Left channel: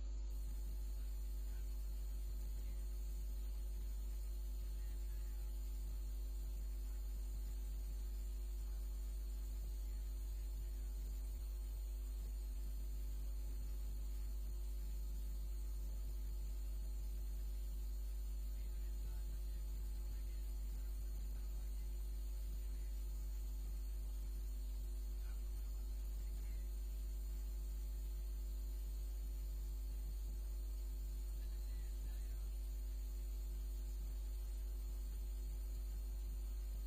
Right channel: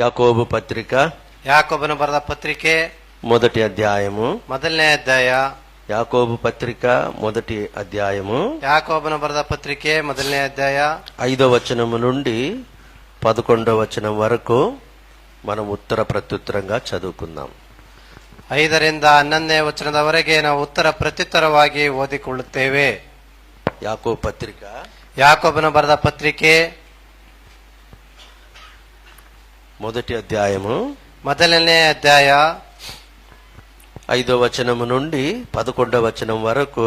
యాకోబు పత్రిక యాకోబును బರೆದ పత్రిಕೆ మొదటి అధ్యాయము. ಮೊದಲನೇ ಅಧ್ಯಾಯ. యాకోబు పత్రిక మొదటి అధ్యాయము యాకోబును ಬರೆದ పత్రిಕೆ ಮೊದಲನೇ ಅಧ್ಯಾಯ 5వ వచనము నుండి 11వ వచనం వరకు మనం ఉత్తర ప్రత్యుత్తరంగా చదువుకుందాం. 5ರಿಂದ 11ನೇ ವಚನದವರೆಗೆ ನಾವು ಉತ್ತರ ಪ್ರತ್ಯುತ್ತರವಾಗಿ ಓದಿಕೊಳ್ಳುತ್ತೇವೆ. యాకోబు పత్రిక యాకోబును ಬರೆದ పత్రిಕೆ మొదటి అధ్యాయము ಮೊದಲನೇ ಅಧ್ಯಾಯ 5వ వచనము నుండి 11వ వచనం వరకు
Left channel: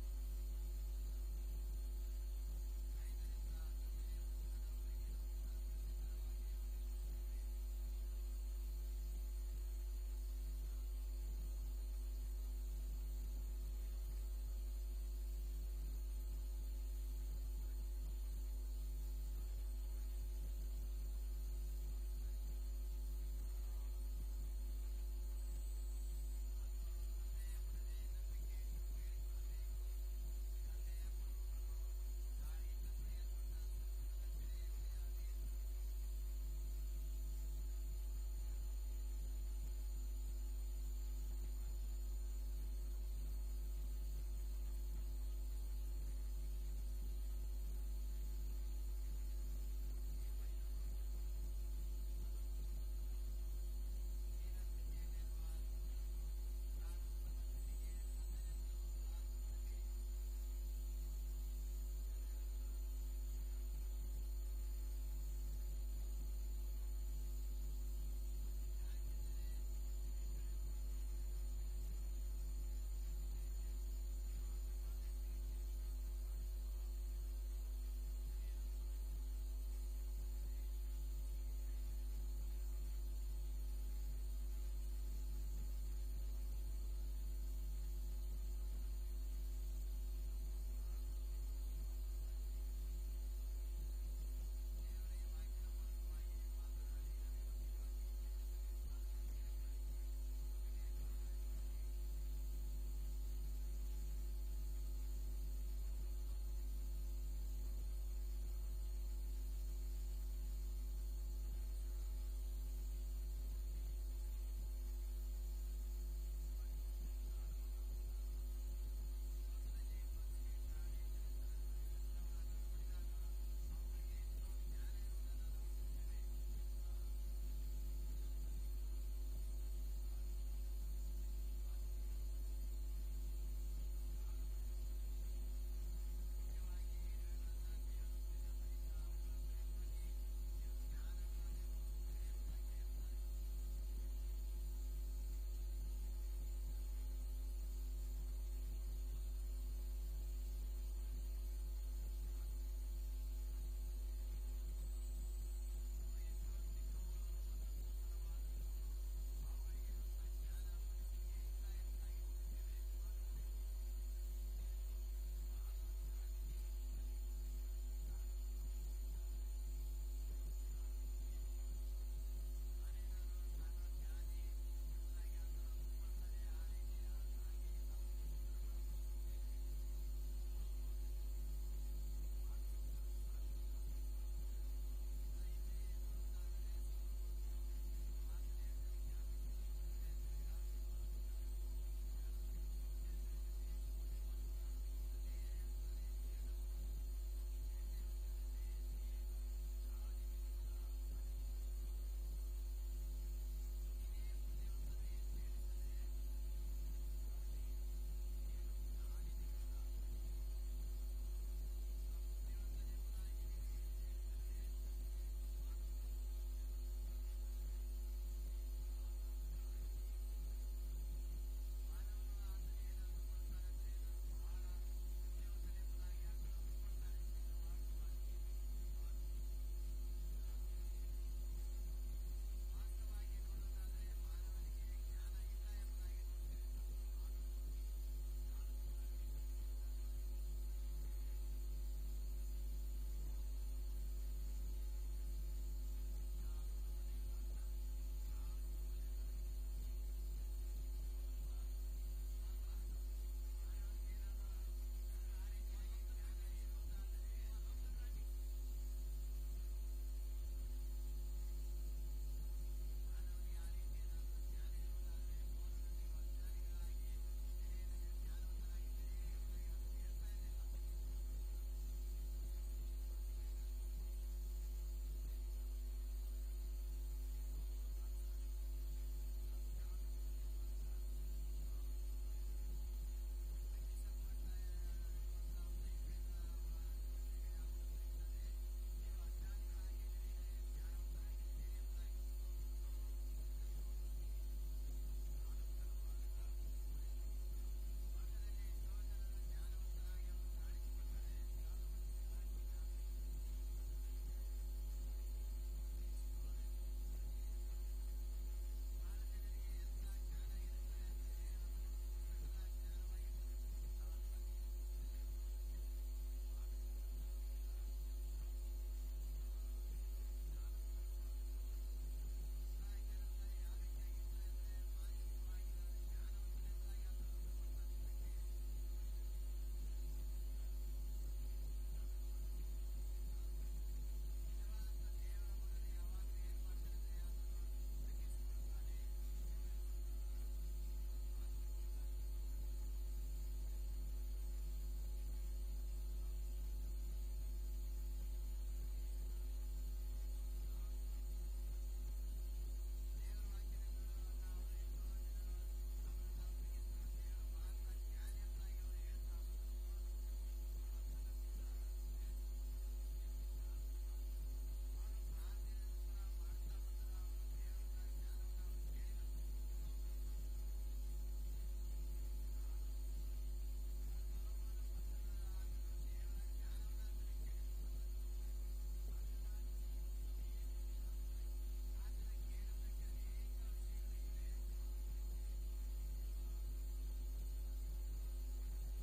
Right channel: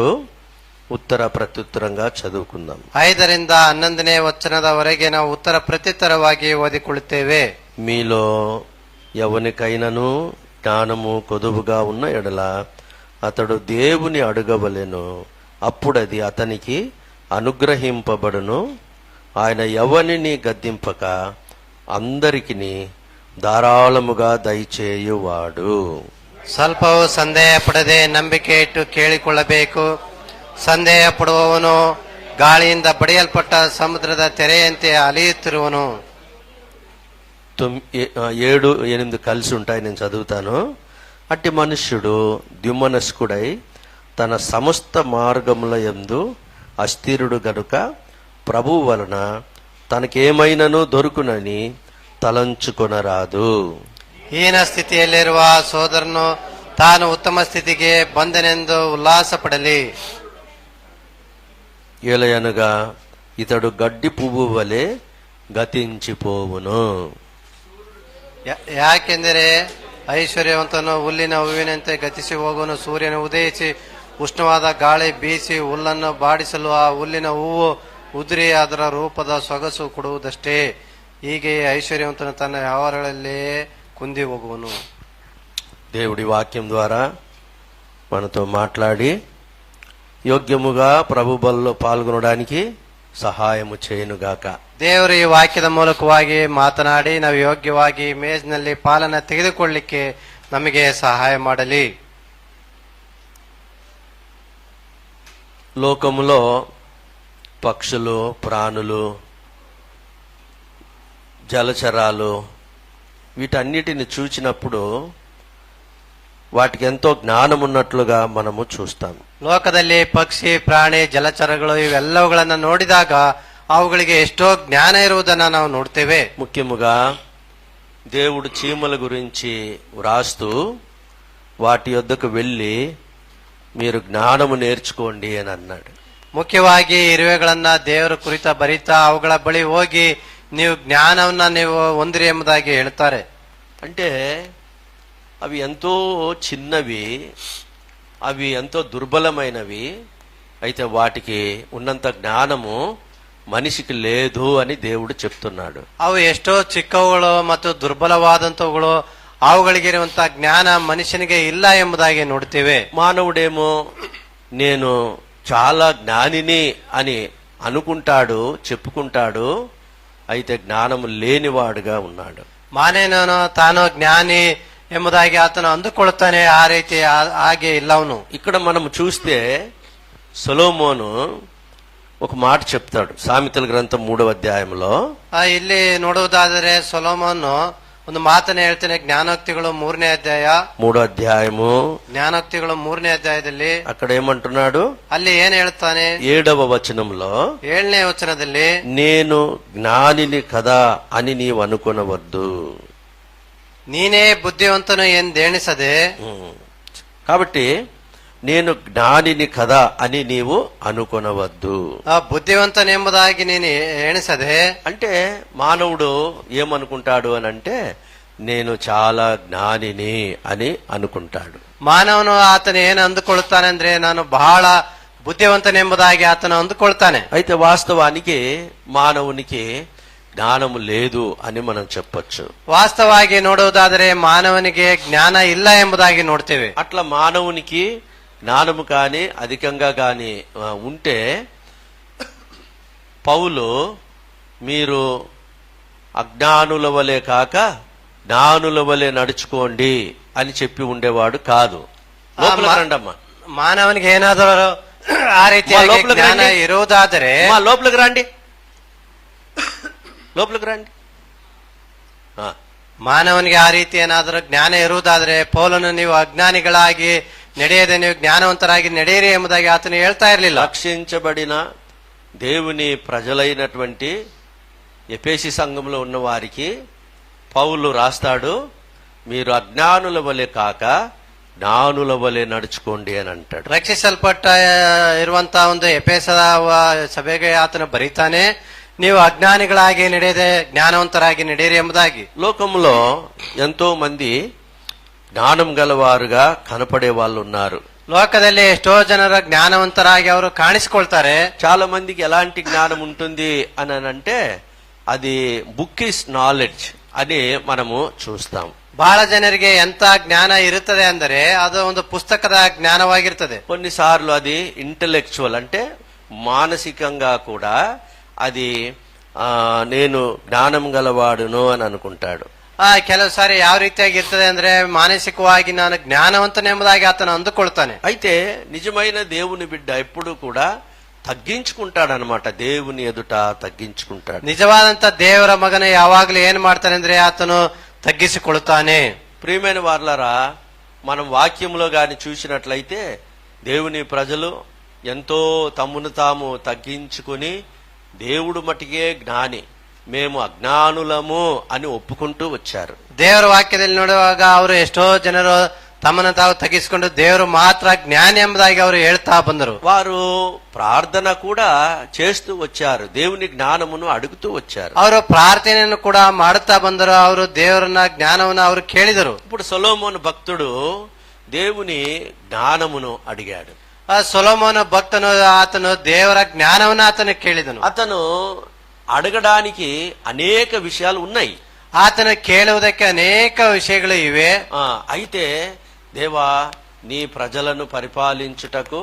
ఉత్తర ప్రత్యుత్తరంగా చదువుకుందాం. 5ರಿಂದ 11ನೇ ವಚನದವರೆಗೆ ನಾವು ಉತ್ತರ ಪ್ರತ್ಯುತ್ತರವಾಗಿ ಓದಿಕೊಳ್ಳುತ್ತೇವೆ. మీలో ఎవనికైనను జ్ఞానము కొదువుగా ఉన్న ఎడల అతడు దేవుని అడగవలెను, అప్పుడది అతనికి అనుగ్రహింపబడును. ఆయన ఎవనిని గద్దింపక అందరికిని ధారాళముగా దయచేయువాడు. ಸ್ವಲ್ಪವೂ ಸಂದೇಹ ಪಡದೆ ನಂಬಿಕೆ ಇಟ್ಟು ಕೇಳಿಕೊಳ್ಳಬೇಕು. ಸಂದೇಹ ಪಡುವವನು ಗಾಳಿಯಿಂದ ಬಡಿಯಲ್ಪಟ್ಟ ಸಮುದ್ರದ ತೆರೆಯಂತೆ ಅಲೆಯುತ್ತಿರುವನು. 7, 8 కలిసి ఉంటాయి, నేను చదువుతాను. అట్టి మనుష్యుడు ద్యుమనస్కుడై తన సమస్త మార్గముల యందు అస్థిరుడు గనుక ప్రభువు వలన తనకేమైనను దొరుకునని తలంచుకొనరాదు. ಹೀನ ಸ್ಥಿತಿಯಲ್ಲಿರುವ ಸೋದರನು ತಾನು ಉತ್ತಮ ಸ್ಥಿತಿಗೆ ಬಂದನೆಂದು ಉಲ್ಲಾಸ ಪಡಲಿ. ఏలయనగా ఇతడు గడ్డి పువ్వు వలె గతించిపోవును. ಯಾಕೆಂದರೆ ಐಶ್ವರ್ಯವಂತನು ಹುಲ್ಲಿನ ಹೂವಿನಂತೆ ಗತಿಸಿ ಹೋಗುವನು. ಸೂರ್ಯನು ಉದಯಿಸಿ ಉಷ್ಣವಾದ ಗಾಳಿ ಬೀಸಿ ಹುಲ್ಲನ್ನು ಬಾಡಿಸಲು ಆ ಹುಲ್ಲಿನ ಹೂವು ಉದುರಿ ಅದರ ರೂಪದ ಸೊಗಸು ಕೊಡುವುದಷ್ಟೇ. ಹೀಗೆ ಐಶ್ವರ್ಯವಂತನು ತನ್ನ ವ್ಯವಹಾರಗಳಲ್ಲೇ కుంది ಹೋಗುವನು. దేవుడి వాక్యం ద్వారా మనతో మాట్లాడి యోగ్యముగా ప్రభు బలలో పాల్గొనడానికి సహాయము చేయనుగాక. ದೇವರು ಈ ವಾಕ್ಯದ ಮೂಲಕವಾಗಿ ಮಾತನಾಡಿ ನಾವು ಯೋಗ್ಯವಾಗಿ ಮೇಜಿನಲ್ಲಿ ಪಾಲನ ತೆಗೆದುಕೊಳ್ಳಿಕ್ಕೆ ನಮಗೆ ಸಹಾಯ ಮಾಡಲಿ. లోకములో పక్షులు, ప్రాణులు, జలచరాలు వీటన్నిటిని చూచినప్పుడు వాటికి ఎంతో జ్ఞానం ఉన్నట్లుగా మనము చూస్తాం. ಲೋಕದಲ್ಲಿ ಪಕ್ಷಿ, ಪ್ರಾಣಿ, ಜಲಚರಗಳು ಇವೆಲ್ಲವುಗಳನ್ನ ನೋಡಿದಾಗ ಅವುಗಳಿಗೆ ಎಷ್ಟೋ ಜ್ಞಾನ ಇರುವುದನ್ನ ನಾವು ನೋಡ್ತೇವೆ. ముఖ్యముగా దేవుడు చీమల గురించి వ్రాస్తూ వాటి యొద్దకు వెళ్ళి మీరు జ్ఞానము నేర్చుకోండి అని అన్నాడు. ಮುಖ್ಯವಾಗಿ ಇರುವೆಗಳನ್ನ ದೇವರ ಕುರಿತ ಬರಿತಾ ಅವುಗಳ ಬಳಿ ಹೋಗಿ ನೀವು ಜ್ಞಾನವನ್ನ ನೀವು ಹೊಂದಿರಿ ಎಂಬುದಾಗಿ ಹೇಳ್ತಾರೆ. అంటే అవి ఎంతో చిన్నవి, అవి ఎంతో దుర్బలమైనవి, అయితే వాటికి ఉన్నంత జ్ఞానము మనిషికి లేదు అని దేవుడు చెప్తున్నాడు. ಅವು ಎಷ್ಟೋ ಚಿಕ್ಕವುಗಳು ಮತ್ತು ದುರ್ಬಲವಾದಂತವುಗಳು, ಅವುಗಳಿಗಿರುವಂತಹ ಜ್ಞಾನ ಮನುಷ್ಯನಿಗೆ ಇಲ್ಲ ಎಂಬುದಾಗಿ ನೋಡ್ತೇವೆ. మానవుడేమో నేను చాలా జ్ఞానిని అని అనుకుంటాడు, చెప్పుకుంటాడు, అయితే జ్ఞానము లేనివాడుగా ఉన్నాడు. ಮಾನವನು ತಾನು ಜ್ಞಾನಿ ಎಂಬುದಾಗಿ ಆತನು ಅಂದುಕೊಳ್ಳುತ್ತಾನೆ, ಆ ರೀತಿ ಹಾಗೆ ಇಲ್ಲ ಅವನು. ఇక్కడ మనం చూస్తే సొలొమోను ఒక మాట చెప్తాడు సామెతల గ్రంథం 3వ అధ్యాయంలో. ಇಲ್ಲಿ ನೋಡುವುದಾದರೆ ಸೊಲೊಮೋನ್ ಒಂದು ಮಾತನ್ನ ಹೇಳ್ತಾನೆ. ಜ್ಞಾನೋಕ್ತಿಗಳು 3ನೇ ಅಧ್ಯಾಯ. 3వ అధ్యాయము ಜ್ಞಾನೋಕ್ತಿಗಳು 3ನೇ ಅಧ್ಯಾಯದಲ್ಲಿ అక్కడ ఏమంటున్నాడు? ಅಲ್ಲಿ ಏನ್ ಹೇಳ್ತಾನೆ? 7వ వచనంలో 7ನೇ ವಚನದಲ್ಲಿ నేను జ్ఞానిని కదా అని నీవు అనుకొనవద్దు. ನೀನೇ ಬುದ್ಧಿವಂತನು ಎಂದೆಣಿಸದೆ. కాబట్టి నేను జ్ఞానిని కదా అని నీవు అనుకొనవద్దు. బుద్ధివంతనెంబుదాగి నేను ఎಣಿಸದೆ అంటే మానవుడు ఏమనుకుంటాడు అని అంటే నేను చాలా జ్ఞానిని అని అనుకుంటాడు. ಮಾನವನು ಆತನ ಏನು ಅಂದುಕೊಳ್ಳುತ್ತಾನೆ ಅಂದ್ರೆ ನಾನು ಬಹಳ బుద్ధివంతనెంబుదాಗಿ ఆతను అందుకొಳ್ತಾನೆ. అయితే వాస్తవానికి మానవునికి జ్ఞానము లేదు అని మనం చెప్పొచ్చు. వాస్తవానికి ನೋಡುವುದಾದರೆ ಮಾನವನಿಗೆ ಜ್ಞಾನ ಇಲ್ಲ ಎಂಬುದಾಗಿ ನೋಡ್ತೇವೆ. అట్లా మానవునికి జ్ఞానము కాని అధికంగా కాని ఉంటే పౌలు మీరు అజ్ఞానుల వలె కాక జ్ఞానుల వలె నడుచుకోండి అని చెప్పి ఉండేవాడు కాదు. రండమ్మా, ಮಾನವನಿಗೆ ಏನಾದರೂ ಆ ರೀತಿಯಾಗಿ ಜ್ಞಾನ ಇರುವುದಾದರೆ లోపలికి రండి, లోపలికి రండి. ಮಾನವನಿಗೆ ಆ ರೀತಿ ಏನಾದರೂ ಜ್ಞಾನ ಇರುವುದಾದ್ರೆ ಪೌಲನು ನೀವು ಅಜ್ಞಾನಿಗಳಾಗಿ ನಡೆಯದೆ ನೀವು ಜ್ಞಾನವಂತರಾಗಿ ನಡೆಯಿರಿ ಎಂಬುದಾಗಿ ಆತನು ಹೇಳ್ತಾ ಇರಲಿಲ್ಲ. రక్షించబడిన దేవుని ప్రజలైనటువంటి ఎఫెసీ సంఘంలో ఉన్న వారికి పౌలు రాస్తాడు, మీరు అజ్ఞానుల వలె కాక జ్ఞానుల వలె నడుచుకోండి అని అంటాడు. ರಕ್ಷಿಸಲ್ಪಟ್ಟ ಇರುವಂತಹ ಒಂದು ಎಫೆಸದ ಸಭೆಗೆ ಆತನು ಬರೀತಾನೆ, ನೀವು ಅಜ್ಞಾನಿಗಳಾಗಿ ನಡೆಯದೆ ಜ್ಞಾನವಂತರಾಗಿ ನಡೆಯಿರಿ ಎಂಬುದಾಗಿ. లోకంలో ఎంతో మంది జ్ఞానం గలవారుగా కనపడే వాళ్ళు ఉన్నారు. ಲೋಕದಲ್ಲಿ ಎಷ್ಟೋ ಜನರ ಜ್ಞಾನವಂತರಾಗಿ ಅವರು ಕಾಣಿಸಿಕೊಳ್ತಾರೆ. చాలా మందికి ఎలాంటి జ్ఞానం ఉంటుంది అని అంటే అది బుక్ ఇస్ నాలెడ్జ్ అని మనము చూస్తాం. ಬಹಳ ಜನರಿಗೆ ಎಂತ ಜ್ಞಾನ ಇರುತ್ತದೆ ಅಂದರೆ ಅದು ಒಂದು ಪುಸ್ತಕದ ಜ್ಞಾನವಾಗಿರ್ತದೆ. కొన్నిసార్లు అది ఇంటెలెక్చువల్ అంటే మానసికంగా కూడా అది నేను జ్ఞానం గలవాడును అని అనుకుంటాడు. ಕೆಲವು ಸಾರಿ ಯಾವ ರೀತಿಯಾಗಿ ಇರ್ತದೆ ಅಂದ್ರೆ ಮಾನಸಿಕವಾಗಿ ನಾನು ಜ್ಞಾನವಂತನೆಂಬುದಾಗಿ ಆತನು ಅಂದುಕೊಳ್ತಾನೆ. అయితే నిజమైన దేవుని బిడ్డ ఎప్పుడు కూడా తగ్గించుకుంటాడనమాట. దేవుని ఎదుట తగ్గించుకుంటాడు. ನಿಜವಾದಂತ ದೇವರ ಮಗನ ಯಾವಾಗ್ಲೂ ಏನ್ ಮಾಡ್ತಾನೆ ಅಂದ್ರೆ ಆತನು తగ్గించుకొಳ್ತಾನೆ. ప్రియమైన వారలారా, మనం వాక్యంలో గాని చూసినట్లయితే దేవుని ప్రజలు ఎంతో తమ్మును తాము తగ్గించుకుని దేవుడు మటుకే జ్ఞాని, మేము అజ్ఞానులము అని ఒప్పుకుంటూ వచ్చారు. ದೇವರ ವಾಕ್ಯದಲ್ಲಿ ನೋಡುವಾಗ ಅವರು ಎಷ್ಟೋ ಜನರು ತಮ್ಮನ್ನು ತಾವು ತಗ್ಗಿಸಿಕೊಂಡು ದೇವರು ಮಾತ್ರ ಜ್ಞಾನಿ ಎಂಬುದಾಗಿ ಅವರು ಹೇಳ್ತಾ ಬಂದರು. వారు ప్రార్థన కూడా చేస్తూ వచ్చారు, దేవుని జ్ఞానమును అడుగుతూ వచ్చారు. ಅವರು ಪ್ರಾರ್ಥನೆಯನ್ನು ಕೂಡ ಮಾಡುತ್ತಾ ಬಂದರು, ಅವರು ದೇವರನ್ನ ಜ್ಞಾನವನ್ನು ಅವರು ಕೇಳಿದರು. ఇప్పుడు సొలొమోను భక్తుడు దేవుని జ్ఞానమును అడిగాడు. ಸೊಲೊಮೋನ ಭಕ್ತನು ಆತನು ದೇವರ ಜ್ಞಾನವನ್ನು ಆತನು ಕೇಳಿದನು. అతను అడగడానికి అనేక విషయాలు ఉన్నాయి. ಆತನು ಕೇಳುವುದಕ್ಕೆ ಅನೇಕ ವಿಷಯಗಳು ಇವೆ. అయితే దేవా, నీ ప్రజలను పరిపాలించుటకు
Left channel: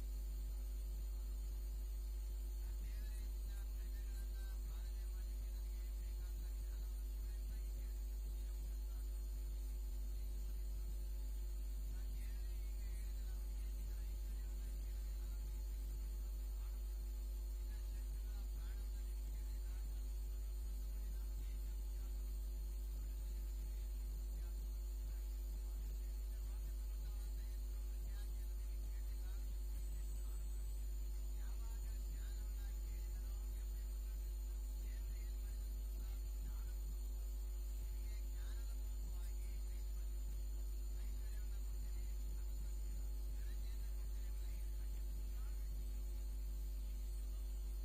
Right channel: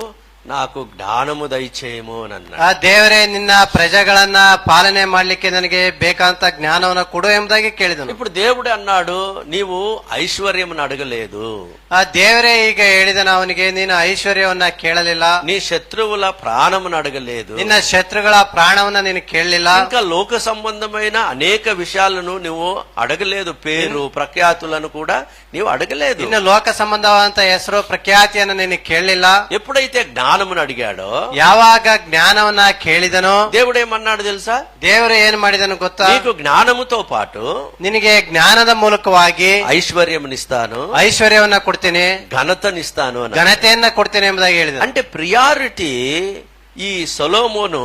నాకు జ్ఞానము దయచేయము అని అన్నాడు. ದೇವರೇ, ನಿನ್ನ ಪ್ರಜೆಗಳನ್ನ ಪಾಲನೆ ಮಾಡ್ಲಿಕ್ಕೆ ನನಗೆ ಬೇಕಾದಂತ ಜ್ಞಾನವನ್ನು ಕೊಡು ಎಂಬುದಾಗಿ ಕೇಳಿದನು. ఇప్పుడు దేవుడు అన్నాడు, నీవు ఐశ్వర్యమును అడగలేదు. ದೇವರೇ ಈಗ ಹೇಳಿದನು ಅವನಿಗೆ, ನೀನು ಐಶ್ವರ್ಯವನ್ನ ಕೇಳಲಿಲ್ಲ. నీ శత్రువుల ప్రాణమును అడగలేదు. ನಿನ್ನ ಶತ್ರುಗಳ ಪ್ರಾಣವನ್ನ ನೀನು ಕೇಳಲಿಲ್ಲ. ఇంకా లోక సంబంధమైన అనేక విషయాలను నువ్వు అడగలేదు. పేరు ప్రఖ్యాతులను కూడా నీవు అడగలేదు. ಇನ್ನು ಲೋಕ ಸಂಬಂಧವಾದಂತ ಹೆಸರು ಪ್ರಖ್ಯಾತಿಯನ್ನು ನೀನು ಕೇಳಲಿಲ್ಲ. ఎప్పుడైతే జ్ఞానమును అడిగాడో, ಯಾವಾಗ ಜ್ಞಾನವನ್ನ ಕೇಳಿದನೋ, దేవుడేమన్నాడు తెలుసా? ದೇವರು ಏನ್ ಮಾಡಿದನು ಗೊತ್ತಾ? నీకు జ్ఞానముతో పాటు ನಿನಗೆ ಜ್ಞಾನದ ಮೂಲಕವಾಗಿ ఐశ్వర్యమునిస్తాను, ಐಶ್ವರ್ಯವನ್ನ ಕೊಡ್ತೇನೆ, ఘనతనిస్తాను అని. ಘನತೆಯನ್ನ ಕೊಡ್ತೇನೆ ಎಂಬುದಾಗಿ ಹೇಳಿದ. అంటే ప్రియారిటీ ఈ సొలొమోను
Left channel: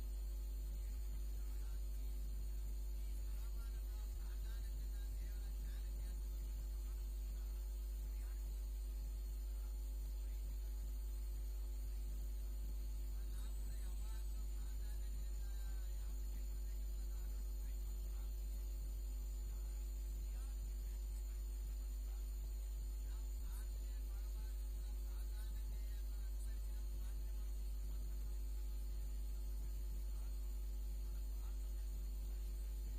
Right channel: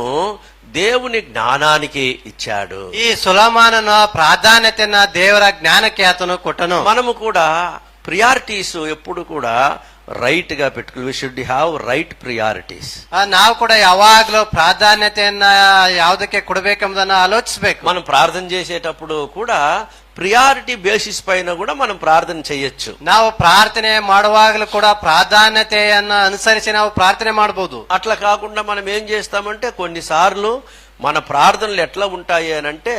దేవుని జ్ఞానానికి ఇచ్చాడు. ಈ ಸೊಲೊಮೋನನ ಪ್ರಾಧಾನ್ಯತೆಯನ್ನ ದೇವರ ಜ್ಞಾನಕ್ಕೆ ಆತನು ಕೊಟ್ಟನು. మనము కూడా ప్రియారిటీస్ ఎప్పుడు కూడా రైట్ గా పెట్టుకుని we should have right priorities. ನಾವು ಕೂಡ ಯಾವಾಗ್ಲೂ ಪ್ರಾಧಾನ್ಯತೆಯನ್ನ ಯಾವುದಕ್ಕೆ ಕೊಡಬೇಕೆಂಬುದನ್ನ ಆಲೋಚಿಸಬೇಕು. మనం ప్రార్థన చేసేటప్పుడు కూడా ప్రియారిటీ బేసిస్ పైన కూడా మనం ప్రార్థన చేయొచ్చు. ನಾವು ಪ್ರಾರ್ಥನೆ ಮಾಡುವಾಗಲೂ ಕೂಡ ಪ್ರಾಧಾನ್ಯತೆಯನ್ನ ಅನುಸರಿಸಿ ನಾವು ಪ್ರಾರ್ಥನೆ ಮಾಡಬಹುದು. అట్లా కాకుండా మనం ఏం చేస్తామంటే కొన్నిసార్లు మన ప్రార్థనలు ఎట్లా ఉంటాయి అని అంటే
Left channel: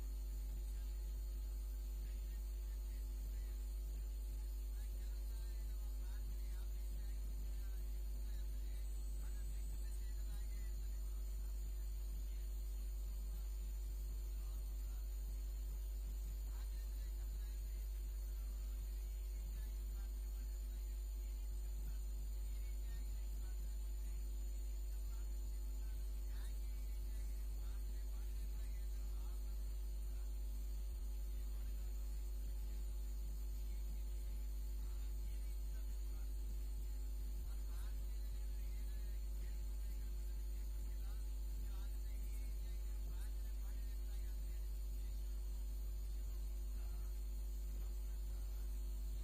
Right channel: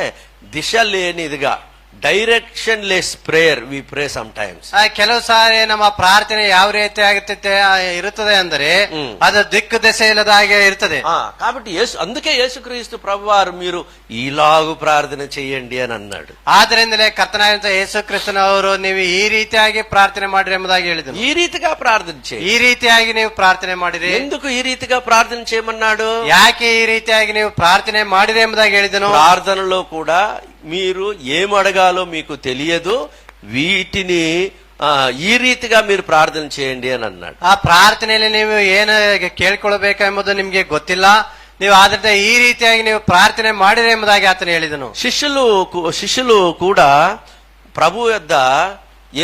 దిశ లేనిదిగా, directionless prayer we pray sometimes. ಕೆಲವು ಸಾರಿ ನಮ್ಮ ಪ್ರಾರ್ಥನೆ ಯಾವ ರೀತಿ ಆಗುತ್ತದೆ ಇರುತ್ತದೆ ಅಂದರೆ ಅದು ದಿಕ್ಕು ದೆಸೆ ಇಲ್ಲದಾಗೆ ಇರ್ತದೆ. కాబట్టి అందుకే యేసుక్రీస్తు ప్రభువారు మీరు ఈలాగు ప్రార్థన చేయండి అని అన్నాడు. ಆದ್ದರಿಂದಲೇ ಕರ್ತನಾದಂತ ಯೇಸು ಕ್ರಿಸ್ತನವರು ನೀವು ಈ ರೀತಿಯಾಗಿ ಪ್ರಾರ್ಥನೆ ಮಾಡಿರಿ ಎಂಬುದಾಗಿ ಹೇಳಿದರು. ఈ రీతిగా ప్రార్థన చేయి. ಈ ರೀತಿಯಾಗಿ ನೀವು ಪ್ರಾರ್ಥನೆ ಮಾಡಿರಿ. ఎందుకు ఈ రీతిగా ప్రార్థన చేయమన్నాడు? ಯಾಕೆ ಈ ರೀತಿಯಾಗಿ ನೀವು ಪ್ರಾರ್ಥನೆ ಮಾಡಿರಿ ಎಂಬುದಾಗಿ ಹೇಳಿದನು. ప్రార్థనలో కూడా మీరు ఏం అడగాలో మీకు తెలియదు, వీటిని ఈ రీతిగా మీరు ప్రార్థన చేయండి అని అన్నాడు. ಆ ಪ್ರಾರ್ಥನೆಯಲ್ಲಿ ನೀವು ಏನು ಕೇಳ್ಕೊಳ್ಬೇಕೆಂಬುದು ನಿಮ್ಗೆ ಗೊತ್ತಿಲ್ಲ, ನೀವು ಆದ್ರಿಂದ ಈ ರೀತಿಯಾಗಿ ನೀವು ಪ್ರಾರ್ಥನೆ ಮಾಡಿರಿ ಎಂಬುದಾಗಿ ಆತನು ಹೇಳಿದನು. శిష్యులు కూడా ప్రభు యొద్ద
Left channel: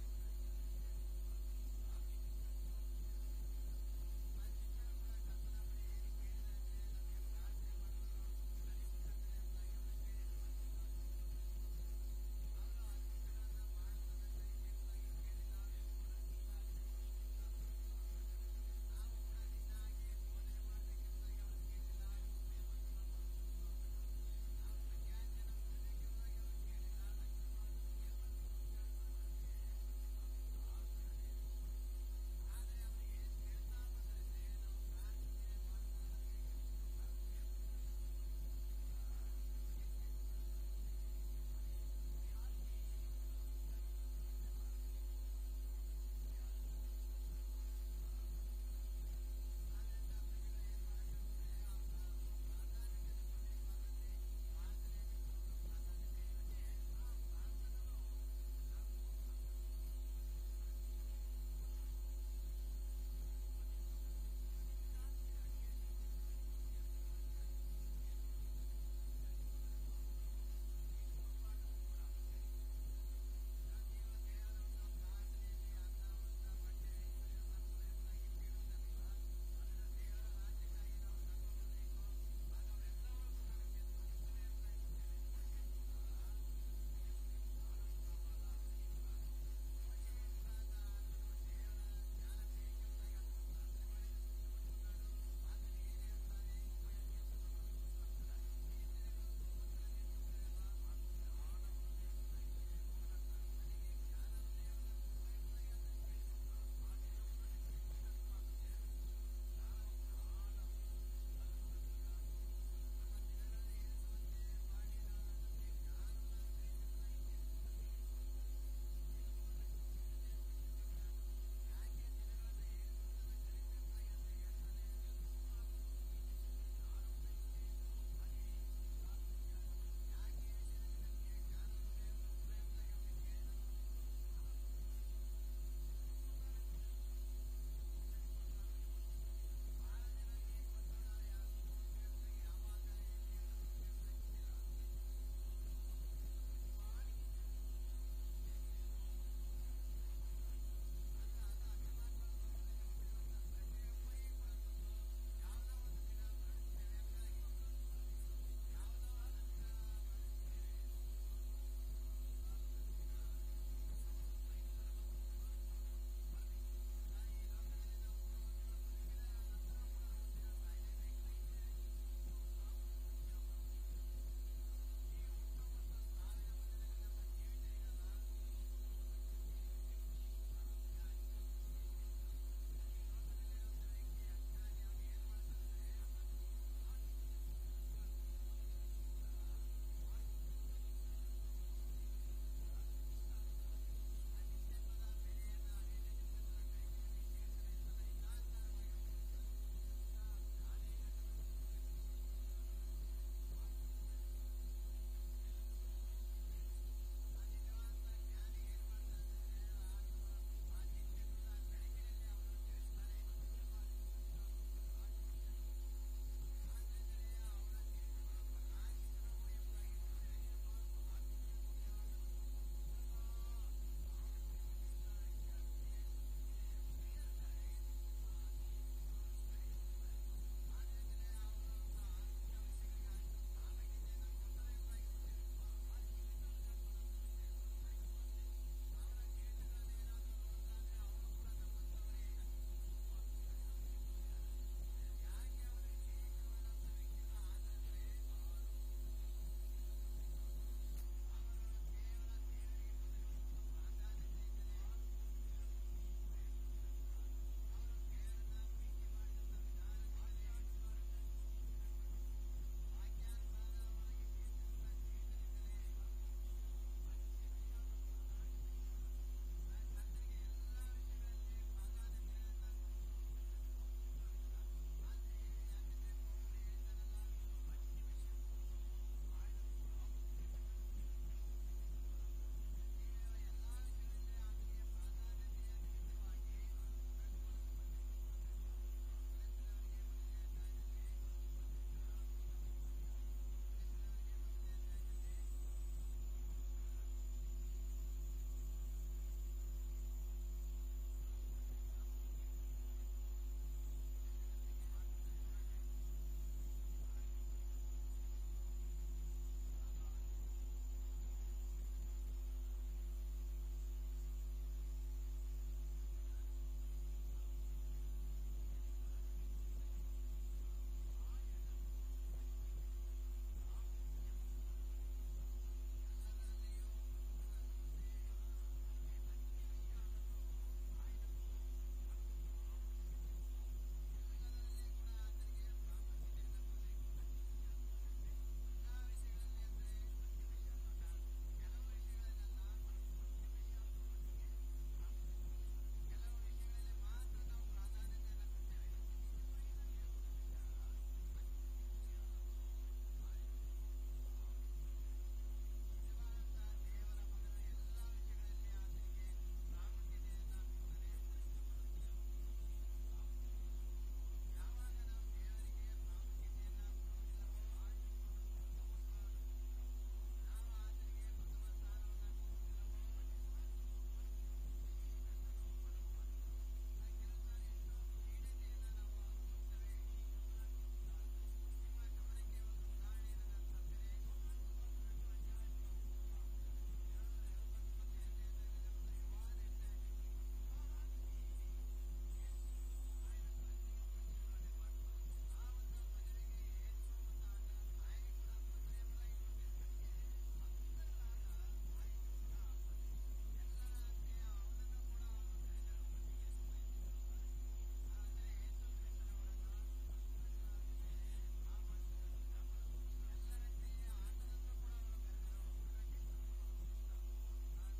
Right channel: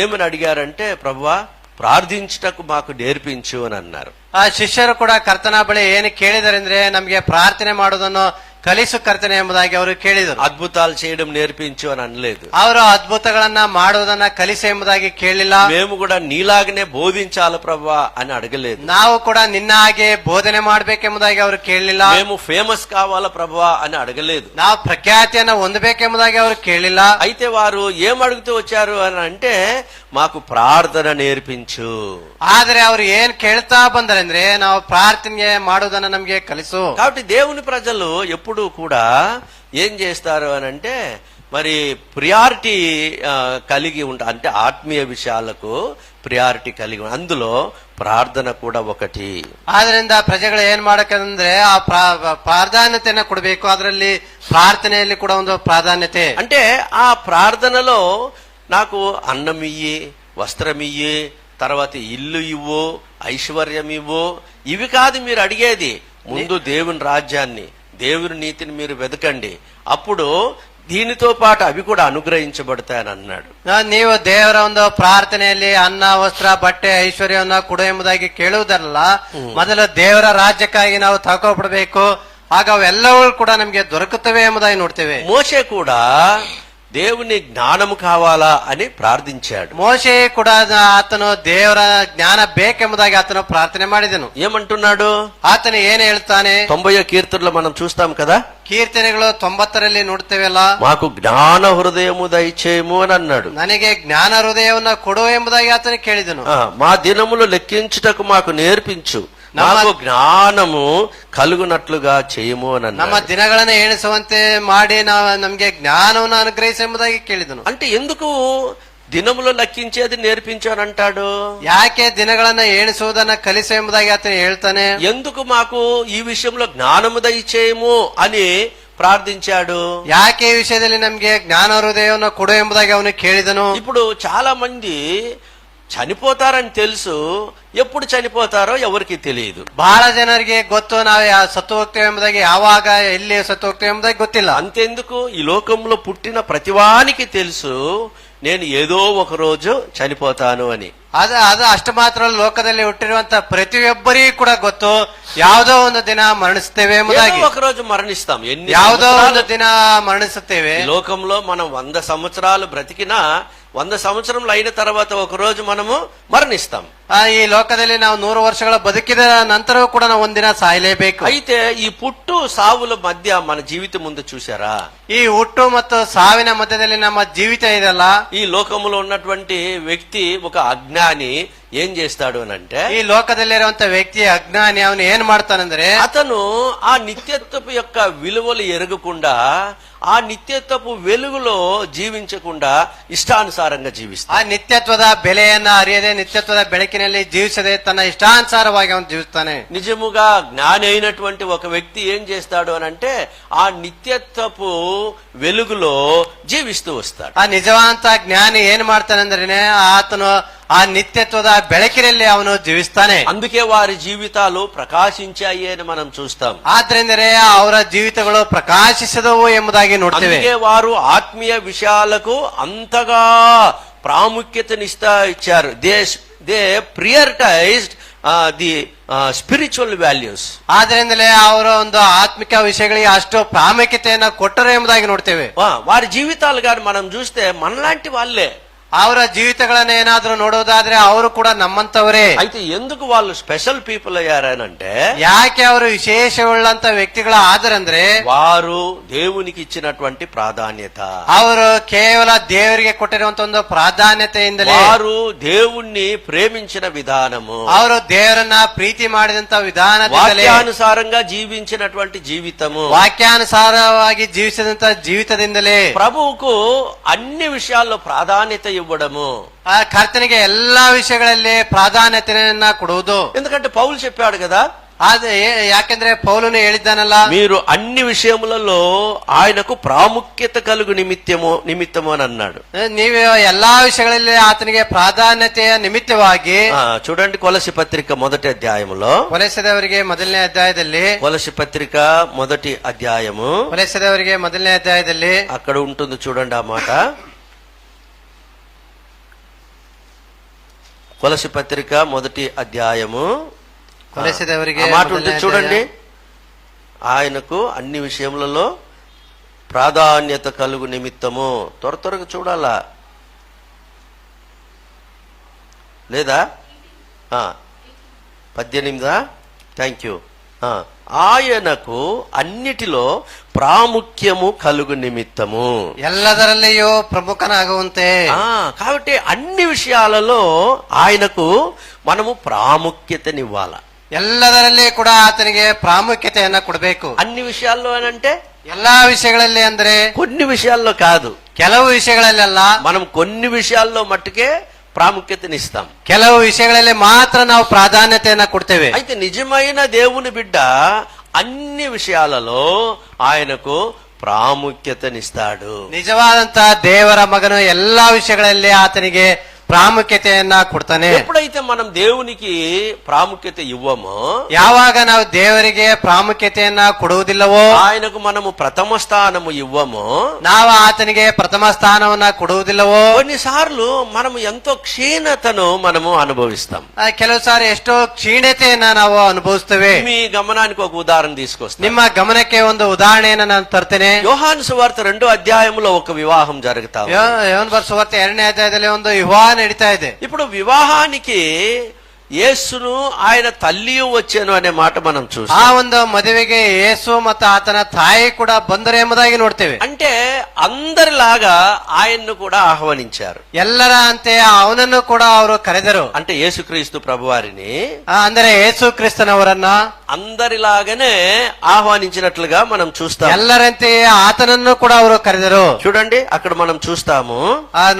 ఏమని అడిగారంటే, ప్రభువా ప్రార్థించుటకు మాకు నేర్పించు అని అన్నారు. ಆ ಶಿಷ್ಯರು ಕೂಡ ಕರ್ತನ ಬಳಿ ಏನು ಕೇಳಿದರೆಂದ್ರೆ ನಮ್ಗೆ ಪ್ರಾರ್ಥನೆ ಮಾಡುವುದನ್ನು ಕಲಿಸು ಕರ್ತನೆ ಎಂಬುದಾಗಿ ಅವರು ಕೇಳಿದರು. అద్భుతాలు చేయడం నేర్పించు అని అనలేదు. ಅವರು ಅದ್ಭುತಗಳನ್ನ ಮಾಡುವುದನ್ನ ಕಲಿಸು ಎಂಬುದಾಗಿ ಕೇಳಲಿಲ್ಲ. మేము కూడా నీలాగనే బోధించాలి ప్రభువా అని అడగలేదు. ನಾವು ಕೂಡ ನಿನ್ನ ಹಾಗೆ ಬೋಧನೆ ಮಾಡ್ಬೇಕೆಂಬುದಾಗಿ ಅವರು ಕೇಳಲಿಲ್ಲ. మేము ఫేమస్ కావాలా ప్రభువా అని అడగలేదు. ನಾವು ಪ್ರಖ್ಯಾತಿಯನ್ನ ಹೊಂದಬೇಕೆಂಬುದಾಗಿ ಅವರು ಕೇಳಲಿಲ್ಲ. అయితే వారు ఏం అడుగుతూ వచ్చారు అని అంటే, మాకు ప్రార్థన నేర్పించు. ಆದ್ರೆ ಅವರು ಏನ್ ಕೇಳ್ತಾ ಬಂದರಂದ್ರೆ, ನಾವು ಪ್ರಾರ್ಥನೆ ಮಾಡುವುದನ್ನ ನಮ್ಗೆ ಕಲಿಸು. కాబట్టి దేవుని ప్రజలు ఎప్పుడూ కూడా ఏం చేస్తారు అని అంటే, మరి ప్రియారిటీ కలిగి అంటే ఆత్మీయ విషయాలకు ప్రియారిటీ కలిగి అందులో ಪ್ರಾರ್ಥನೆ ಕೂಡ ఒకటి. ಆದ್ರಿಂದ ಪ್ರಜೆಗಳು ಏನ್ ಮಾಡಬೇಕಂದ್ರೆ ಆ ಪ್ರಾಧಾನ್ಯತೆಯನ್ನ ಕೊಡಬೇಕು. ಅದರಲ್ಲಿ ಪ್ರಾರ್ಥನೆಯಲ್ಲಿ ಕೂಡ ಒಂದು ಪ್ರಾಧಾನ್ಯತೆ. అంటే ఆ ప్రార్థనలో నాకు అన్నం ఇయ్యి, వస్త్రం ఇయ్యి, తర్వాత ఇల్లు ఇవ్వు, ఐశ్వర్యం ఇవ్వు, ఇవి కాదు మీరు అడిగేది. ముందు దేవుని రాజ్యాన్ని, దేవుని నీతిని మీరు వెతకండి, అప్పుడు దీనితో పాటు అవి కూడా అనుగ్రహించబడతాయని అన్నాడు. ನೀವು ದೇವರ ಒಂದು ಪ್ರಾರ್ಥನೆಯಲ್ಲಿ ಅನ್ನ, ವಸ್ತ್ರ, ಬಟ್ಟೆ, ಐಶ್ವರ್ಯವನ್ನ ಕೊಡು ಎಂಬುದಾಗಿ ಕೇಳುವುದಲ್ಲ, ಮೊದಲು ದೇವರ ರಾಜ್ಯಕ್ಕಾಗಿ ನಾವು ತಗೋಬಿಡ್ಬೇಕು, ಆಗ ಅವೆಲ್ಲವೂ ಕೂಡ ನಮ್ಗೆ ದೊರಕುತ್ತವೆ ಎಂಬುದಾಗಿ ನೋಡ್ತೇವೆ. మోషే కూడా దేవుని జ్ఞానము కావాలా అని ప్రార్థించాడు. ಮೋಶೆ ಕೂಡ ಆತನು ದೇವರ ಜ್ಞಾನ ಬೇಕೆಂಬುದಾಗಿ ಆತನು ಪ್ರಾರ್ಥನೆ ಮಾಡಿದನು. ఏమంటున్నాడు? ಆತನು ಏನ್ ಹೇಳ್ತಾನೆ? 90వ కీర్తనలో మనం చూస్తాం కదా, ಕೀರ್ತನೆಗಳು 90ರಲ್ಲಿ ನೋಡ್ತೇವಲ್ಲ, మాకు జ్ఞాన హృదయము దయచేయము అని అన్నాడు. ನನಗೆ ಜ್ಞಾನ ಹೃದಯವನ್ನ ಕೊಡು ಎಂಬುದಾಗಿ ಆತನು ಕೇಳಿದನು. మా దినములు లెక్కించుటకు మాకు నేర్పించు, నాకు జ్ఞానము కలుగునట్లుగా చేయము అని ನಮ್ಮ అన్నాడు. ದಿನಗಳನ್ನ ಎಣಿಸುವಂತೆ ಮಾಡಿ ನಮ್ಗೆ ಜ್ಞಾನವನ್ನು ಅನುಗ್ರಹಿಸಿ ಎಂಬುದಾಗಿ ಕೇಳಿದನು. అంటే ఎందుకు దినములు లెక్కించేది నేర్పించానంటాడు? ಯಾಕೆ ದಿನಗಳನ್ನ ಎಣಿಸುವುದನ್ನ ಕಲಿಸು ಎಂಬುದಾಗಿ ಆತನು ಹೇಳ್ತಾನೆ. ఎందుకు మాకు ఈ విషయంలో జ్ఞానము దయచేయము అని ప్రార్థించాడు? ಯಾಕೆ ಈ ವಿಷಯದಲ್ಲಿ ನಮ್ಗೆ ಜ್ಞಾನ ಹೃದಯವನ್ನು ಕೊಡು ಎಂಬುದಾಗಿ ಅವನು ಕೇಳಿದನು. ఇప్పుడు చాలా మంది చనిపోతారని తెలుసు, ఎప్పుడు చనిపోతారో ఎవరికి తెలియదు. ಬಹಳ ಜನರಿಗೆ ಗೊತ್ತು, ನಾವು ಸತ್ತು ಹೋಗ್ತೇವೆ ಎಂಬುದಾಗಿ, ಯಾವಾಗ ಎಲ್ಲಿ ಸತ್ತು ಹೋಗ್ತೇವೆ ಎಂಬುದಾಗಿ ಗೊತ್ತಿಲ್ಲ. అంతెందుకు, ఈ లోకంలో పుట్టిన ప్రతివానికి తెలుసు నేను ఏదో ఒక రోజు చనిపోతాను అని. ಅದು ಅಷ್ಟು ಮಾತ್ರ ಲೋಕದಲ್ಲಿ ಹುಟ್ಟಿರುವಂತ ಪ್ರತಿಯೊಬ್ಬರಿಗೂ ಕೂಡ ಗೊತ್ತು, ಯಾವುದೋ ಒಂದು ದಿನ ಮರಣಿಸ್ತೇವೆ ಎಂಬುದಾಗಿ. ఒక రోజు మరణిస్తాం. ಯಾವುದೋ ಒಂದು ದಿನ ಮರಣಿಸುತ್ತೇವೆ. ఈ లోకంలో మనం 100 సంవత్సరాలు బ్రతికినా 100 సంవత్సరములు అయిన తర్వాత ఒక రోజు మనము మరణిస్తాం. ಈ ಲೋಕದಲ್ಲಿ ನಾವು 100 ವರ್ಷಗಳ ಬದುಕಿದ ನಂತರವೂ ಕೂಡ ನಾವು ಒಂದಿನ ಸಾಯಲೇಬೇಕು. అయితే ఈ పుట్టు సావుల మధ్య మన జీవితం ముందు చూసారా? ಈ ಹುಟ್ಟು ಮತ್ತು ಸಾವಿನ ಮಧ್ಯದಲ್ಲಿ ನಮ್ಮ ಜೀವಿತ ಇದೆಲ್ಲ. ఈ లోకములో ఉన్నటువంటి వ్యక్తి ఒక అజ్ఞాని ఏం చేస్తాడు అని అంటే, ಈ ಲೋಕದಲ್ಲಿರುವಂತ ವ್ಯಕ್ತಿ ಅಜ್ಞಾನಿ, ಅವನು ಏನ್ ಮಾಡ್ತಾನಂದ್ರೆ, అతను ఆ నిత్యత్వపు యొక్క విలువలు ఎరగకుండా, ఆ నిత్యత్వపు వెలుగులో జీవించకుండా ఇష్టానుసారంగా జీవిస్తాడు. ಆ ನಿತ್ಯತ್ವದ ಬೆಲೆಯನ್ನ ಅರಿಯದೆ, ನಿತ್ಯತ್ವದ ಬೆಳಕಿನಲ್ಲಿ ಜೀವಿಸದೆ ತನ್ನ ಇಷ್ಟಾನುಸಾರವಾಗಿ ಅವನು ಜೀವಿಸ್ತಾನೆ. నిజముగా జ్ఞాని అయినటువంటి ఒక వ్యక్తి ఏం చేస్తాడు అని అంటే, ఆ నిత్యత్వపు వెలుగులో జీవిస్తూ వస్తాడు. ಆ ನಿಜವಂತ ಜ್ಞಾನಿ ಏನ್ ಮಾಡ್ತಾನಂದ್ರೆ, ಆತನು ಆ ನಿತ್ಯತ್ವದ ಬೆಳಕಿನಲ್ಲಿ ಅವನು ಜೀವಿಸ್ತಾನೆ. అందుకే వారి జీవితాలు ప్రకాశించాయి అని మనం చూస్తాం. ಆದ್ರಿಂದಲೇ ಅವರ ಜೀವಿತಗಳು ಪ್ರಕಾಶಿಸಿದವು ಎಂಬುದಾಗಿ ನೋಡ್ತೇವೆ. అందుకే వారు ఆత్మీయ విషయాలకు అంతగా ప్రాముఖ్యతనిస్తా ఇచ్చారు. They prioritized the spiritual values. ಆದ್ರಿಂದಲೇ ಅವರ ಒಂದು ಆತ್ಮಿಕ ವಿಷಯಗಳಿಗೆ ಅಷ್ಟು ಪ್ರಾಮುಖ್ಯತೆಯನ್ನ ಕೊಟ್ಟರು ಎಂಬುದಾಗಿ ನೋಡ್ತೇವೆ. వారి జీవితాలు గాని మనం చూస్తే మనలాంటి వాళ్ళే. ಅವರ ಜೀವಿತಗಳನ್ನ ಏನಾದ್ರೂ ನೋಡೋದಾದ್ರೆ ಅವರು ಕೂಡ ನಮ್ಮಂತವರೇ. అయితే ఎందుకు వాళ్ళు స్పెషల్ పీపుల్ అయ్యారనంటే, ಯಾಕೆ ಅವರು ವಿಶೇಷವುಳ್ಳಂತ ವ್ಯಕ್ತಿಗಳ ಆದರಂದ್ರೆ, వారు దేవునికి ఇచ్చినటువంటి ప్రాధాన్యత, ಅವರು ಕೇವಲ ದೇವರಿಗೆ ಕೊಟ್ಟಿರುವಂತ ಒಂದು ಪ್ರಾಧಾನ್ಯತೆಯಿಂದಲೇ, వారు దేవుణ్ణి ప్రేమించిన విధానము, ಅವರು ದೇವರನ್ನ ಪ್ರೀತಿ ಮಾಡಿದಂತ ವಿಧಾನದಿಂದಲೇ, వాక్యానుసారంగా జీవించినటువంటి జీవితము, ವಾಕ್ಯಾನುಸಾರವಾಗಿ ಜೀವಿಸಿದಂತ ಜೀವಿತದಿಂದಲೇ ప్రభువుకు అన్ని విషయాల్లో ప్రాధాన్యత ఇవ్వడము, ಆ ಕರ್ತನಿಗೆ ಎಲ್ಲಾ ವಿಷಯಗಳಲ್ಲಿ ಪ್ರಾಧಾನ್ಯತೆಯನ್ನ ಕೊಡುವುದು. ఎందుకంటే పౌలు చెప్పాడు కదా, ಯಾಕೆಂದ್ರೆ ಪೌಲನು ಹೇಳಿದ್ದಾನಲ್ಲ, మీరు అన్ని విషయములలో ఆయనకు ప్రాముఖ్యత కలుగు నిమిత్తము అని అన్నాడు. ನೀವು ಎಲ್ಲಾ విషయಗಳಲ್ಲಿ ಆತನಿಗೆ ಪ್ರಾಧಾನ್ಯತೆಯ ನಿಮಿತ್ತವಾಗಿ. చూడండి, కొలసి పత్రిక మొదటి అధ్యాయములో, ಕೊಲೆಸದವರಿಗೆ ಮೊದಲನೇ ಅಧ್ಯಾಯದಲ್ಲಿ, కొలసి పత్రిక మొదటి అధ్యాయము, ಕೊಲೆಸದವರಿಗೆ ಮೊದಲನೇ ಅಧ್ಯಾಯದಲ್ಲಿ అక్కడ ఉంటుంది చూడండి ఆ మాట. కొలసి పత్రిక మొదటి అధ్యాయము, ಕೊಲೆಸದವರಿಗೆ ఆ మాట ఉంటుంది చూడండి. ఆయనకు అన్ని విషయములలో ప్రాధాన్యత కలుగు నిమిత్తము. త్వరగా చూడాలా లేదా? 18. Thank you. ఆయనకు అన్నిటిలో ప్రాముఖ్యము కలుగు నిమిత్తము, ಎಲ್ಲದರಲ್ಲಿಯೂ ಪ್ರಮುಖನಾಗುವಂತೆ. కాబట్టి అన్ని విషయాలలో ఆయనకు మనము ప్రాముఖ్యతనివ్వాల. ಎಲ್ಲದರಲ್ಲಿ ಕೂಡ ಆತನಿಗೆ ಪ್ರಾಮುಖ್ಯತೆಯನ್ನ ಕೊಡಬೇಕು. అన్ని విషయాల్లో అంటే ಎಲ್ಲಾ ವಿಷಯಗಳಲ್ಲಿ ಅಂದ್ರೆ కొన్ని విషయాల్లో కాదు, ಕೆಲವು ವಿಷಯಗಳಲ್ಲೆಲ್ಲ, మనం కొన్ని విషయాల్లో మట్టుకే ప్రాముఖ్యతనిస్తాం. ಕೆಲವು ವಿಷಯಗಳಲ್ಲಿ ಮಾತ್ರ ನಾವು ಪ್ರಾಧಾನ್ಯತೆಯನ್ನ ಕೊಡ್ತೇವೆ. అయితే నిజమైన దేవుని బిడ్డ అన్ని విషయాలలో ఆయనకు ప్రాముఖ్యతనిస్తాడు. ನಿಜವಾದಂತ ದೇವರ ಮಗನು ಎಲ್ಲಾ ವಿಷಯಗಳಲ್ಲಿ ಆತನಿಗೆ ಪ್ರಾಮುಖ್ಯತೆಯನ್ನ ಕೊಡ್ತಾನೆ. ఎప్పుడైతే మనం దేవునికి ప్రాముఖ్యత ఇవ్వమో, ಯಾವಾಗ ನಾವು ದೇವರಿಗೆ ಪ್ರಾಮುಖ್ಯತೆಯನ್ನ ಕೊಡುವುದಿಲ್ಲವೋ, ఆయనకు మనము ప్రథమ స్థానము ఇవ్వమో, ನಾವು ಆತನಿಗೆ ಪ್ರಥಮ ಸ್ಥಾನವನ್ನ ಕೊಡುವುದಿಲ್ಲವೋ, కొన్నిసార్లు మనము ఎంతో క్షీణతను మనము అనుభవిస్తాం. ಕೆಲವು ಸಾರಿ ಎಷ್ಟೋ ಕ್ಷೀಣತೆಯನ್ನ ನಾವು ಅನುಭವಿಸ್ತೇವೆ. మీ గమనానికి ఒక ఉదాహరణ తీసుకొస్తాను. ನಿಮ್ಮ ಗಮನಕ್ಕೆ ಒಂದು ಉದಾಹರಣೆಯನ್ನ ನಾನು ತರ್ತೇನೆ. యోహాను సువార్త 2వ అధ్యాయంలో ఒక వివాహం జరుగుతా ఉంది. ಯೋಹನ ಬರೆದ ಸುವಾರ್ತೆ 2ನೇ ಅಧ್ಯಾಯದಲ್ಲಿ ಒಂದು ವಿವಾಹ ನಡೀತಾ ಇದೆ. ఇప్పుడు వివాహానికి యేసును ఆయన తల్లియు వచ్చాను అనే మాట మనం ಆ చూస్తాం. ಒಂದು ಮದುವೆಗೆ ಯೇಸು ಮತ್ತು ಆತನ ತಾಯಿ ಕೂಡ ಬಂದರು ಎಂಬುದಾಗಿ ನೋಡ್ತೇವೆ. అంటే అందరిలాగా ఆయన్ను కూడా ఆహ్వానించారు. ಎಲ್ಲರ ಅಂತೆ ಅವನನ್ನು ಕೂಡ ಅವರು ಕರೆದರು. అంటే యేసుక్రీస్తు ప్రభువారిని ಅಂದರೆ ಯೇಸು ಕ್ರಿಸ್ತನವರನ್ನ అందరిలాగానే ఆహ్వానించినట్లుగా మనం చూస్తాం. ಎಲ್ಲರಂತೆ ಆತನನ್ನು ಕೂಡ ಅವರು ಕರೆದರು. చూడండి, అక్కడ మనం చూస్తాము.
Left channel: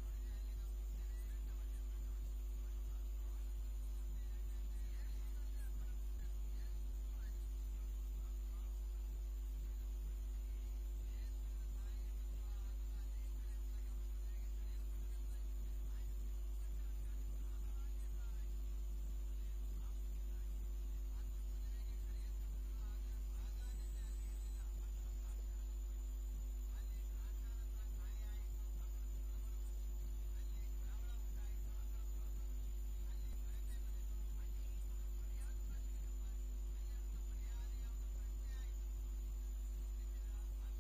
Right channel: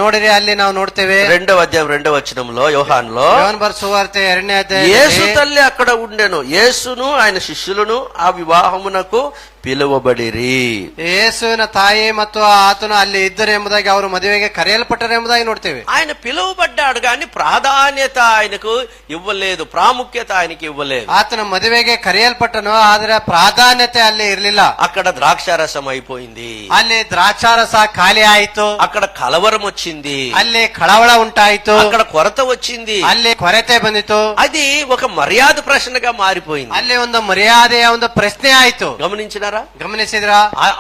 ನೋಡಿರಿ, ಅಲ್ಲಿ ನಾವು ನೋಡ್ತೇವೆ 2వ అధ్యాయం 2వ వచనంలో యోహానులో, ಯೋಹನ ಬರೆದ ಸುವಾರ್ತೆ 2ನೇ యేసు ಅಧ್ಯಾಯ తల్లి అక్కడ ఉండెను, యేసును ఆయన శిష్యులను ఆ వివాహమునకు పిలువబడిరి. ಯೇಸುವಿನ ತಾಯಿ ಮತ್ತು ಆತನು ಅಲ್ಲಿ ಇದ್ದರು ಎಂಬುದಾಗಿ ಅವರು ಮದುವೆಗೆ ಕರೆಯಲ್ಪಟ್ಟರು ಎಂಬುದಾಗಿ ನೋಡ್ತೇವೆ. ఆయన పిలువబడ్డాడు కానీ ప్రాధాన్యత ఆయనకు ఇవ్వలేదు, ప్రాముఖ్యత ఆయనకి ఇవ్వలేదు. ಆತನ ಮದುವೆಗೆ ಕರೆಯಲ್ಪಟ್ಟನು, ಆದರೆ ಪ್ರಾಧಾನ್ಯತೆ ಅಲ್ಲಿ ಇರಲಿಲ್ಲ. అక్కడ ద్రాక్షారసం అయిపోయింది, ಅಲ್ಲಿ ದ್ರಾಕ್ಷಾರಸ ಖಾಲಿ ಆಯಿತು, అక్కడ కలవరం వచ్చింది, ಅಲ್ಲಿ ಕಳವಳ ಉಂಟಾಯಿತು, అక్కడ కొరత వచ్చింది. ಅಲ್ಲಿ ಕೊರತೆ ಬಂದಿತು, అది ఒక మర్యాద ప్రశ్నగా మారిపోయింది. ಅಲ್ಲಿ ಒಂದು ಮರ್ಯಾದೆಯ ಒಂದು ಪ್ರಶ್ನೆ ಆಯಿತು. గమనించినారా? ಗಮನಿಸಿದ್ರ?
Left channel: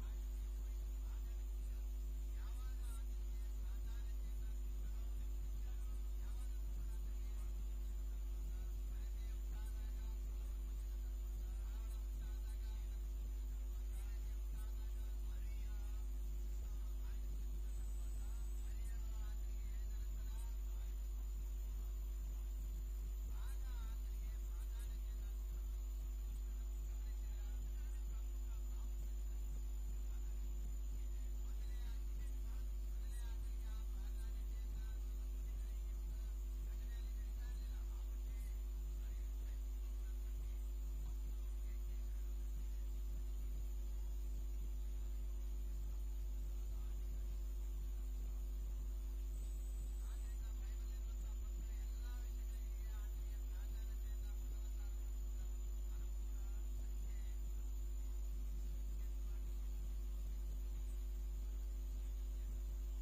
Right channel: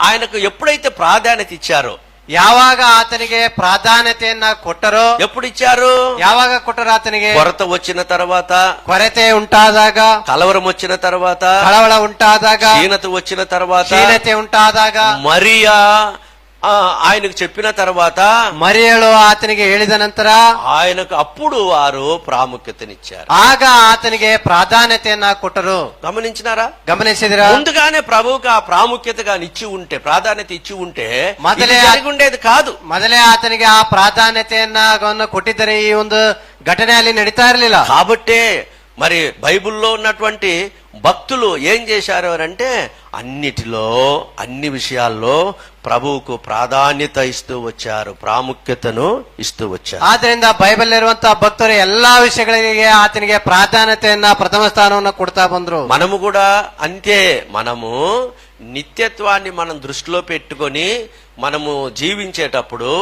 ఆయనకు ఎప్పుడైతే ప్రాధాన్యత ఇచ్చారో, ಯಾವಾಗ ಆತನಿಗೆ ಪ್ರಾಧಾನ್ಯತೆಯನ್ನ ಕೊಟ್ಟರೋ, ఎప్పుడు ఇచ్చారు? ಯಾವಾಗ ಕೊಟ್ಟರು ಆತನಿಗೆ? కొరత వచ్చిన తర్వాత, ಕೊರತೆ ಉಂಟಾದಾಗ, కలవరం వచ్చిన తర్వాత, ಕಳವಳ ಉಂಟಾದಾಗ, క్షీణత వచ్చిన తర్వాత, ಕ್ಷೀಣತೆ ಉಂಟಾದಾಗ, మరియా ఆయనకు చెప్పిన తర్వాత, ಮರಿಯಳು ಆತನಿಗೆ ಹೇಳಿದ ನಂತರ, ఆయనకు అప్పుడు వారు ప్రాముఖ్యతనిచ్చారు. ಆಗ ಆತನಿಗೆ ಪ್ರಾಧಾನ್ಯತೆಯನ್ನ ಕೊಟ್ಟರು. గమనించినారా? ಗಮನಿಸಿದ್ರ? ముందుగానే ప్రభువుకు ఆ ప్రాముఖ్యతగా ఇచ్చి ఉంటే, ప్రాధాన్యత ఇచ్చి ఉంటే మొదలే ఇది జరిగి ఉండేది కాదు. ಮೊದಲೇ ಆತನಿಗೆ ಆ ಪ್ರಾಧಾನ್ಯತೆಯನ್ನ ಕೊಟ್ಟಿದ್ದರೆ ಈ ಒಂದು ಘಟನೆ ಅಲ್ಲಿ ನಡೀತಾ ಇರಲಿಲ್ಲ. కాబట్టే మరి బైబిల్లో ఉన్నటువంటి భక్తులు ఏం చేశారు అంటే, అన్నిటిలో అన్ని విషయాల్లో ప్రభువుకు ప్రాధాన్యత ఇస్తూ వచ్చారు, ప్రాముఖ్యతను ఇస్తూ వచ్చారు. ಆದ್ರಿಂದ ಬೈಬಲ್ ಇರುವಂತಹ ಭಕ್ತರು ಎಲ್ಲಾ ವಿಷಯಗಳಿಗೆ ಆತನಿಗೆ ಪ್ರಾಧಾನ್ಯತೆಯನ್ನ ಪ್ರಥಮ ಸ್ಥಾನವನ್ನು ಕೊಡ್ತಾ ಬಂದ್ರು. మనము కూడా అంతే. మనము నిత్యత్వాన్ని మనం దృష్టిలో పెట్టుకొని మనము జీవించేటప్పుడు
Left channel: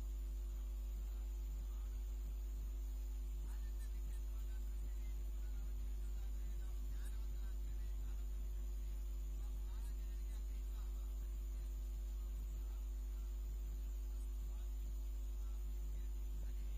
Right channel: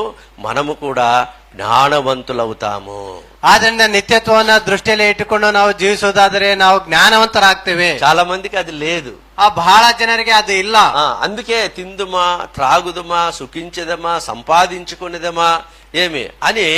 మనము కూడా ಜ್ಞಾನವಂತುಲవుతాము. ಆದ್ರಿಂದ ನಿತ್ಯತ್ವವನ್ನ ದೃಷ್ಟಿಯಲ್ಲಿ ಇಟ್ಟುಕೊಂಡು ನಾವು ಜೀವಿಸೋದಾದರೆ ನಾವು ಜ್ಞಾನವಂತರಾಗ್ತೇವೆ. చాలా మందికి అది లేదు. ಬಹಳ ಜನರಿಗೆ ಅದು ಇಲ್ಲ. అందుకే తిందుమా, త్రాగుదమా, సుఖించదమా, సంపాదించుకునేదమా ఏమి అని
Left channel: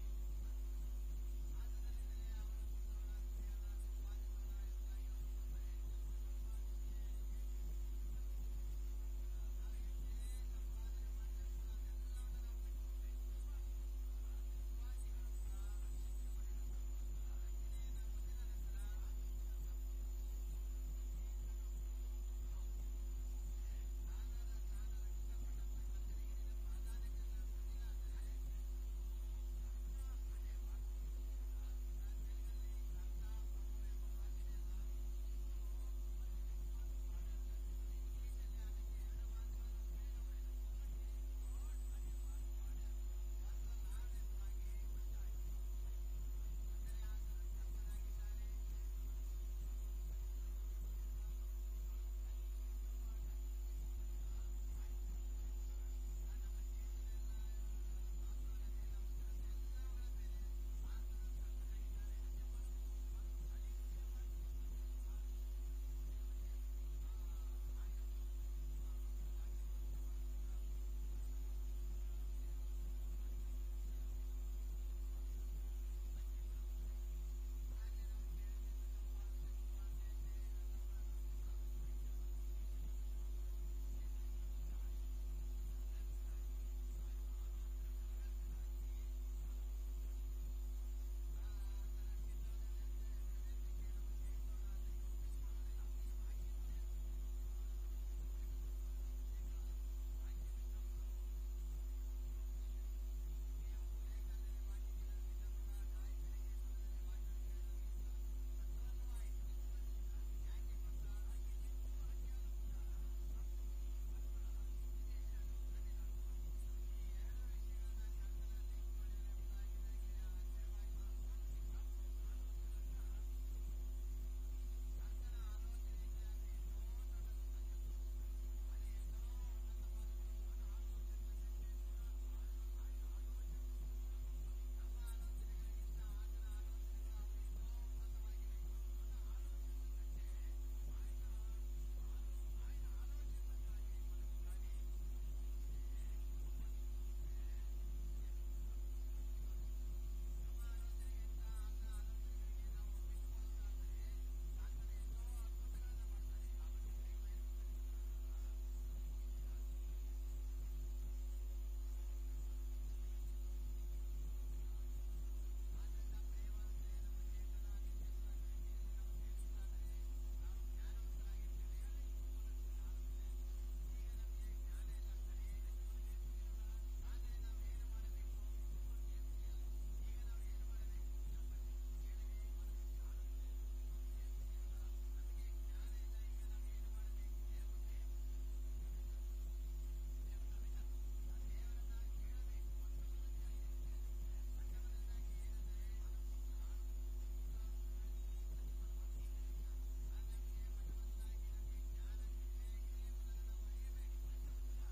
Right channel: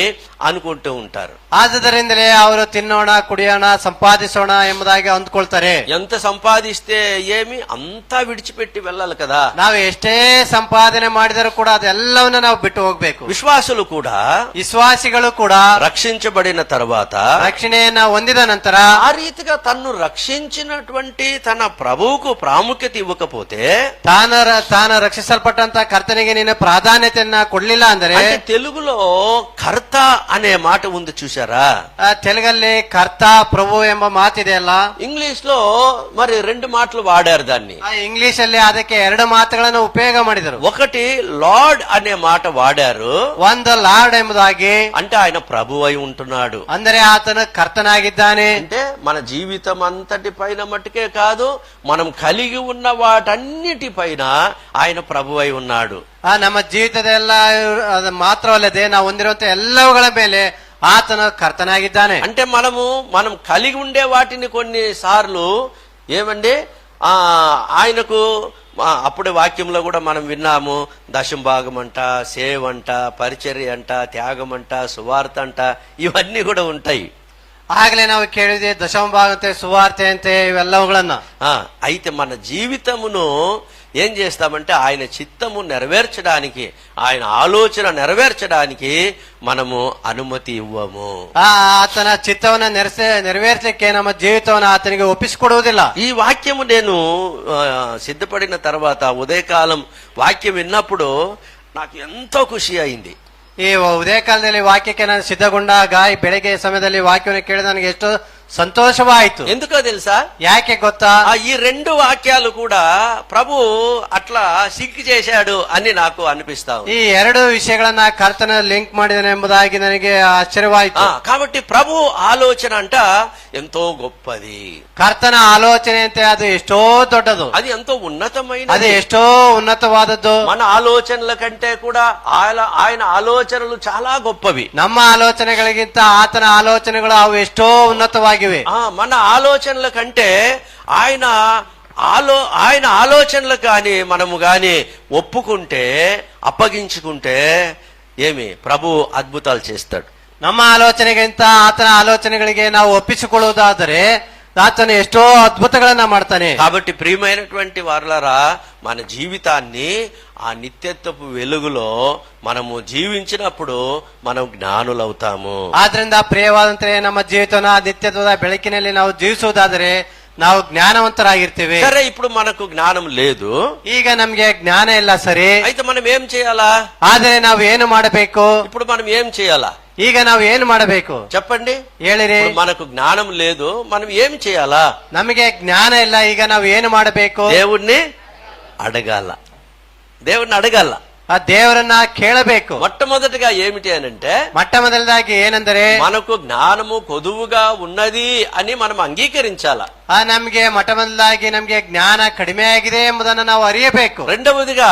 అనుకుంటూ ఉంటారు. ಆದ್ದರಿಂದಲೇ ಅವರು ತಿನ್ನೋಣ, ಕುಡಿಯೋಣ, ಸಂಪಾದಿಸೋಣ ಎಂಬುದಾಗಿ ಅಂದ್ಕೊಳ್ತಾರೆ. ఎంత సంపాదిస్తే ఏమి, అంతా విడిచిపెట్టి వెళ్ళాలి కదా. ನಾವು ಎಷ್ಟೇ ಸಂಪಾದನೆ ಮಾಡಿದರೂ ಕೂಡ ಅದೆಲ್ಲವನ್ನ ನಾವು ಬಿಟ್ಟು ಹೋಗ್ಬೇಕು. విశ్వాసులు కూడా ವಿಶ್ವಾಸಿಗಳು ಕೂಡ రక్షించబడిన తర్వాత, ರಕ್ಷಣೆಯನ್ನ ಹೊಂದಿದ ನಂತರ ఆ రీతిగా తన్ను రక్షించినటువంటి తన ప్రభువుకు ప్రాముఖ్యత ఇవ్వకపోతే, ತಾನು ರಕ್ಷಿಸಲ್ಪಟ್ಟಂತ ಕರ್ತನಿಗೆ ನೀನು ಪ್ರಾಧಾನ್ಯತೆಯನ್ನ ಕೊಡ್ಲಿಲ್ಲ ಅಂದರೆ, అంటే తెలుగులో కర్త అనే మాట ఉంది చూసారా? ತೆಲುಗಲ್ಲಿ ಕರ್ತ ಪ್ರಭು ಎಂಬ ಮಾತಿದೆಯಲ್ಲ, ఇంగ్లీష్ లో మరి 2 మాటలు వాడారు దాన్ని. ಇಂಗ್ಲಿಷ್ ಅಲ್ಲಿ ಅದಕ್ಕೆ 2 ಮಾತುಗಳನ್ನು ಉಪಯೋಗ ಮಾಡಿದರು. ఒకటి లార్డ్ అనే మాట వాడారు, ಒಂದು ಲಾರ್ಡ್ ಎಂಬುದಾಗಿ, అంటే ఆయన ప్రభు అయి ఉంటున్నాడు. ಅಂದರೆ ಆತನು ಕರ್ತನಾಗಿದ್ದಾನೆ. అంటే మన జీవితం అంతటి పైన మట్టుకే కాదు, మనం కలిగి ఉన్న వాటన్నిటిపైన ఆయన ప్రభు అయి ఉన్నాడు. ನಮ್ಮ ಜೀವಿತದ ಎಲ್ಲ ಅದು ಮಾತ್ರವಲ್ಲದೆ ನಾವು ಹೊಂದಿರುವಂತ ಎಲ್ಲವುಗಳ ಮೇಲೆ ಆತನು ಕರ್ತನಾಗಿದ್ದಾನೆ. అంటే మనం కలిగి ఉండే వాటిని కొన్నిసార్లు ఏమండి ఆయనకు అప్పుడే వాక్యంలో కూడా మనం విన్నాము, దశం భాగం అంట, సేవ్ అంట, పరిచర్య అంట, త్యాగం అంట, సువార్త అంట, ఇవన్నీ కూడా ఉంటాయి. ಆಗ್ಲೇ ನಾವು ಕೇಳಿದ್ವಿ ದಶಮ ಭಾಗ ಅಂತೆ, ಸುವಾರ್ತೆ ಅಂತೆ, ಇವೆಲ್ಲವುಗಳನ್ನ. అయితే మన జీవితమును ఏం చేస్తామంటే ఆయన చిత్తము నెరవేర్చడానికి, ఆయన ఆలోచన నెరవేర్చడానికి మనము అనుమతి ఇవ్వము. ಆತನ ಚಿತ್ತವನ್ನ ನೆರವೇರಿಸಲಿಕ್ಕೆ ನಮ್ಮ ಜೀವಿತವನ್ನ ಆತನಿಗೆ ಒಪ್ಪಿಸಿಕೊಡುವುದಿಲ್ಲ. ఈ వాక్యము నేను సిద్ధపడిన తర్వాత ఉదయకాలం వాక్యం విన్నప్పుడు నాకు ఎంతో ఖుషి అయింది. ಈ ಉದಯ ಕಾಲದಲ್ಲಿ ವಾಕ್ಯಕ್ಕೆ ನಾನು ಸಿದ್ಧಗೊಂಡಾಗ ಈ ಬೆಳಗ್ಗೆ ಸಮಯದಲ್ಲಿ ವಾಕ್ಯವನ್ನು ಕೇಳಿದ ನನಗೆ ಎಷ್ಟು సంతోషవాయిತು. ఎందుకో తెలుసా? ಯಾಕೆ ಗೊತ್ತಾ? ఈ రెండు వాక్యాలు కూడా ప్రభు అట్లా సింక్ చేశాడు అని నాకు అనిపిస్తా ఉంది. ಈ ಎರಡು ವಿಷಯಗಳನ್ನ ಕರ್ತನ ಲಿಂಕ್ ಮಾಡಿದನೆ ಎಂಬುದಾಗಿ ನನಗೆ ಆಶ್ಚರ್ಯವಾಯಿತು. కాబట్టి ప్రభు ఆలోచన అంట ఎంతో గొప్పది. ಕರ್ತನ ಆಲೋಚನೆ ಅಂತೆ ಅದು ಎಷ್ಟೋ ದೊಡ್ಡದು, అది ఎంతో ఉన్నతమైన, ಅದು ಎಷ್ಟೋ ఉన్నతವಾದದ್ದು. మన ఆలోచనల కంటే కూడా ఆయన ఆలోచనలు చాలా గొప్పవి. ನಮ್ಮ ಆಲೋಚನೆಗಳಿಗಿಂತ ಆತನ ಆಲೋಚನೆಗಳು ಅವು ಎಷ್ಟೋ ఉన్నతವಾಗಿವೆ. మన ఆలోచనల కంటే ఆయన ఆలోచనలు కానీ మనము గాని ఒప్పుకుంటే, అప్పగించుకుంటే ఏమి ప్రభు అద్భుతాలు చేస్తాడు. ನಮ್ಮ ಆಲೋಚನೆಗಿಂತ ಆತನ ಆಲೋಚನೆಗಳಿಗೆ ನಾವು ಒಪ್ಪಿಸಿಕೊಳ್ಳುವುದಾದರೆ ಆತನು ಎಷ್ಟೋ అద్భుతಗಳನ್ನ ಮಾಡ್ತಾನೆ. కాబట్టి ప్రియమైనటువంటి వారలారా, మన జీవితాన్ని ఆ నిత్యత్వపు వెలుగులో మనము జీవించినప్పుడు మనం జ్ఞానులవుతాము. ಆದ್ರಿಂದ ಪ್ರಿಯವಾದಂತೆ ನಮ್ಮ ಜೀವಿತವನ್ನ ನಿತ್ಯತ್ವದ ಬೆಳಕಿನಲ್ಲಿ ನಾವು ಜೀವಿಸುವುದಾದರೆ ನಾವು ಜ್ಞಾನವಂತರಾಗಿರ್ತೇವೆ. సరే, ఇప్పుడు మనకు జ్ఞానం లేదు, ಈಗ ನಮ್ಗೆ ಜ್ಞಾನ ಇಲ್ಲ, ಸರಿ. అయితే మనం ఏం చేయాలా? ಆದರೆ ನಾವು ಏನು ಮಾಡಬೇಕು? ఇప్పుడు మనం ఏం చేయాలా? ಈಗ ನಾವು ಏನು ಮಾಡಬೇಕು చెప్పండి, ಹೇಳಿರಿ. ఇప్పుడు మనకు జ్ఞానం లేదు, మనం ఏం చేయాలా? ನಮಗೆ ಜ್ಞಾನ ಇಲ್ಲ, ಈಗ ನಾವು ಏನು ಮಾಡಬೇಕು? దేవుణ్ణి అడగాల, దేవుణ్ణి అడగాల, ಆ ದೇವರನ್ನ ಕೇಳಬೇಕು. మొట్టమొదటిగా ఏమిటి అనంటే, ಮೊಟ್ಟ ಮೊದಲದಾಗಿ ಏನೆಂದರೆ మనకు జ్ఞానము కొదువుగా ఉన్నది అని మనం అంగీకరించాల. ನಮ್ಗೆ ಮೊಟ್ಟ ಮೊದಲಾಗಿ ನಮ್ಗೆ ಜ್ಞಾನ ಕಡಿಮೆ ಆಗಿದೆ ಎಂಬುದನ್ನು ನಾವು ಅರಿಯಬೇಕು. రెండవదిగా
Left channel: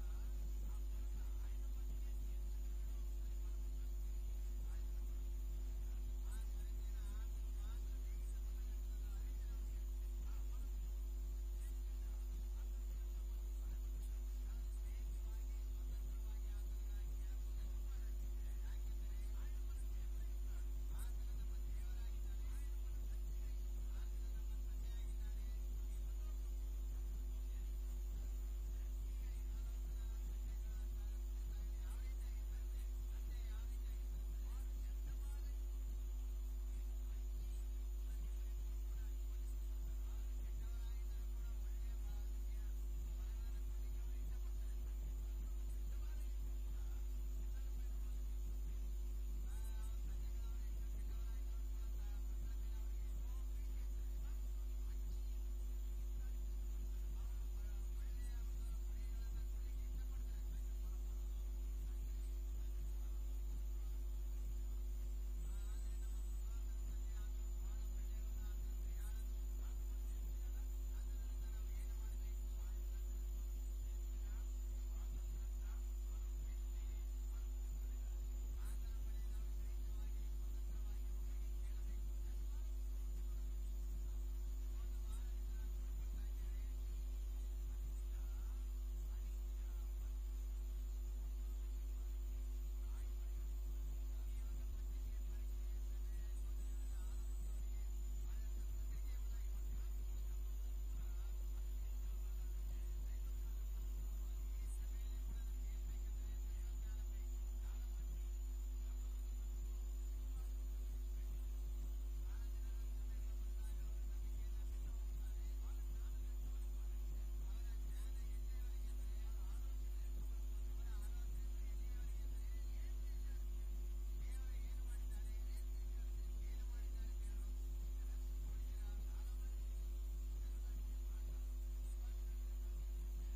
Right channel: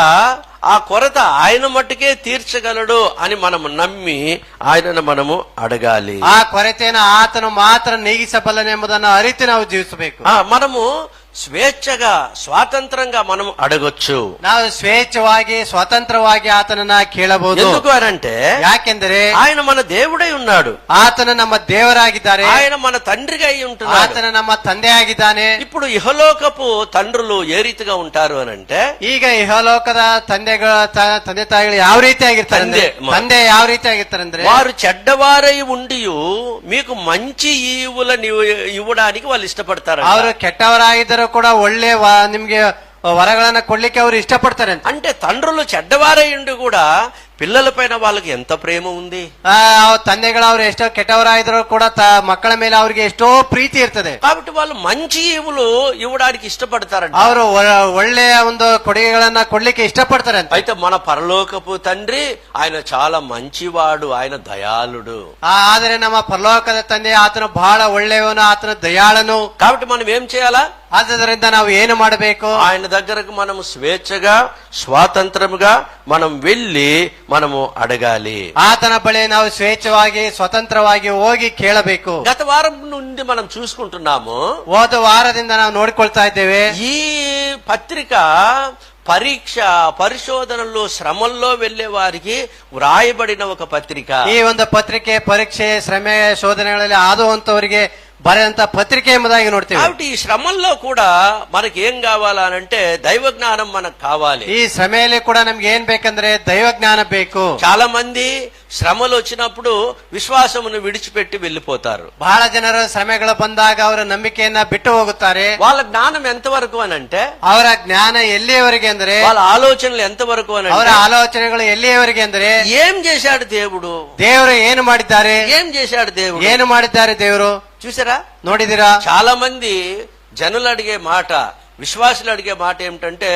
ఆ కొరత ఆయన మట్టుకే తీర్చగలడు అని మనము నమ్మి ఆయనను మనము అడగాలి. ಆ ಕೊರತೆಯನ್ನು ಆತನು ಮಾತ್ರ ನೀಗಿಸಬಲ್ಲನೆಂಬುದನ್ನು ಅರಿತು ನಾವು ಜೀವಿಸಬೇಕು. మనము స్వేచ్ఛగా, స్వాతంత్రంగా మనం అడగొచ్చు. ನಾವು ಸ್ವೇಚ್ಛವಾಗಿ ಸ್ವತಂತ್ರವಾಗಿ ಆತನನ್ನ ಕೇಳಬಹುದು. ఎందుకు అనంటే, ಯಾಕೆಂದರೆ ఆయన మన దేవుడై ఉన్నాడు, ಆತನ ನಮ್ಮ ದೇವರಾಗಿದ್ದಾರೆ, ఆయన మన తండ్రిగా అయి ఉంటున్నాడు, ಆತನ ನಮ್ಮ ತಂದೆ ಆಗಿದ್ದಾನೆ. ఇప్పుడు ఇహలోకపు తండ్రులు ఏ రీతిగా ఉంటారు అనంటే, ಈಗ ಇಹಲೋಕದ ತಂದೆ ತಾಯಿಗಳು ಯಾವ ರೀತಿ ಆಗಿರ್ತಾರೆ ಅಂದ್ರೆ, ತಂದೆ ಯಾವ ರೀತಿ ಆಗಿರ್ತಾರೆ ಅಂದ್ರೆ, వారు చెడ్డవారై ఉండి మీకు మంచి ఈవులను ఇవ్వడానికి వాళ్ళు ఇష్టపడతారు. ಅವರು ಕೆಟ್ಟವರಾಗಿದ್ದರೂ ಕೂಡ ಒಳ್ಳೆ ನಿಮ್ಗೆ ವರಗಳನ್ನ ಕೊಡ್ಲಿಕ್ಕೆ ಅವರು ಇಷ್ಟಪಡ್ತಾರೆ. అంటే తండ్రులు చెడ్డవారై ఉండి కూడా పిల్లల పైన వాళ్ళకి ఎంత ప్రేమ ఉంది. ತಂದೆಗಳು ಅವ್ರು ಎಷ್ಟೋ ಕೆಟ್ಟವರಾಗಿದ್ರು ಕೂಡ ಮಕ್ಕಳ ಮೇಲೆ ಅವ್ರಿಗೆ ಎಷ್ಟೋ ಪ್ರೀತಿ ಇರ್ತದೆ. కాబట్టి వాళ్ళు మంచి ఈవులు ఇవ్వడానికి ఇష్టపడతారంట. ಅವರು ಒಳ್ಳೆಯ ಒಂದು ಕೊಡುಗೆಗಳನ್ನ ಕೊಡ್ಲಿಕ್ಕೆ ಇಷ್ಟಪಡ್ತಾರೆ ಅಂತ. అయితే మన పరలోకపు తండ్రి ఆయన చాలా మంచివాడు, ఆయన దయాళుడు. ಆದರೆ ನಮ್ಮ ಪರಲೋಕದ ತಂದೆ ಆತನು ಬಹಳ ಒಳ್ಳೆಯವನು, ಆತನ ದಯಾಳನು. కాబట్టి మనం ఏం చేయాలా? ಆದ್ದರಿಂದ ನಾವು ಏನು ಮಾಡಬೇಕು? ఆయన దగ్గరకు మనం స్వేచ్ఛగా, స్వాతంత్రముగా మనం వెళ్ళి మనము అడగాలి. ಆತನ ಬಳಿ ನಾವು ಸ್ವೇಚ್ಛವಾಗಿ ಸ್ವತಂತ್ರವಾಗಿ ಹೋಗಿ ಕೇಳಬೇಕು. గత వారం నుండి మనం చూసుకుంటున్నాము, ಹೋದ ವಾರದಿಂದ ನಾವು ನೋಡಿಕೊಳ್ತಾ ಇದ್ದೇವೆ. ఈ పత్రిక పరీక్ష, పరిశోధనలు, శ్రమల్లో వెళ్లే వారికి వ్రాయబడిన ఒక పత్రిక. ಈ ಒಂದು ಪತ್ರಿಕೆ ಪರೀಕ್ಷೆ, ಶ್ರಮೆ, ಶೋಧನೆಗಳಲ್ಲಿ ಆದುವಂತವರಿಗೆ ಬರೆದಂತ ಪತ್ರಿಕೆ ಎಂಬುದಾಗಿ ನೋಡ್ತೀವಿ. కాబట్టి ఈ శ్రమల్లో కూడా మనకి ఏం కావాలనంటే దైవ జ్ఞానం మనకు కావాలి. ಈ ಶ್ರಮೆಯಲ್ಲಿ ಕೂಡ ನಮ್ಗೆ ಏನ್ ಬೇಕಂದ್ರೆ ದೈವ ಜ್ಞಾನ ಬೇಕು. చాలా మంది శ్రమలు వచ్చినప్పుడు విశ్వాసమును విడిచిపెట్టి వెళ్లిపోతారు. ಬಹಳ ಜನರು ಶ್ರಮೆಗಳು ಬಂದಾಗ ಅವರ ನಂಬಿಕೆಯನ್ನ ಬಿಟ್ಟು ಹೋಗುತ್ತಾರೆ. వాళ్ళ జ్ఞానం ఎంత వరకు అనంటే, ಅವರ ಜ್ಞಾನ ಎಲ್ಲಿಯವರೆಗೆ ಅಂದ್ರೆ, వాళ్ళ ఆలోచనలు ఎంత వరకు ಅವರ అనంటే, ಆಲೋಚನೆಗಳು ಎಲ್ಲಿಯವರೆಗೆ ಅಂದ್ರೆ, ఏం చేశాడు దేవుడు, ದೇವರು ಏನು ಮಾಡಿದ್ದಾರೆ, ఏం చేశాడు దేవుడు, ಏನು ಮಾಡಿದ್ದಾರೆ ದೇವರು. చూసారా? ನೋಡಿದಿರಾ? చాలా మంది జనులు అడిగే మాట, విశ్వాసులు అడిగే మాట ఏమిటంటే,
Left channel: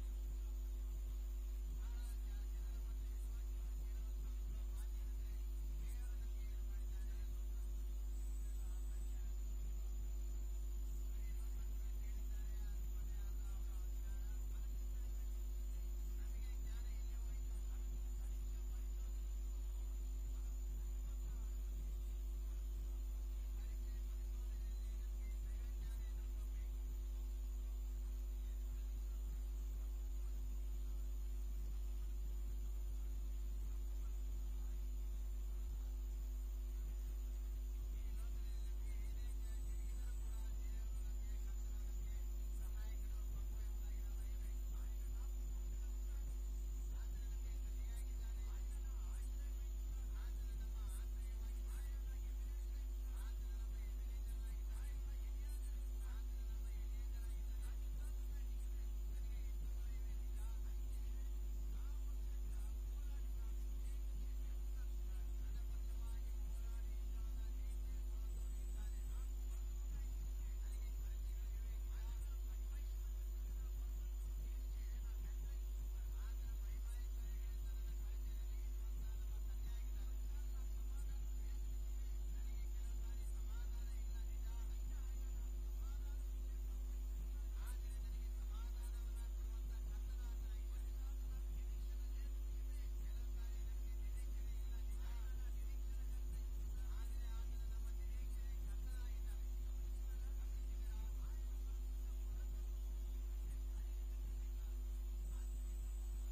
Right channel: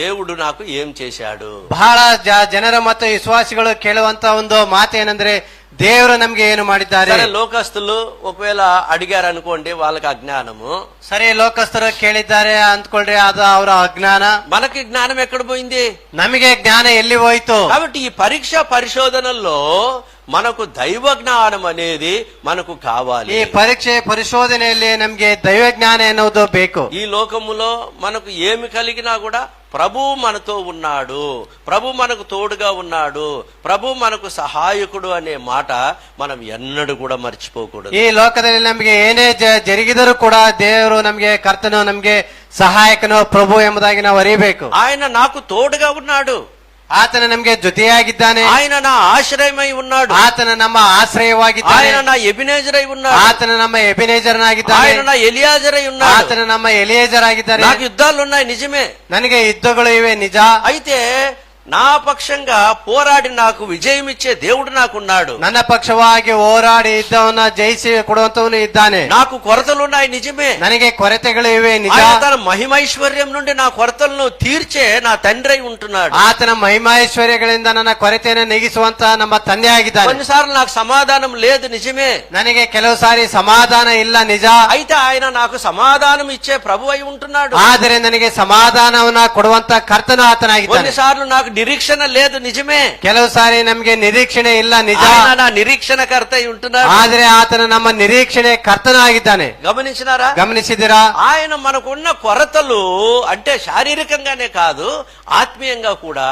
దేవుడు నాకు ఏం చేశాడు. ಬಹಳ ಜನರ ಮತ್ತು ವಿಶ್ವಾಸಿಗಳು ಕೇಳುವಂತ ಒಂದು ಮಾತು ಏನಂದ್ರೆ, ದೇವರು ನಮ್ಗೆ ಏನು ಮಾಡಿದ್ದಾರೆ. సరే, లోకస్తులు ఒకవేళ అడిగారు అనుకోండి, వాళ్ళకి అజ్ఞానము. ಸರಿ, ಲೋಕಸ್ಥರು ಕೇಳಿದ್ದಾರೆ ಅಂದ್ಕೊಳ್ರಿ, ಅದು ಅವರ ಅಜ್ಞಾನ. మనకి జ్ఞానం ఎక్కడ పోయింది? ನಮಗೆ ಜ್ಞಾನ ಎಲ್ಲಿ ಹೋಯ್ತು? కాబట్టి ఈ పరీక్ష పరిశోధనల్లో మనకు దైవ జ్ఞానం అనేది మనకు కావాలి. ಈ ಪರೀಕ್ಷೆ ಪರಿಶೋಧನೆಯಲ್ಲಿ ನಮ್ಗೆ ದೈವ ಜ್ಞಾನ ಎನ್ನುವುದು ಬೇಕು. ఈ లోకములో మనకు ఏమి కలిగినా కూడా ప్రభు మనతో ఉన్నాడు, ప్రభు మనకు తోడుగా ఉన్నాడు, ప్రభు మనకు సహాయకుడు అనే మాట మనం ఎన్నడూ కూడా మర్చిపోకూడదు. ಈ ಲೋಕದಲ್ಲಿ ನಮಗೆ ಏನೇ ಜರುಗಿದರೂ ಕೂಡ ದೇವರು ನಮಗೆ ಕರ್ತನು ನಮಗೆ ಸಹಾಯಕನು ಪ್ರಭು ಎಂಬುದಾಗಿ ನಾವು ಅರಿಯಬೇಕು. ఆయన నాకు తోడుగా ఉన్నాడు, ಆತನ ನಮಗೆ ಜೊತೆಯಾಗಿದ್ದಾನೆ, ఆయన నా ఆశ్రయమై ఉన్నాడు, ಆತನ ನಮ್ಮ ಆಶ್ರಯವಾಗಿದ್ದಾನೆ, ఆయన నా ఎబినేజరై ఉన్నాడు, ಆತನ ನಮ್ಮ ಎಬೆನೇಜರನಾಗಿದ್ದಾನೆ, ఆయన నా ఎలియాజరై ఉన్నాడు. ಆತನ ನಮ್ಮ ಎಲಿಯೇಜರಾಗಿದ್ದಾನೆ. నాకు యుద్ధాలు ఉన్నాయి నిజమే, ನನಗೆ ಯುದ್ಧಗಳು ಇವೆ ನಿಜ. అయితే నా పక్షంగా పోరాడి నాకు విజయం ఇచ్చే దేవుడు నాకున్నాడు. ನನ್ನ ಪಕ್ಷವಾಗಿ ಹೋರಾಡಿ ಯುದ್ಧವನ್ನ ಜಯಿಸಿ ಕೊಡುವಂತವನು ಇದ್ದಾನೆ. నాకు కొరతలున్నాయి నిజమే, ನನಗೆ ಕೊರತೆಗಳು ಇವೆ ನಿಜ. ఆయన తన మహిమైశ్వర్యం నుండి నా కొరతలను తీర్చే నా తండ్రి ఉంటున్నాడు. ಆತನ ಮಹಿಮೈಶ್ವರ್ಯಗಳಿಂದ ನನ್ನ ಕೊರತೆಯನ್ನು ನೀಗಿಸುವಂತ ನಮ್ಮ ತಂದೆ ಆಗಿದ್ದಾನೆ. కొన్నిసార్లు నాకు సమాధానం లేదు నిజమే, ನನಗೆ ಕೆಲವು ಸಾರಿ ಸಮಾಧಾನ ಇಲ್ಲ ನಿಜ. అయితే ఆయన నాకు సమాధానం ఇచ్చే ప్రభు అయి ఉంటున్నాడు. ಆದರೆ ನನಗೆ ಸಮಾಧಾನವನ್ನ ಕೊಡುವಂತ ಕರ್ತನು ಆತನಾಗಿದ್ದಾನೆ. కొన్నిసార్లు నాకు నిరీక్షణ లేదు నిజమే, ಕೆಲವು ಸಾರಿ ನಮಗೆ ನಿರೀಕ್ಷಣೆ ಇಲ್ಲ ನಿಜ. ఆయన నా నిరీక్షణకర్త అయి ఉంటున్నాడు. ಆದರೆ ಆತನ ನಮ್ಮ ನಿರೀಕ್ಷಣೆ ಕರ್ತನು ಆಗಿದ್ದಾನೆ. గమనించినారా? గమనిಸಿದಿರಾ? ఆయన మనకున్న కొరతలు అంటే శారీరకంగానే కాదు, ఆత్మీయంగా కూడా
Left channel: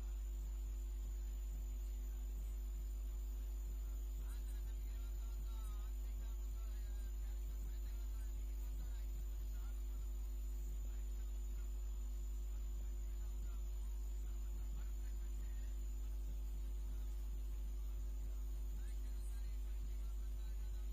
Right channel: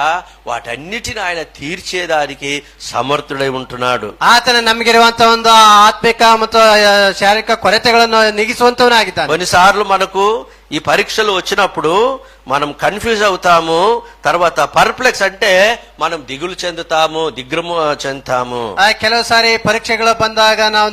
వాటన్నిటిని ఆయన తీర్చేదానికి సమర్థుడై ఉంటున్నాడు. ಆತನ ನಮಗಿರುವಂತ ಒಂದು ಆತ್ಮಿಕ ಮತ್ತು ಶಾರೀರಿಕ ಕೊರತೆಗಳನ್ನು ನೀಗಿಸುವಂತವನಾಗಿದ್ದಾನೆ. కొన్నిసార్లు మనకు ఈ పరీక్షలు వచ్చినప్పుడు మనం కన్ఫ్యూజ్ అవుతాము, తర్వాత పర్ప్లెక్స్ అంటే మనం దిగులు చెందుతాము, దిగ్భ్రమ చెందుతాము. ಕೆಲವು ಸಾರಿ ಪರೀಕ್ಷೆಗಳು ಬಂದಾಗ ನಾವು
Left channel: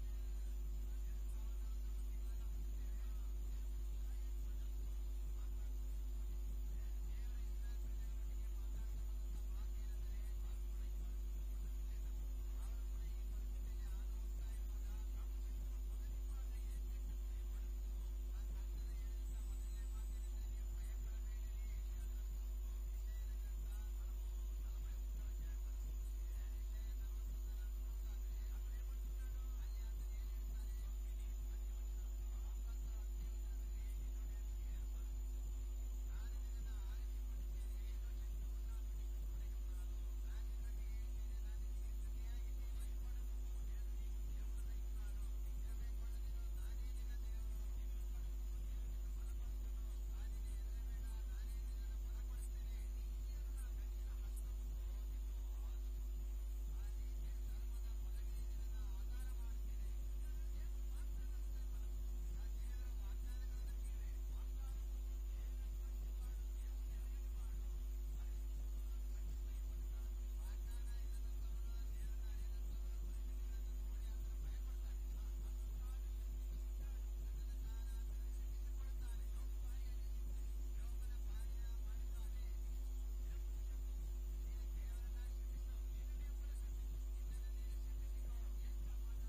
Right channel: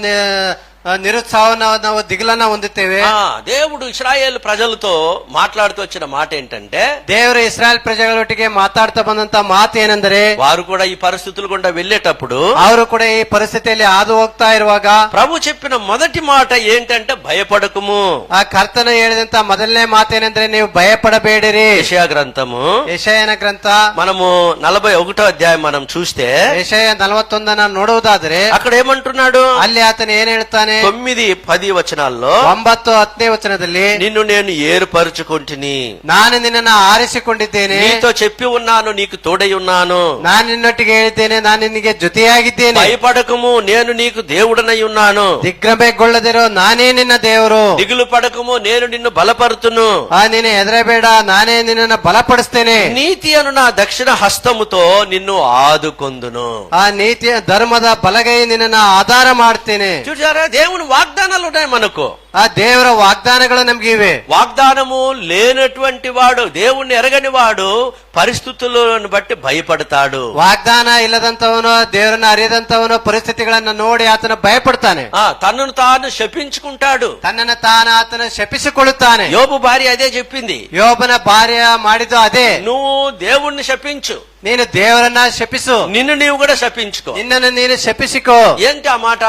నిరుత్సాహం ನಾವು దిగులನ್ನ ಹೊಂದುತ್ತೇವೆ. దేవుడు ఇశ్రాయేల్ ప్రజలతో మాట్లాడుతూ వచ్చిన మాట ఏంటంటే, ದೇವರು ಇಸ್ರಾಯೇಲ್ ಪ್ರಜೆಗಳೊಟ್ಟಿಗೆ ಮಾತಾಡ್ತಾ ಬಂದಂತ ಮಾತು ಏನೆಂದರೆ, వారు కూడా ఈ పరిస్థితులు గుండా వెళ్ళేటప్పుడు ಅವರು ಕೂಡ ಈ ಪರಿಸ್ಥಿತಿಯಲ್ಲಿ ಹಾದು ಹೋಗ್ತಾ ಇರುವಾಗ ప్రభు చెప్పిన మొదటి మాట ఏంటంటే భయపడకుము. ಆ ಕರ್ತನ ಹೇಳಿದಂತ ಮೊದಲನೇ ಮಾತೇನೆಂದ್ರೆ ನೀವು ಭಯಪಡಬೇಡಿರಿ. యెషయా గ్రంథము ಯೆಶಾಯನ ಗ್ರಂಥ మనము 41వ అధ్యాయం మనం చూస్తే ಯೆಶಾಯ 41 ನೋಡುವುದಾದ್ರೆ అక్కడ ఏమంటున్నాడు? ಅಲ್ಲಿ ಆತನ ಏನ್ ಹೇಳ್ತಾನೆ? 9-10 వచనాల్లో 9-10 ವಚನದಲ್ಲಿ, నిన్ను నేను ఏర్పరచుకుంటుని, ನಾನು ನಿನ್ನನ್ನು ಆರಿಸಿಕೊಂಡಿದ್ದೇನೆ, నీతో చెప్పి ఉన్నాను, నీకు తోడై ఉన్నాను, ನಾನು ನಿನ್ನೊಟ್ಟಿಗೆ ಹೇಳಿದ್ದೇನೆ, ನಾನು ನಿನಗೆ ಜೊತೆಯಾಗಿದ್ದೇನೆ. భయపడకము, నేను నీకు దేవుడనై ఉన్నాను, ದಿಗ್ಭ್ರಮೆಗೊಳ್ಳದಿರೋ ನಾನೇ ನಿನ್ನ ದೇವರು, దిగులు పడకము, నేను నిన్ను బలపరుతును, ನೀನು ಹೆದರಬೇಡ, ನಾನೇ ನಿನ್ನನ್ನು ಬಲಪಡಿಸ್ತೇನೆ, నీతి అను నా దక్షిణ హస్తముతో నిన్ను ఆదుకొందును. ಆ ನೀತಿಯ ಧರ್ಮದ ಬಲಗೈ ನಿನ್ನನ್ನು ಆಧಾರ ಮಾಡ್ತೇನೆ. చూసారా, దేవుని వాగ్దానాలు ఉన్నాయి మనకు. ಆ ದೇವರ ವಾಗ್ದಾನಗಳು ನಮ್ಗೆ ಇವೆ. వాగ్దానము లేనటువంటి వాడు, దేవుణ్ణి ఎరగని వాడు పరిస్థితులను బట్టి భయపడతాడు. ವಾಗ್ದಾನ ಇಲ್ಲದಂತವನು, ದೇವರನ್ನ ಅರಿಯದಂತವನು ಪರಿಸ್ಥಿತಿಗಳನ್ನ ನೋಡಿ ಆತನ ಭಯಪಡ್ತಾನೆ, తనను తాను శపించుకుంటాడు. ತನ್ನನ್ನು ಆತನ ಶಪಿಸಿಕೊಳ್ಳುತ್ತಾನೆ. యోబు భార్య అదే చెప్పింది, ಯೋಬನ ಭಾರ್ಯ ಮಾಡಿದ್ದು ಅದೇ. నువ్వు దేవుణ్ణి శపించు, ನೀನು ದೇವರನ್ನ ಶಪಿಸು, నిన్ను నీవు కూడా శపించుకో. ನಿನ್ನನ್ನು ನೀನು ಶಪಿಸಿಕೋ. ఏంటి ఆ మాట?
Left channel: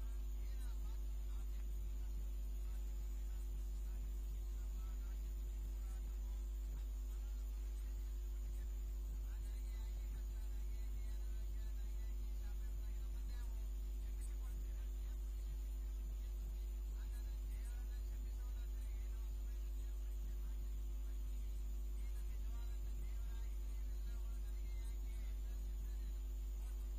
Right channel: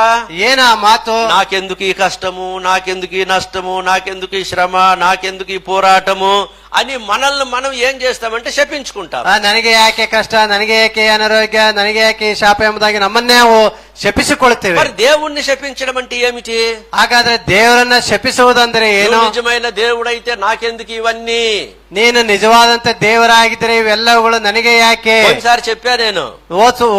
ಏನ ಆ ಮಾತು? నాకెందుకు ఈ కష్టము, నాకెందుకు ఈ నష్టము, నాకెందుకు ఈ శ్రమ, నాకెందుకు ఈ పోరాటము అని మనల్ని మనం ఏం చేస్తామంటే శపించుకుంటాం. ನನಗೆ ಯಾಕೆ ಕಷ್ಟ, ನನಗೆ ಯಾಕೆ ಅನಾರೋಗ್ಯ, ನನಗೆ ಯಾಕೆ ಈ ಶಾಪ ಎಂಬುದಾಗಿ ನಮ್ಮನ್ನೇ ನಾವು ಶಪಿಸಿಕೊಳ್ಳುತ್ತೇವೆ. మరి దేవుణ్ణి శపించడం అంటే ఏమిటి? ಹಾಗಾದ್ರೆ ದೇವರನ್ನ ಶಪಿಸುವುದಂದ್ರೆ ಏನು? నువ్వు నిజమైన దేవుడైతే నాకెందుకు ఇవన్నీ? ನೀನು ನಿಜವಾದಂತ ದೇವರಾಗಿದ್ದರೆ ಇವೆಲ್ಲವುಗಳು ನನಗೆ ಯಾಕೆ? ఒకసారి చెప్పా నేను,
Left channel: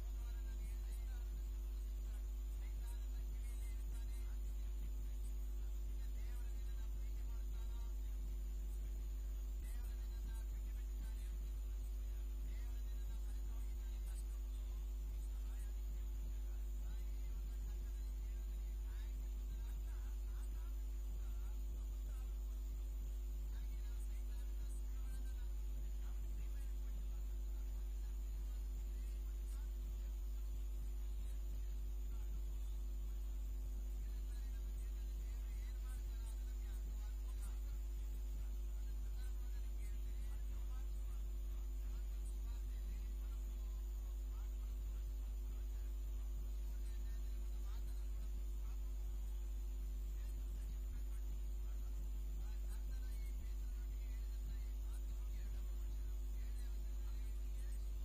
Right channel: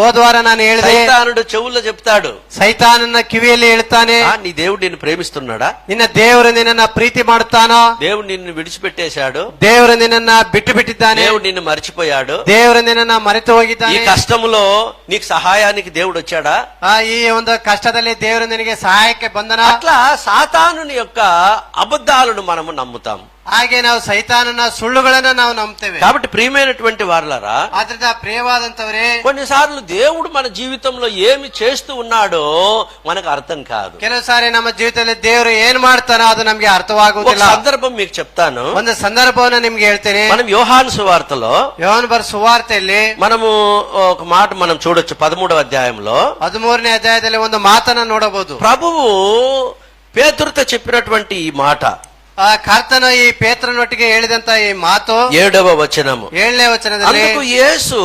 ಹೋದ್ವಾರ ನಾನು ಹೇಳಿದೆ, సైతానుడు చెవుల్లో చెప్తాడు, ಸೈತಾನನ ಕಿವಿಯಲ್ಲಿ ಹೇಳ್ತಾನೆ, నీ దేవుడు నిన్ను ప్రేమిస్తున్నాడా? ನಿನ್ನ ದೇವರು ನಿನ್ನನ್ನ ಪ್ರೀತಿ ಮಾಡುತ್ತಾನೋ? దేవుడు నిన్ను విడిచిపెట్టేశాడు, ದೇವರು ನಿನ್ನನ್ನ ಬಿಟ್ಟು ಬಿಟ್ಟಿದ್ದಾನೆ, దేవుడు నిన్ను మర్చిపోయాడు, ದೇವರು ನಿನ್ನನ್ನ ಮರೆತು ఈ ಹೋಗಿದ್ದಾನೆ. కష్టములో నీకు సహాయానికి దేవుడు వచ్చాడా? ಈ ಒಂದು ಕಷ್ಟದಲ್ಲಿ ದೇವರು ನಿನಗೆ ಸಹಾಯಕ್ಕೆ ಬಂದನ? అట్లా సాతానుని యొక్క అబద్ధాలను మనము నమ్ముతాం. ಹಾಗೆ ನಾವು ಸೈತಾನನ ಸುಳ್ಳುಗಳನ್ನ ನಾವು ನಂಬ್ತೇವೆ. కాబట్టి ప్రియమైనటువంటి వారలారా, ಆದ್ರಿಂದ ಪ್ರಿಯವಾದಂತವರೇ, కొన్నిసార్లు దేవుడు మన జీవితంలో ఏమి చేస్తూ ఉన్నాడో మనకు అర్థం కాదు. ಕೆಲವು ಸಾರಿ ನಮ್ಮ ಜೀವಿತದಲ್ಲಿ ದೇವರು ಏನ್ ಮಾಡ್ತಾನೋ ಅದು ನಮ್ಗೆ ఒక ಅರ್ಥವಾಗುವುದಿಲ್ಲ. సందర్భం మీకు చెప్తాను. ಒಂದು ಸಂದರ್ಭವನ್ನ ನಿಮ್ಗೆ ಹೇಳ್ತೇನೆ. మనం యోహాను సువార్తలో ಯೋಹಾನ ಬರೆದ ಸುವಾರ್ತೆಯಲ್ಲಿ మనము ఒక మాట మనం చూడొచ్చు. 13వ అధ్యాయంలో 13ನೇ ಅಧ್ಯಾಯದಲ್ಲಿ ಒಂದು ಮಾತನ್ನ ನೋಡಬಹುದು. ప్రభువు పేతురుతో చెప్పినటువంటి ఈ మాట, ಆ ಕರ್ತನ ಈ ಪೇತ್ರನೊಟ್ಟಿಗೆ ಹೇಳಿದಂತ ಈ ಮಾತು 7వ వచనము. 7ನೇ ವಚನದಲ್ಲಿ, అందుకు యేసు,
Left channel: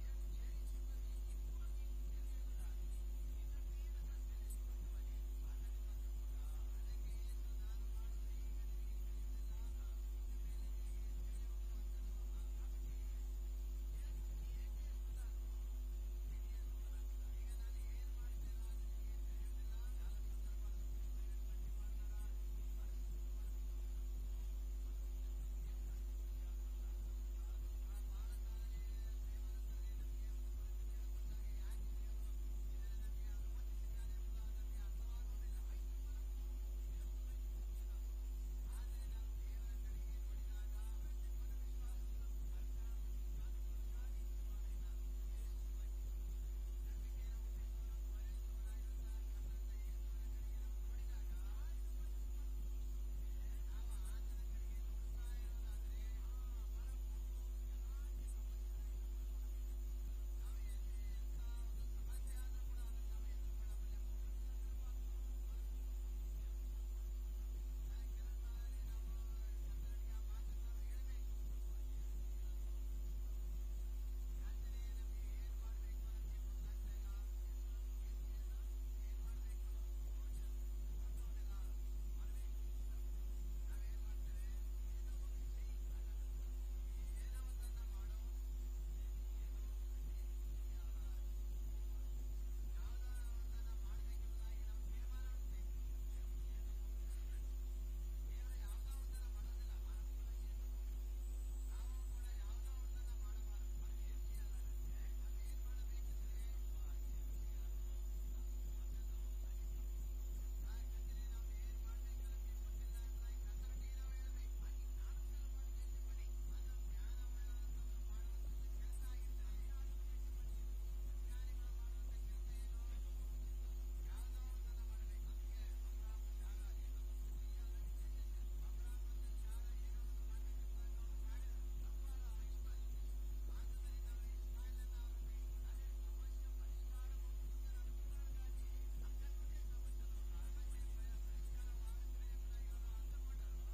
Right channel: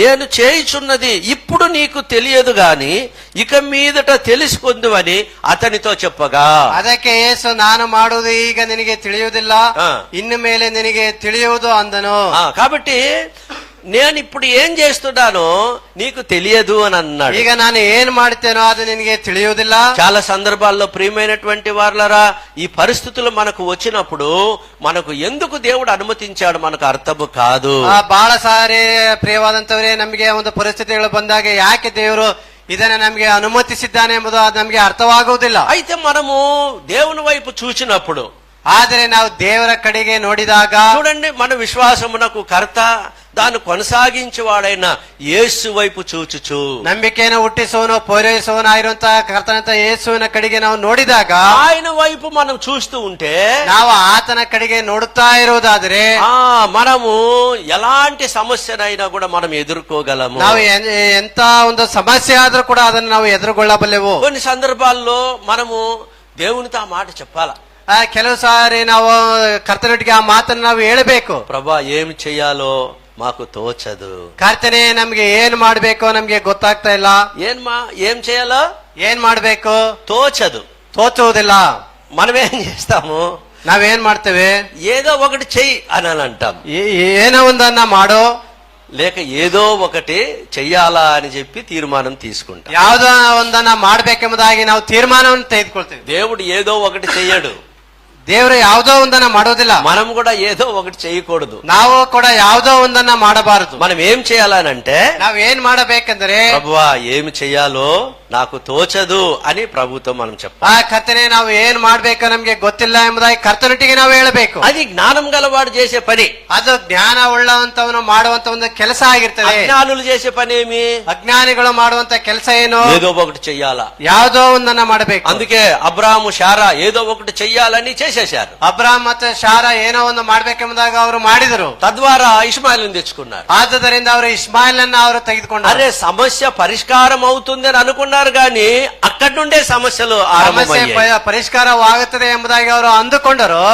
నేను చేయుచున్నది ఇప్పుడు నీకు తెలియదు గాని ఇక మీదట తెలుసుకుందువని అతనితో చెప్పగా, ಅದಕ್ಕೆ ಯೇಸು, ನಾನು ಮಾಡುವುದು ಈಗ ನಿನಗೆ ತಿಳಿಯುವುದಿಲ್ಲ, ಇನ್ನು ಮೇಲೆ ನಿನಗೆ ತಿಳಿಯುವುದು ಅಂದನು. కాబట్టి నేను ఇప్పుడు ఏం చేస్తున్నానో నీకు తెలియదు అని అన్నాడు. ಈಗ ನಾನು ಏನ್ ಮಾಡ್ತೇನೋ ಅದು ನಿನಗೆ ತಿಳಿಯುವುದಿಲ್ಲ. చాలా సందర్భాల్లో ప్రియమైనటువంటి వారలారా, ఈ పరిస్థితులు మనకు వచ్చినప్పుడు మనకు ఎందుకు దేవుడు అనుమతించాడు మనకు అర్థము కాదు. ಬಹಳ ಸಾರಿ ಪ್ರಿಯವಾದಂತವರೇ, ನಮಗೆ ಒಂದು ಪರಿಸ್ಥಿತಿಗಳು ಬಂದಾಗ ಯಾಕೆ ದೇವರು ಇದನ್ನ ನಮಗೆ ಅನುಮತಿಸಿದ್ದಾನೆ ಎಂಬುದು ಅದು ನಮಗೆ ಅರ್ಥವಾಗುವುದಿಲ್ಲ. అయితే మనము దేవుని వైపు చూసినప్పుడు, ಆದರೆ ನಾವು ದೇವರ ಕಡೆಗೆ ನೋಡಿದಾಗ చూడండి, మన విశ్వాసమునకు కర్త దాన్ని కొనసాగించేవాడైన యేసు వైపు చూచుచు, ನಂಬಿಕೆಯನ್ನು ಹುಟ್ಟಿಸುವನು ಪೂರೈಸುವನಾಗಿರುವಂತಹ ಕರ್ತನಂತ ಯೇಸುವಿನ ಕಡೆಗೆ ನಾವು ನೋಡಿದಾಗ, ఆయన వైపు మనం చూస్తూ ఉంటే ನಾವು ಆತನ ಕಡೆಗೆ ನೋಡುತ್ತಾ ಇರುವುದಾದರೆ మనము ఎలాంటి సమస్యనైనా కూడా మనం ఎదుర్కోగలము. ನಾವು ಎಂತ ಒಂದು ಸಮಸ್ಯೆ ಆದ್ರೂ ಕೂಡ ಅದನ್ನು ನಾವು ಎದುರುಗೊಳ್ಳಬಲ್ಲೆವು. కొన్ని సందర్భాల్లో మనము దేవునితో ఆ మాట చెప్పాలా. ಕೆಲವು ಸಾರಿ ನಾವು ಕರ್ತನೊಟ್ಟಿಗೆ ಆ ಮಾತನ್ನು ನಾವು ಹೇಳಬೇಕು. ప్రభా ఏమి చెయ్యాలో మాకు తోచదు. ಕರ್ತನೆ, ನಮ್ಗೆ ಏನ್ ಮಾಡ್ಬೇಕೋ ನಮ್ಗೆ ಗೊತ್ತಾಗ್ತಾ ಇಲ್ಲ. ఏం చేయాలో ಏನ್ ಮಾಡ್ಬೇಕು తోచదు, ತೋಚುವುದಿಲ್ಲ. మనమేం చేస్తాము, ನಾವೇನ್ ಮಾಡ್ತೇವೆ, ఏదో ఒకటి చెయ్యి అని అంటాం. ಏನೋ ಒಂದನ್ನ ಮಾಡೋ, లేక ఏదో ఒకటి చెయ్యాలా అని చెప్పి తీర్మానం తీసుకుంటాం. ಯಾವ್ದೋ ಒಂದನ್ನ ಮಾಡ್ಬೇಕೆಂಬುದಾಗಿ ನಾವು ತೀರ್ಮಾನವನ್ನು ತೆಗೆದುಕೊಳ್ತೇವೆ. దేవుడు ఏదో ఒకటి చెయ్యడు, ದೇವರು ಯಾವುದೋ ಒಂದನ್ನ ಮಾಡೋದಿಲ್ಲ. మనం కూడా ఏదో ఒకటి చేయకూడదు, ನಾವು ಕೂಡ ಯಾವುದೋ ಒಂದನ್ನ ಮಾಡಬಾರದು. మనం ఏం చేయాలనంటే, ನಾವ್ ಏನ್ ಮಾಡಬೇಕಂದ್ರೆ, ప్రభువా ఏమి చెయ్యాలో నాకు తోచదు అని ప్రభుతో మనం చెప్పాలి. ಆ ಕರ್ತನೆ, ನಾವು ಏನ್ ಮಾಡ್ಬೇಕೋ ನಮ್ಗೆ ಗೊತ್ತಿಲ್ಲ ಎಂಬುದಾಗಿ ಕರ್ತನೊಟ್ಟಿಗೆ ನಾವು ಹೇಳಬೇಕು. అది జ్ఞానం గలవాడు చేసే పని. ಅದು ಜ್ಞಾನ ಉಳ್ಳವಂತವನು ಮಾಡುವಂತ ಒಂದು ಕೆಲಸ ಆಗಿರ್ತದೆ. అజ్ఞానులు చేసే పని ఏమి, ಅಜ್ಞಾನಿಗಳು ಮಾಡುವಂತ ಕೆಲಸ ಏನು, ఏదో ఒకటి చెయ్యాలా. ಯಾವುದೋ ಒಂದನ್ನ ಮಾಡಬೇಕು. అందుకే అబ్రాహాము శారా ఏదో ఒకటి చెయ్యాలని చేసేశారు. ಅಬ್ರಾಮ್ ಮತ್ತು ಶಾರಾ ಏನೋ ಒಂದು ಮಾಡ್ಬೇಕೆಂಬುದಾಗ ಅವರು ಮಾಡಿದರು. తద్వారా ఇష్మాయిల్ని తెచ్చుకున్నారు. ಆದುದರಿಂದ ಅವರು ಇಸ್ಮಾಯಿಲನ್ನ ಅವರು ತೆಗೆದುಕೊಂಡರು. అరే సమస్య పరిష్కారం అవుతుందని అనుకున్నారు గాని అక్కడి నుండే సమస్యలు ಸಮಸ್ಯೆ ಪರಿಷ್ಕಾರವಾಗುತ್ತದೆ ಎಂಬುದಾಗಿ ಅವರು ಅಂದುಕೊಂಡರು.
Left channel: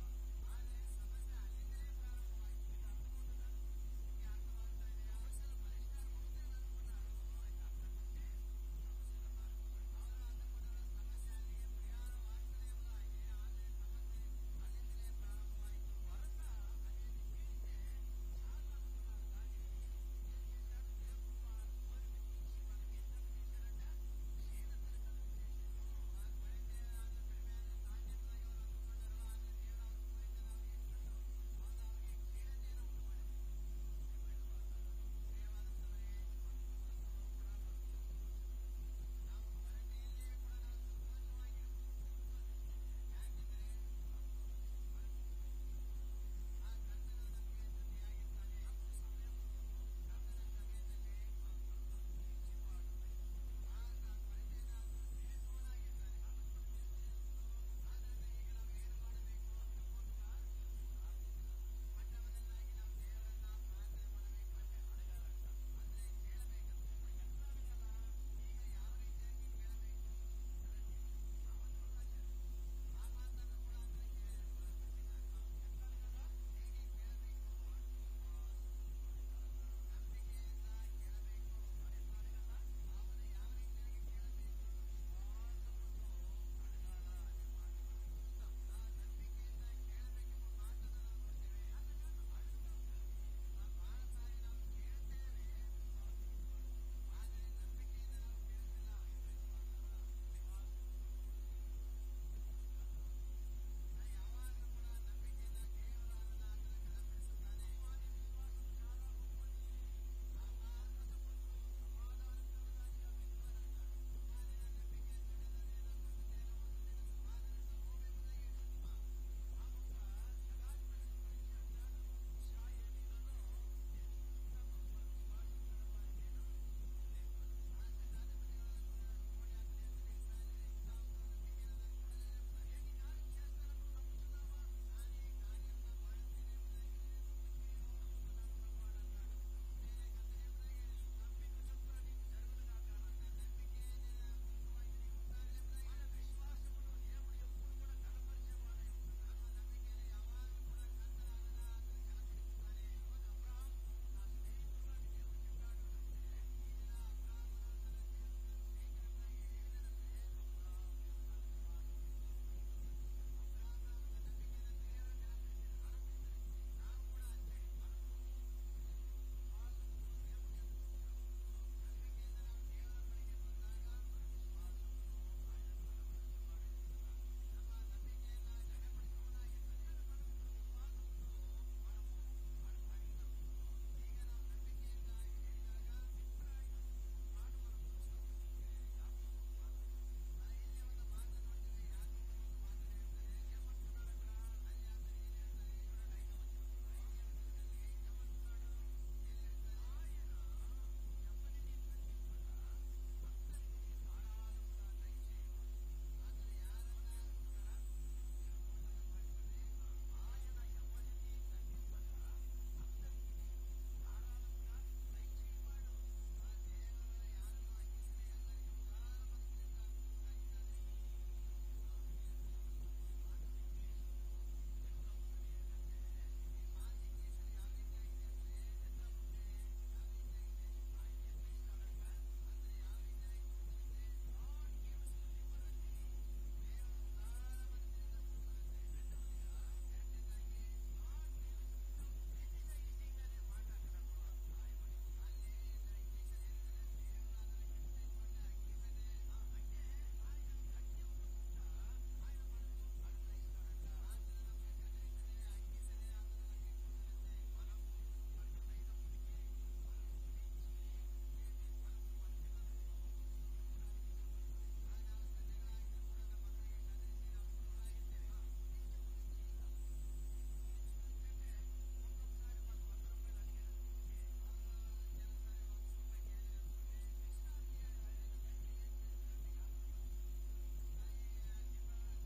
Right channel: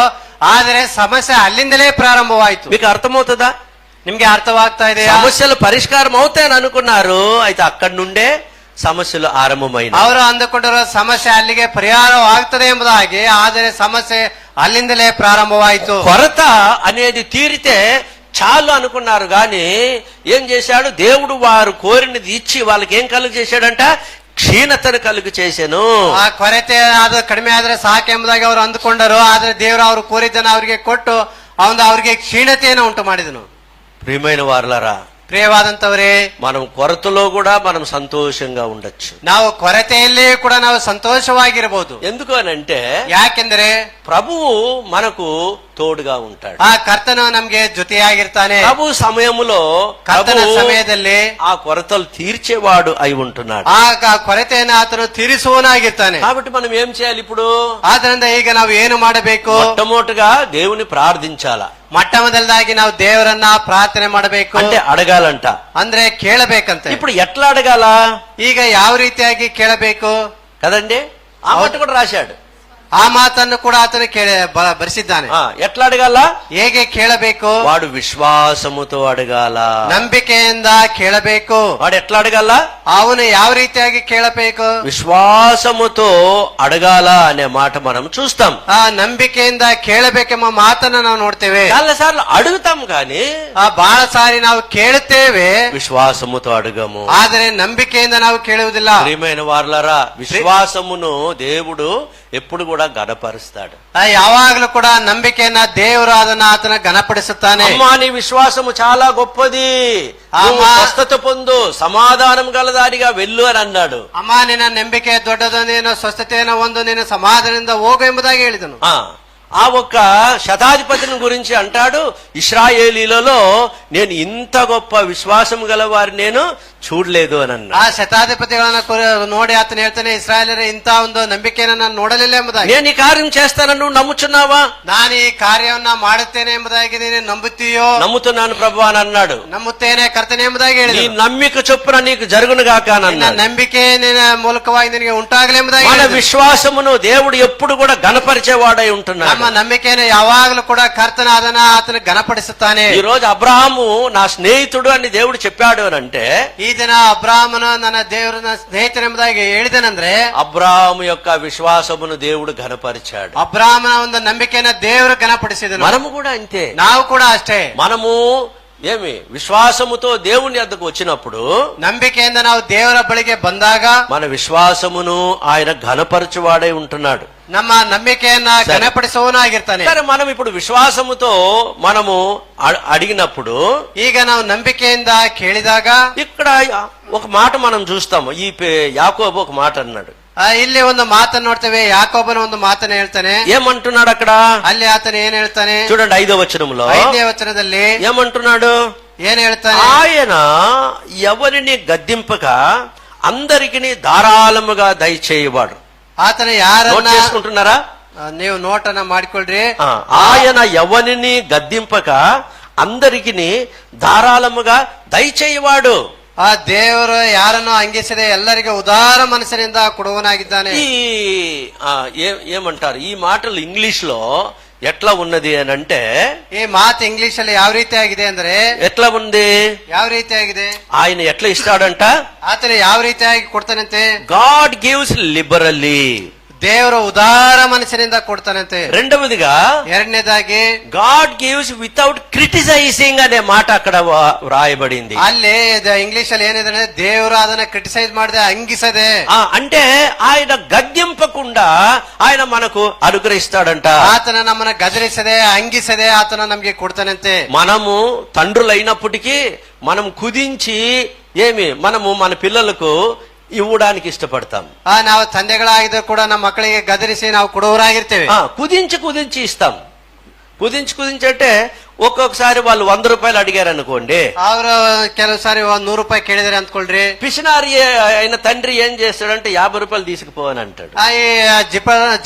ಆದರೆ ಸಮಸ್ಯೆ ಅಲ್ಲಿಂದಲೇ ಪ್ರಾರಂಭವಾಯಿತು. మీకు అర్థమవుతుందా? ನಿಮ್ಗೆ ಅರ್ಥವಾಗ್ತಾ ಇದೆ? సమస్యలు పరిష్కారం అవుతాయని అనుకున్నారు, అయితే అక్కడి నుండే సమస్యలు ఆరంభమైన. ಅವರು ಅಂದುಕೊಂಡರು ಸಮಸ್ಯೆ ಅಲ್ಲಿಗೆ ಪರಿಹಾರವಾಗ್ತದೆ ಎಂಬುದಾಗಿ, ಆದರೆ ಸಮಸ್ಯೆ ಅಲ್ಲಿಂದಲೇ ಪ್ರಾರಂಭವಾಯಿತು. కొరత అనేది తీరితే చాలు అనుకున్నారు గాని ఏం చేశాడు దేవుడు, వారు కోరినది ఇచ్చి వాళ్ళకి ఏం కలుగు చేశాడంట, ಕ್ಷೀಣತನ ಕలుగు చేశాను. ಆ ಕೊರತೆ ಅದು ಕಡಿಮೆ ಆದ್ರೆ ಸಾಕೆಂಬುದಾಗಿ ಅವರು ಅಂದುಕೊಂಡರು. ಆದ್ರೆ ದೇವರು ಅವರು ಕೋರಿದ್ದನ್ನು ಅವರಿಗೆ ಕೊಟ್ಟು ಅವರಿಗೆ ಕ್ಷೀಣತೆಯನ್ನು ಉಂಟು ಮಾಡಿದನು. ప్రియమైన వారలారా, ಪ್ರಿಯವಾದಂತವರೇ, మనం కొరతలో కూడా మనం సంతోషంగా ఉండొచ్చు. ನಾವು ಕೊರತೆಯಲ್ಲೇ ಕೂಡ ನಾವು ಸಂತೋಷವಾಗಿರಬಹುದು. ఎందుకు అని అంటే, ಯಾಕೆಂದ್ರೆ ప్రభువు మనకు తోడుగా ఉంటాడు. ಆ ಕರ್ತನು ನಮ್ಗೆ ಜೊತೆಯಾಗಿರ್ತಾನೆ. ప్రభు సమయములో ಕರ್ತನ ಸಮಯದಲ್ಲಿ ఆ కొరతలు తీర్చేవాడు అయి ఉంటున్నాడు. ಆ ಕೊರತೆಯನ್ನು ಆತನು ತೀರಿಸುವನಾಗಿರ್ತಾನೆ. కాబట్టి మనం ఏం చేయాలి ఇప్పుడు? ಆದ್ರಿಂದ ಈಗ ನಾವು ಏನು ಮಾಡಬೇಕು? మొట్టమొదటిగా దేవుని ప్రార్థించాలా. ಮೊಟ್ಟ ಮೊದಲದಾಗಿ ನಾವು ದೇವರನ್ನ ಪ್ರಾರ್ಥನೆ ಮಾಡಬೇಕು. అంటే అడగాలంట. ಅಂದ್ರೆ ಕೇಳಬೇಕಂತೆ. ఇప్పుడు ఎట్లా అడగాల? ಈಗ ಯಾವ ರೀತಿಯಾಗಿ ಕೇಳಬೇಕು కదండి, ఆ మాట కూడా రాశాడు. ಆ ಮಾತನ್ನು ಕೂಡ ಆತನು ಬರೆಸಿದ್ದಾನೆ. ఎట్లా అడగాల? ಹೇಗೆ ಕೇಳಬೇಕು? వాడు విశ్వాసముతో అడగాల. ನಂಬಿಕೆಯಿಂದ ಕೇಳಬೇಕು. వాడు ఎట్లా అడగాల? ಅವನು ಯಾವ ರೀತಿಯಾಗಿ ಕೇಳಬೇಕು? విశ్వాసముతో అడగాల అనే మాట మనం చూస్తాం. ಆ ನಂಬಿಕೆಯಿಂದ ಕೇಳಬೇಕೆಂಬ ಮಾತನ್ನ ನಾವು ನೋಡ್ತೇವೆ. చాలా సార్లు అడుగుతాం కానీ ಬಹಳ ಸಾರಿ ನಾವು ಕೇಳುತ್ತೇವೆ, విశ్వాసముతో అడగము. ಆದರೆ ನಂಬಿಕೆಯಿಂದ ನಾವು ಕೇಳುವುದಿಲ್ಲ. ప్రియమైన వారలారా, విశ్వాసమును దేవుడు ఎప్పుడు కూడా ఘనపరుస్తాడు. ಯಾವಾಗಲೂ ಕೂಡ ನಂಬಿಕೆಯನ್ನ ದೇವರು ಅದನ್ನ ಆತನ ಘನಪಡಿಸುತ್ತಾನೆ. అమ్మా, నీ విశ్వాసము చాలా గొప్పది, నువ్వు స్వస్థత పొందు, సమాధానం గలదానిగా వెళ్ళు అని అన్నాడు. ಅಮ್ಮ, ನಿನ್ನ ನಂಬಿಕೆ ದೊಡ್ಡದು, ನೀನು ಸ್ವಸ್ಥತೆಯನ್ನು ಒಂದು, ನೀನು ಸಮಾಧಾನದಿಂದ ಹೋಗು ಎಂಬುದಾಗಿ ಹೇಳಿದನು. ఆ ఒక్క శతాధిపతిని గురించి అంటాడు, ఇశ్రాయేలీలలో నేను ఇంత గొప్ప విశ్వాసం గల వారిని నేను చూడలేదు అని అన్నాడు. ಆ ಶತಾಧಿಪತಿಗಳನ್ನ ನೋಡಿ ಆತನ ಹೇಳ್ತಾನೆ, ಇಸ್ರಾಯೇಲರ ಇಂತ ಒಂದು ನಂಬಿಕೆಯನ್ನು ನಾನು ನೋಡಲಿಲ್ಲ ಎಂಬುದಾಗಿ. నేను ఈ కార్యం చేస్తానని నువ్వు నమ్ముచున్నావా? ನಾನು ಈ ಕಾರ್ಯವನ್ನ ಮಾಡುತ್ತೇನೆ ಎಂಬುದಾಗಿ ನೀನು ನಂಬುತ್ತೀಯೋ? నమ్ముతున్నాను ప్రభు అని అన్నాడు. ನಂಬುತ್ತೇನೆ ಕರ್ತನೆ ಎಂಬುದಾಗಿ నీ ಹೇಳಿದನು. నమ్మిక చొప్పున నీకు జరుగును గాక అని ನಿನ್ನ అన్నాడు. ನಂಬಿಕೆ ನಿನ್ನ ಮೂಲಕವಾಗಿ ನಿನಗೆ ಉಂಟಾಗಲಿ ಎಂಬುದಾಗಿ మన ಹೇಳಿದನು. విశ్వాసమును దేవుడు ఎప్పుడు కూడా ఘనపరిచేవాడై ఉంటున్నాడు. ನಮ್ಮ ನಂಬಿಕೆಯನ್ನು ಯಾವಾಗಲೂ ಕೂಡ ಕರ್ತನ ಅದನ್ನ ಆತನ ಘನಪಡಿಸುತ್ತಾನೆ. ఈ రోజు అబ్రహాము నా స్నేహితుడు అని దేవుడు చెప్పాడు అని అంటే, ಈ ದಿನ ಅಬ್ರಾಹ್ಮನು ನನ್ನ ದೇವರ ಸ್ನೇಹಿತನೆಂಬುದಾಗಿ ಹೇಳಿದನಂದ್ರೆ, అబ్రహాము యొక్క విశ్వాసమును దేవుడు ఘనపరిచాడు. ಅಬ್ರಾಹ್ಮನ ಒಂದು ನಂಬಿಕೆಯನ್ನ ದೇವರು ಘನಪಡಿಸಿದನು. మనము కూడా అంతే. ನಾವು ಕೂಡ ಅಷ್ಟೇ. మనము ఏమి విశ్వాసముతో దేవుని యొద్దకు వచ్చినప్పుడు ನಂಬಿಕೆಯಿಂದ ನಾವು ದೇವರ ಬಳಿಗೆ ಬಂದಾಗ మన విశ్వాసమును ఆయన ఘనపరచువాడై ఉంటున్నాడు. ನಮ್ಮ ನಂಬಿಕೆಯನ್ನ ಘನಪಡಿಸುವವನಾಗಿರ್ತಾನೆ. సరే, మనం ఇప్పుడు విశ్వాసముతో మనము అడిగినప్పుడు ಈಗ ನಾವು ನಂಬಿಕೆಯಿಂದ ಕೇಳಿದಾಗ ఇక్కడ ఒక మాట మనం చూస్తాము. ఈ యాకోబు ఒక మాట అన్నాడు. ಇಲ್ಲಿ ಒಂದು ಮಾತನ್ನು ನೋಡ್ತೇವೆ. ಯಾಕೋಬನ ಒಂದು ಮಾತನ್ನ ಹೇಳ್ತಾನೆ. ఏమంటున్నాడు అక్కడ? ಅಲ್ಲಿ ಆತನ ಏನ್ ಹೇಳ್ತಾನೆ చూడండి 5వ వచనంలో 5ನೇ ವಚನದಲ್ಲಿ ఏమంటున్నాడు? ಏನ್ ಹೇಳ್ತಾನೆ? ఆయన ఎవరిని గద్దింపక అందరికి ధారాళముగా దయచేయవాడు. ಆತನ నోట్ ಯಾರನ್ನ చేసుకుంటున్నారా? ನೀವು ನೋಟನ್ನ ಮಾಡಿಕೊಳ್ಳ್ರಿ. ఆయన ఎవరిని గద్దింపక అందరికి ధారాళముగా దయచేయవాడు. ಆ ದೇವರು ಯಾರನ್ನು ಅಂಗಿಸದೆ ಎಲ್ಲರಿಗೆ ಉದಾರ ಮನಸ್ಸಿನಿಂದ ಕೊಡುವನಾಗಿದ್ದಾನೆ. ఏమంటారు ఈ మాటలు ఇంగ్లీష్ లో ఎట్లా ఉన్నది అని అంటే, ಈ ಮಾತು ಇಂಗ್ಲಿಷ್ ಅಲ್ಲಿ ಯಾವ ರೀತಿ ಆಗಿದೆ ಅಂದ್ರೆ ఎట్లా ఉంది? ಯಾವ ರೀತಿ ಆಗಿದೆ? ఆయన ఎట్లా ఇస్తాడంట? ಆತನ ಯಾವ ರೀತಿಯಾಗಿ ಕೊಡ್ತಾನಂತೆ? God gives liberally. ದೇವರು ಉದಾರ ಮನಸ್ಸಿನಿಂದ ಕೊಡ್ತಾನಂತೆ. రెండవదిగా ಎರಡನೇದಾಗಿ గాడ్ గివ్స్ వితౌట్ క్రిటిసైజింగ్ అనే మాట అక్కడ వ్రాయబడింది. ಅಲ್ಲಿ ಇಂಗ್ಲಿಷ್ ಅಲ್ಲಿ ಏನಿದೆ ಅಂದ್ರೆ ದೇವರು ಅದನ್ನ ಕ್ರಿಟಿಸೈజ్ ಮಾಡದೆ ಅಂಗಿಸದೆ, అంటే ఆయన గద్దింపకుండా ఆయన మనకు అనుగ్రహిస్తాడంట. ಆತನ ನಮ್ಮನ್ನ ಗದರಿಸದೆ ಅಂಗಿಸದೆ ಆತನ ನಮ್ಗೆ ಕೊಡ್ತಾನಂತೆ. మనము తండ్రులైనప్పటికీ మనం కుదించి మనము మన పిల్లలకు ఇవ్వడానికి ఇష్టపడతాం. ನಾವು ತಂದೆಗಳಾಗಿದ್ರು ಕೂಡ ನಮ್ಮ ಮಕ್ಕಳಿಗೆ ಗದರಿಸಿ ನಾವು ಕೊಡುವರಾಗಿರ್ತೇವೆ. కుదించి ఇస్తాం. కుదించి అంటే ఒక్కొక్కసారి వాళ్ళు 100 రూపాయలు అడిగారు అనుకోండి, ಅವರು ಕೆಲವು ಸಾರಿ 100 ರೂಪಾಯಿ ಕೇಳಿದ್ರೆ ಅಂದ್ಕೊಳ್ರಿ, పిసినారి అయిన తండ్రి ఏం చేస్తాడంటే 50 రూపాయలు తీసుకుపోవని అంటాడు. ಈ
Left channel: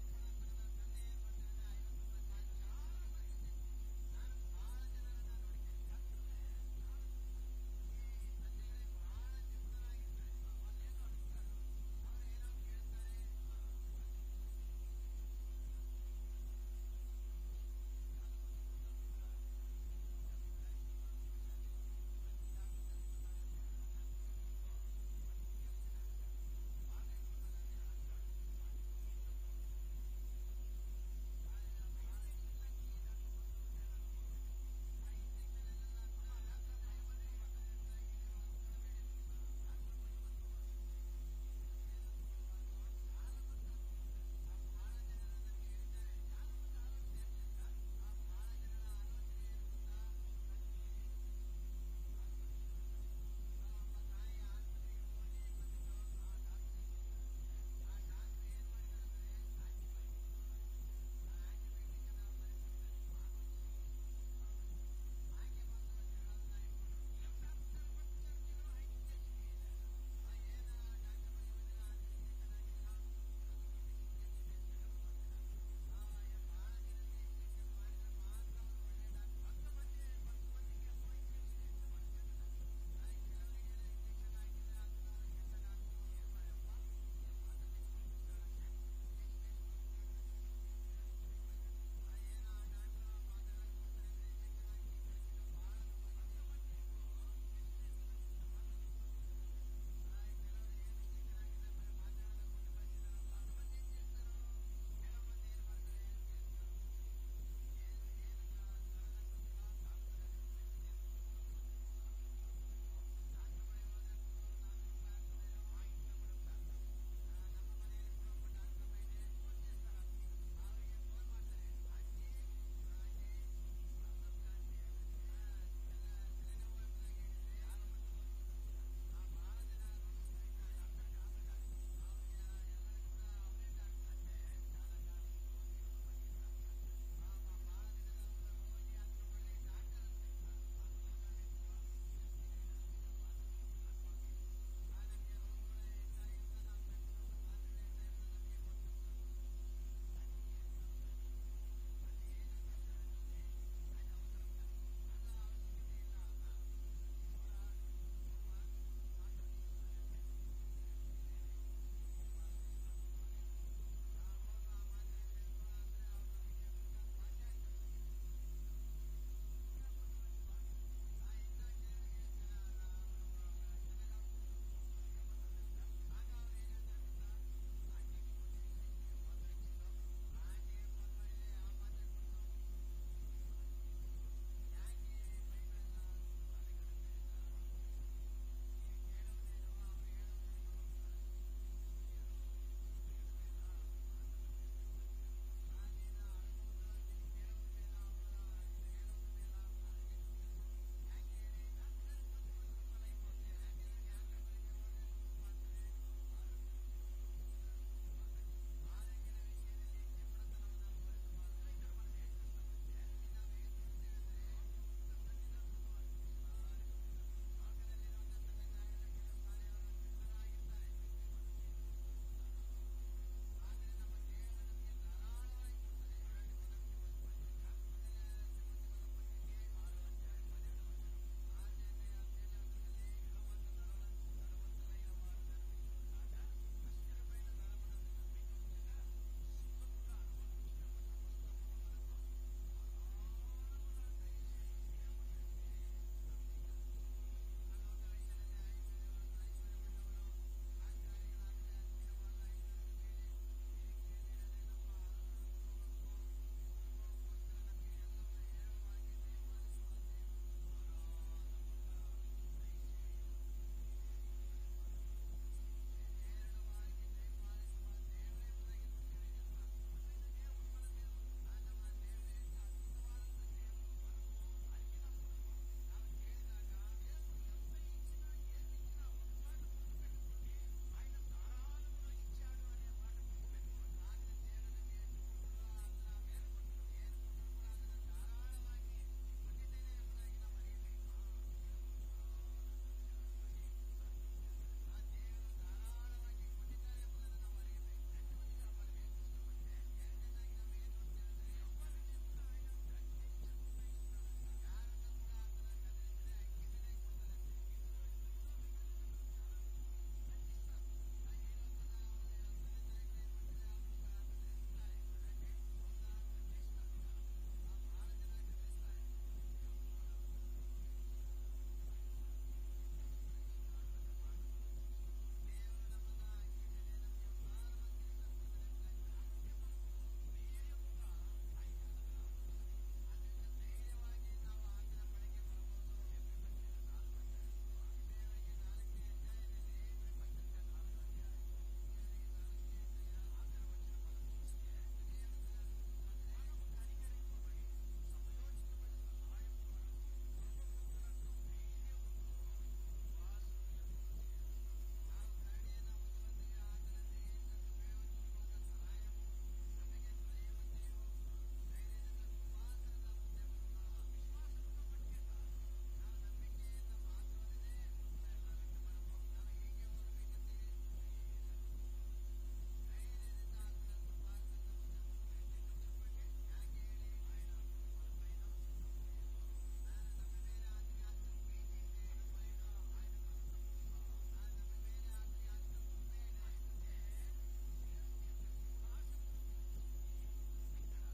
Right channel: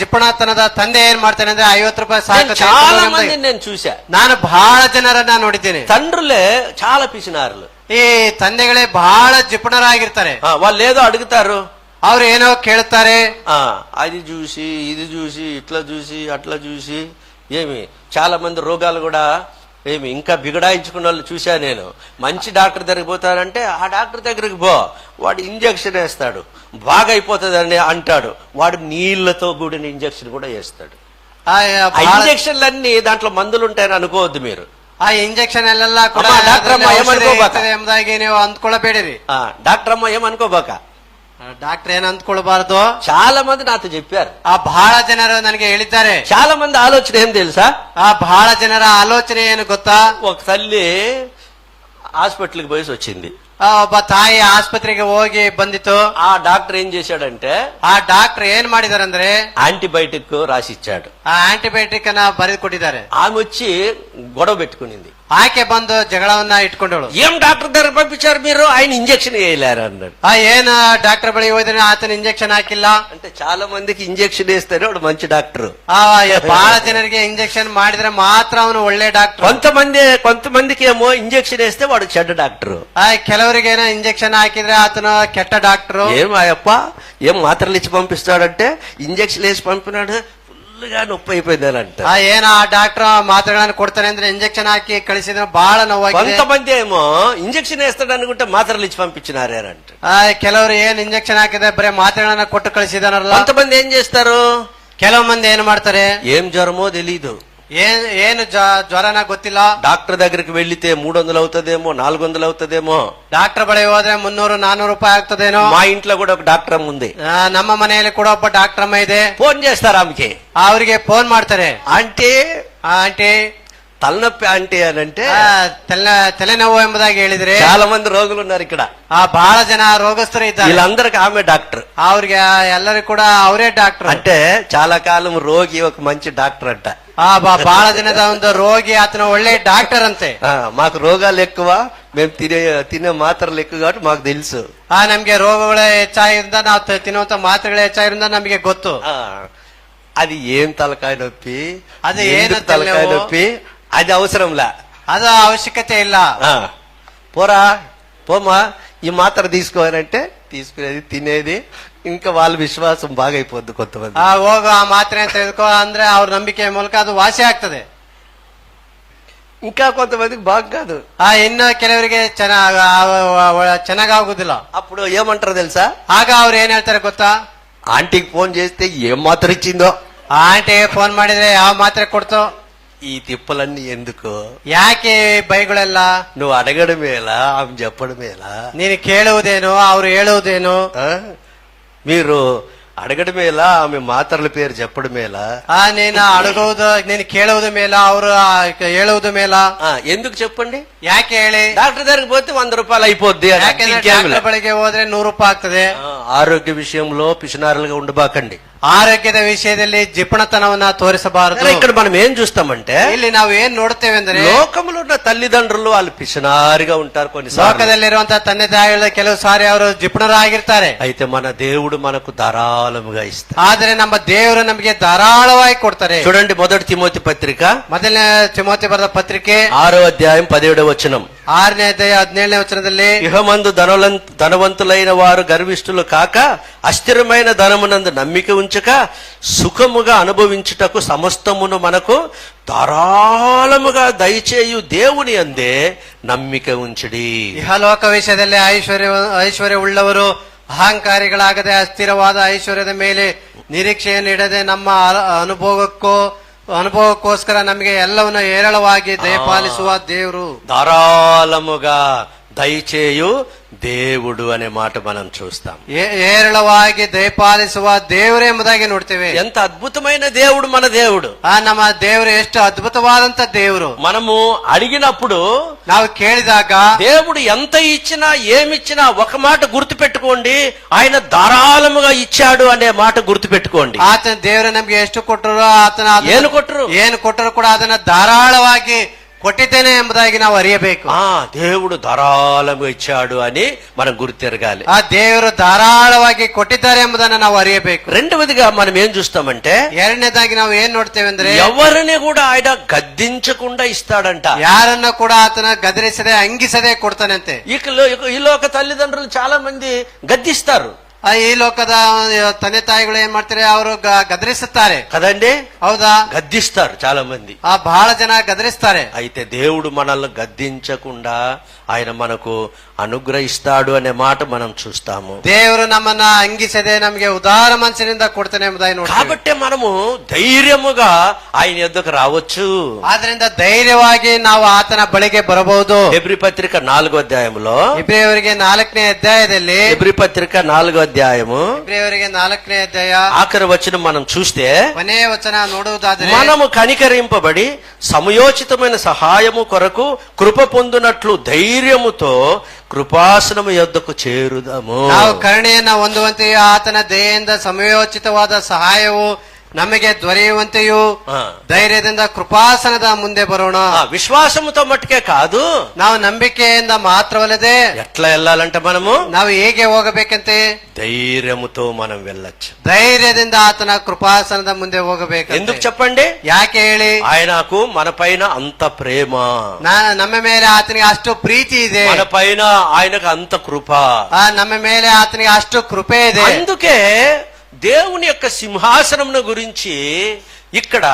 ಜಿಪಣತನದ ತಂದೆ ಏನ್ ಮಾಡ್ತಾನೆ ಅಂದ್ರೆ 50 ರೂಪಾಯಿ ಸಾಕು. చాలా మంది నేను చూసా. ನಾನು ಬಹಳ ಜನರನ್ನ ನೋಡಿದ್ದೇನೆ. తండ్రులే చాలా పిసినారులు. ಈ ತಂದೆಗಳೇ ಬಹಳ ಜಿಪಣರಾಗಿರ್ತಾರೆ. వాళ్ళు ఏదో అడుగుతారు, ಅವ್ರು ಏನೋ ಕೇಳ್ತಾರೆ, అది చూసి ఇది చూసి ఇట్లా చూసి అట్లా చూసి చాలా మంది రోగాలు కూడా ఇంకా బిగడాయించుకున్న వాళ్ళు చూసా నేను. మంచి డాక్టర్ దగ్గరికి పోతారంటే ఆ డాక్టర్ దగ్గరికి పో, వాడు ఇంజక్షన్ వేస్తాడు, బాగా అయిపోతుందని అంటాడు. వాడు నీళ్లతో కూడిన ఇంజక్షన్ కూడా వేస్తాడు. ఆ ఇంజక్షన్లన్నీ దాంట్లో మందులు ఉంటాయని అనుకోవద్దు మీరు. ಆ ಇಂಜೆಕ್ಷನ್ ಅಲ್ಲೆಲ್ಲ ಕೂಡ ಎಂಬುದಾಗಿ ನೀವು ಅಂದ್ಕೊಳ್ಳಬೇಡಿರಿ. డాక్టర్ అమ్మ ఏమనుకోబాక, డాక్టర్ ఏನ್ ಅಂದ್ಕೊಳ್ಬಾರ್ದು. చాలా మంది నాతో చెప్పారు, ಬಹಳ ಜನರು ನನಗೆ ಹೇಳಿದ್ದಾರೆ. చాలా మంది ఆలోచన ఏం తెలుసా? ಬಹಳ ಜನರ ಆಲೋಚನೆ ಏನು ಗೊತ್ತಾ? ఒక తల్లి హాస్పిటల్కి పోయేసి వచ్చింది. ಒಬ್ಬ ತಾಯಿ ಆಸ್ಪತ್ರೆಗೆ ಹೋಗಿ ಬಂದಿತ್ತು. ఆ డాక్టర్ ఏం చేశాడంటే ಆ ಡಾಕ್ಟರ್ ಏನ್ ಮಾಡಿದಾರಂದ್ರೆ యాంటీబయాటిక్ రాసిచ్చాడు. ಆ ಆಂಟಿಬಯೋಟಿಕ್ ಅನ್ನ ಬರೆದು ಕೊಟ್ಟಿದ್ದಾರೆ. ఆమె వచ్చి గొడవ పెట్టుకునింది. ಆಕೆ ಬಂದು ಜಗಳವನ್ನ ಇಟ್ಕೊಂಡಳು. ఏం డాక్టర్ దగ్గర పంపించారు మీరు, ఆయన ఇంజక్షన్ వేయలేరు అన్నాడు. ಏನ್ ಡಾಕ್ಟರ್ ಬಳಿ ಹೋದ್ರೆ ಆತನ ಇಂಜೆಕ್ಷನ್ ಹಾಕಿಲ್ಲ అంటే చాలా మందికి ఇంజక్షన్ వేస్తేనే వాడు మంచి డాక్టర్. ಬಹಳ ಜನರಿಗೆ ಇಂಜೆಕ್ಷನ್ ಮಾಡಿದ್ರೆ ಮಾತ್ರ ಅವನು ಒಳ್ಳೆ ಡಾಕ್ಟರ್. కొంతమందికి ఏమో ఇంజక్షన్ వేస్తే వాడు చెడ్డ డాక్టర్. ಕೆಲವರಿಗೆ ಏನೋ ಇಂಜೆಕ್ಷನ್ ಹಾಕಿದ್ರೆ ಆತನ ಕೆಟ್ಟ ಡಾಕ್ಟರ್. ఏం ఆయప్ప ఏం మాత్రలు ఇచ్చి పంపిస్తాడంటే ఇంజక్షన్ వేసి పంపినాడు, ఫుల్గా నొప్పి అయిపోయిందంట. ಏನ ಆ ಡಾಕ್ಟರ್ ಮಾತ್ರೆಗಳನ್ನು ಕೊಡ್ತಾನೆ ಅಂದ್ರೆ ಇಂಜೆಕ್ಷನ್ ಹಾಕಿ ಕಳಿಸಿದ್ರೆ ಬಹಳ ನೋವಾಗಿದೆ. కొంతమంది ఏమో ఇంజక్షన్ వేస్తాడు అనుకుంటే మాత్రలు ఇచ్చి పంపించినారేనంట. ಕೆಲವರು ಏನ್ ಇಂಜೆಕ್ಷನ್ ಹಾಕಿದ್ರೆ ಬರೀ ಮಾತ್ರೆಗಳನ್ನ ಕೊಟ್ಟು ಕಳಿಸಿದಾನಲ್ಲ. కొంతమంది ఏం చేస్తారు, ಕೆಲವು ಮಂದಿ ಏನ್ ಮಾಡ್ತಾರೆ, ఏం జ్వరమో తెలీదు, ಏನು ಜ್ವರನ ಗೊತ್ತಿಲ್ಲ. డాక్టర్ దగ్గరికి వెళ్లితే 300 అవుతుందేమో, 400 అవుతుందేమో. ಡಾಕ್ಟರ್ ಬಳಿ ಹೋದ್ರೆ 300-400 ರೂಪಾಯಿ ಆಗ್ತದೇನೋ. మా ఇంట్లో కూడా ఒక డాక్టర్ అమ్మ ఉంది. ನಮ್ಮ ಮನೆಯಲ್ಲಿ ಕೂಡ ಒಬ್ಬ ಡಾಕ್ಟರ್ ಅಮ್ಮ ಇದೆ. ఫోన్ చేస్తారు ఆమెకి, ಅವ್ರಿಗೆ ಫೋನ್ ಮಾಡ್ತಾರೆ. అంటే ಆಂಟಿ తలనొప్పి అంటే అని అంటే ತಲೆನೋವು ಎಂಬುದಾಗಿ ಹೇಳಿದ್ರೆ చాలా మంది రోగులు ఉన్నారు ఇక్కడ. ಬಹಳ ಜನ ರೋಗಸ್ಥರು ಇದ್ದಾರೆ. వీళ్ళందరికి ఆమె డాక్టర్. ಅವ್ರಿಗೆ ಎಲ್ಲರೂ ಕೂಡ ಅವರೇ ಡಾಕ್ಟರ್. అంటే చాలా కాలం రోగి ఒక మంచి డాక్టర్ అంట. ಬಹಳ ದಿನದ ಒಂದು ರೋಗಿ ಆತನ ಒಳ್ಳೆ ಡಾಕ್ಟರ್ ಅಂತೆ. మాకు రోగాలు ఎక్కువ, మేము తినే మాత్రలు ఎక్కువ కాబట్టి మాకు తెలుసు. ನಮ್ಗೆ ರೋಗಗಳು ಹೆಚ್ಚಾಗಿರಿಂದ ನಾವು ತಿನ್ನುವಂತ ಮಾತ್ರೆಗಳು ಹೆಚ್ಚಾಗಿರಿಂದ ನಮಗೆ ಗೊತ್ತು. అది ఏం తలకాయ నొప్పి, అది ఏం తలకాయ నొప్పి, అది అవసరంలా, ಅದು ಅವಶ್ಯಕತೆ ಇಲ್ಲ. పోమా ఈ మాత్ర తీసుకోవాలంటే తీసుకునేది, తినేది, ఇంకా వాళ్ళ విశ్వాసం బాగా అయిపోద్ది. కొంతమంది ಹೋಗು ಆ ಮಾತ್ರೆ ತೆಗೆದುಕೋ ಅಂದ್ರೆ ಅವ್ರ ನಂಬಿಕೆ ಮೂಲಕ ಅದು ವಾಸಿ ಆಗ್ತದೆ. ఇంకా కొంతమందికి బాగా కాదు. ಇನ್ನು ಕೆಲವರಿಗೆ ಚೆನ್ನಾಗಾಗುದಿಲ್ಲ. అప్పుడు ఏమంటారు తెలుసా? ಆಗ ಅವ್ರು ಏನ್ ಹೇಳ್ತಾರೆ ಗೊತ್ತಾ? ఆంటీకి ఫోన్ చేస్తే ఏం మాత్ర ఇచ్చిందో, ಆಂಟಿ ಫೋನ್ ಮಾಡಿದ್ರೆ ಯಾವ ಮಾತ್ರೆ ಕೊಡ್ತೋ, ఈ తిప్పలన్నీ ఎందుకు? ಯಾಕೆ ಬೈಗಳೆಲ್ಲ? నువ్వు అడగడమేలా, ఆమె చెప్పడమేలా? ನೀನು ಕೇಳುವುದೇನು, ಅವ್ರು ಹೇಳುವುದೇನು? ఆ? మీరు అడగడమేలా, ఆమె మాత్రల పేరు చెప్పడమేలా? ನೀನು ಅಡಗುವುದು, ನೀನು ಕೇಳುವುದು ಮೇಲ, ಅವರು ಹೇಳುವುದು ಮೇಲ? ఎందుకు చెప్పండి? ಯಾಕೆ ಹೇಳಿ? డాక్టర్ దగ్గరికి పోతే 100 రూపాయలు అయిపోద్ది. ಯಾಕೆಂದ್ರೆ ಡಾಕ್ಟರ್ ಬಳಿಗೆ ಹೋದ್ರೆ 100 ರೂಪಾಯಿ ಆಗ್ತದೆ. ఆరోగ్య విషయంలో పిసినారులుగా ఉండబాకండి. ಆರೋಗ್ಯದ ವಿಷಯದಲ್ಲಿ ಜಿಪಣತನವನ್ನ ತೋರಿಸಬಾರದು. ఇక్కడ మనం ఏం చూస్తామంటే, ಇಲ್ಲಿ ನಾವು ಏನ್ ನೋಡ್ತೇವೆ ಅಂದ್ರೆ, లోకములో ఉన్న తల్లిదండ్రులు వాళ్ళు పిసినారిగా ఉంటారు కొన్నిసార్లు. ಲೋಕದಲ್ಲಿರುವಂತಹ ತಂದೆ ತಾಯಿಗಳ ಕೆಲವು ಸಾರಿ ಅವರು ಜಿಪಣರಾಗಿರ್ತಾರೆ. అయితే మన దేవుడు మనకు ధారాళముగా ఇస్తారు. ಆದ್ರೆ ನಮ್ಮ ದೇವರು ನಮಗೆ ಧಾರಾಳವಾಗಿ ಕೊಡ್ತಾರೆ. చూడండి, మొదటి తిమోతి పత్రిక ಮೊದಲನೇ ತಿಮೋತಿ ಬರೆದ ಪತ್ರಿಕೆ 6వ అధ్యాయం 17వ వచనం. 6ನೇ ಅಧ್ಯಾಯ 17ನೇ ವಚನದಲ್ಲಿ, ఇహమందు ధనవంతులైన వారు గర్విష్ఠులు కాక అస్థిరమైన ధనమునందు నమ్మిక ఉంచక సుఖముగా అనుభవించుటకు సమస్తమును మనకు ధారాళముగా దయచేయు దేవుని అందే నమ్మిక ఉంచుడి. ಇಹಲೋಕ ವಿಷಯದಲ್ಲಿ ಐಶ್ವರ್ಯ ಉಳ್ಳವರು ಅಹಂಕಾರಿಗಳಾಗದೆ ಅಸ್ಥಿರವಾದ ಐಶ್ವರ್ಯದ ಮೇಲೆ ನಿರೀಕ್ಷೆಯನ್ನು ಇಡದೆ ನಮ್ಮ ಅನುಭವಕ್ಕೋಸ್ಕರ ನಮಗೆ ಎಲ್ಲವನ್ನು ಹೇರಳವಾಗಿ ದಯಪಾಲಿಸುವ ದೇವರು. ధారాళముగా దయచేయు దేవుడు అనే మాట మనం చూస్తాం. ಹೇರಳವಾಗಿ ದಯಪಾಲಿಸುವ ದೇವರು ಎಂಬುದಾಗಿ ನೋಡ್ತೇವೆ. ఎంత అద్భుతమైన దేవుడు మన దేవుడు. ನಮ್ಮ ದೇವರು ಎಷ್ಟು ಅದ್ಭುತವಾದಂತ ದೇವರು. మనము అడిగినప్పుడు, ನಾವು ಕೇಳಿದಾಗ, దేవుడు ఎంత ఇచ్చినా ఏమిచ్చినా ఒక మాట గుర్తు పెట్టుకోండి, ఆయన ధారాళముగా ఇచ్చాడు అనే మాట గుర్తు పెట్టుకోండి. ಆತನ ದೇವರು ನಮ್ಗೆ ಎಷ್ಟು ಕೊಟ್ಟರು, ಆತನ ಏನು ಕೊಟ್ಟರು ಕೂಡ ಅದನ್ನ ಧಾರಾಳವಾಗಿ ಕೊಟ್ಟಿದ್ದೇನೆ ಎಂಬುದಾಗಿ ನಾವು ಅರಿಯಬೇಕು. దేవుడు ధారాళంగా ఇచ్చాడు అని మనం గుర్తెరగాలి. ಆ ದೇವರು ಧಾರಾಳವಾಗಿ ಕೊಟ್ಟಿದ್ದಾರೆ ಎಂಬುದನ್ನು ನಾವು ಅರಿಯಬೇಕು. రెండవదిగా మనం ఏం చూస్తామంటే, ಎರಡನೇದಾಗಿ ನಾವು ಏನ್ ನೋಡ್ತೇವೆ ಅಂದ್ರೆ, ఎవరిని కూడా ఆయన గద్దించకుండా ఇస్తాడంట. ಯಾರನ್ನ ಕೂಡ ಆತನ ಗದರಿಸದೆ ಅಂಗಿಸದೆ ಕೊಡ್ತಾನಂತೆ. ఈ లోక తల్లిదండ్రులు చాలా మంది గద్దిస్తారు. ಈ ಲೋಕದ ತಂದೆ ತಾಯಿಗಳು ಏನ್ ಮಾಡ್ತಾರೆ, ಅವರು ಗದರಿಸುತ್ತಾರೆ కదండి. ಹೌದಾ? గద్దిస్తారు చాలా మంది. ಬಹಳ ಜನ ಗದರಿಸ್ತಾರೆ. అయితే దేవుడు మనల్ని గద్దించకుండా ఆయన మనకు అనుగ్రహిస్తాడు అనే మాట మనం చూస్తాము. ದೇವರು ನಮ್ಮನ್ನ ಅಂಗಿಸದೆ ನಮಗೆ ಉದಾರ ಮನಸ್ಸಿನಿಂದ ಕೊಡ್ತಾನೆ ಎಂಬುದಾಗಿ ನೋಡಿ, కాబట్టి మనము ధైర్యముగా ఆయన యొద్దకు రావచ్చు. ಆದ್ರಿಂದ ಧೈರ್ಯವಾಗಿ ನಾವು ಆತನ ಬಳಿಗೆ ಬರಬಹುದು. హెబ్రీ పత్రిక 4వ అధ్యాయంలో, ಇಬ್ರಿಯವರಿಗೆ 4ನೇ ಅಧ್ಯಾಯದಲ್ಲಿ, హెబ్రీ పత్రిక 4వ అధ్యాయము ಇಬ್ರಿಯವರಿಗೆ 4ನೇ ಅಧ್ಯಾಯ ఆఖరి వచనం మనం చూస్తే, ಕೊನೆಯ ವಚನ ನೋಡುವುದಾದರೆ, మనము కనికరింపబడి సమయోచితమైన సహాయము కొరకు కృప పొందునట్లు ధైర్యముతో కృపాసనము యొద్దకు చేరుదాము. ನಾವು ಕರುಣೆಯನ್ನ ಹೊಂದುವಂತೆಯೂ ಆತನ ದಯೆಯಿಂದ ಸಮಯೋಚಿತವಾದ ಸಹಾಯವು ನಮಗೆ ದೊರೆಯುವಂತೆಯೂ ಧೈರ್ಯದಿಂದ ಕೃಪಾಸನದ ಮುಂದೆ ಬರೋಣ. విశ్వాసముతో మట్టుకే కాదు, ನಾವು ನಂಬಿಕೆಯಿಂದ ಮಾತ್ರವಲ್ಲದೆ ఎట్లా వెళ్ళాలంటే మనము ನಾವು ಹೇಗೆ ಹೋಗಬೇಕಂತೆ, ధైర్యముతో మనం వెళ్ళొచ్చు. ಧೈರ್ಯದಿಂದ ಆತನ ಕೃಪಾಸನದ ಮುಂದೆ ಹೋಗಬೇಕು. ఎందుకు చెప్పండి? ಯಾಕೆ ಹೇಳಿ? ఆయనకు మన పైన అంత ప్రేమ, ನಮ್ಮ ಮೇಲೆ ಆತನಿಗೆ ಅಷ್ಟು ಪ್ರೀತಿ ಇದೆ, మన పైన ఆయనకు అంత కృప, ನಮ್ಮ ಮೇಲೆ ಆತನಿಗೆ ಅಷ್ಟು ಕೃಪೆ ಇದೆ. అందుకే దేవుని యొక్క సింహాసనమును గురించి ఇక్కడ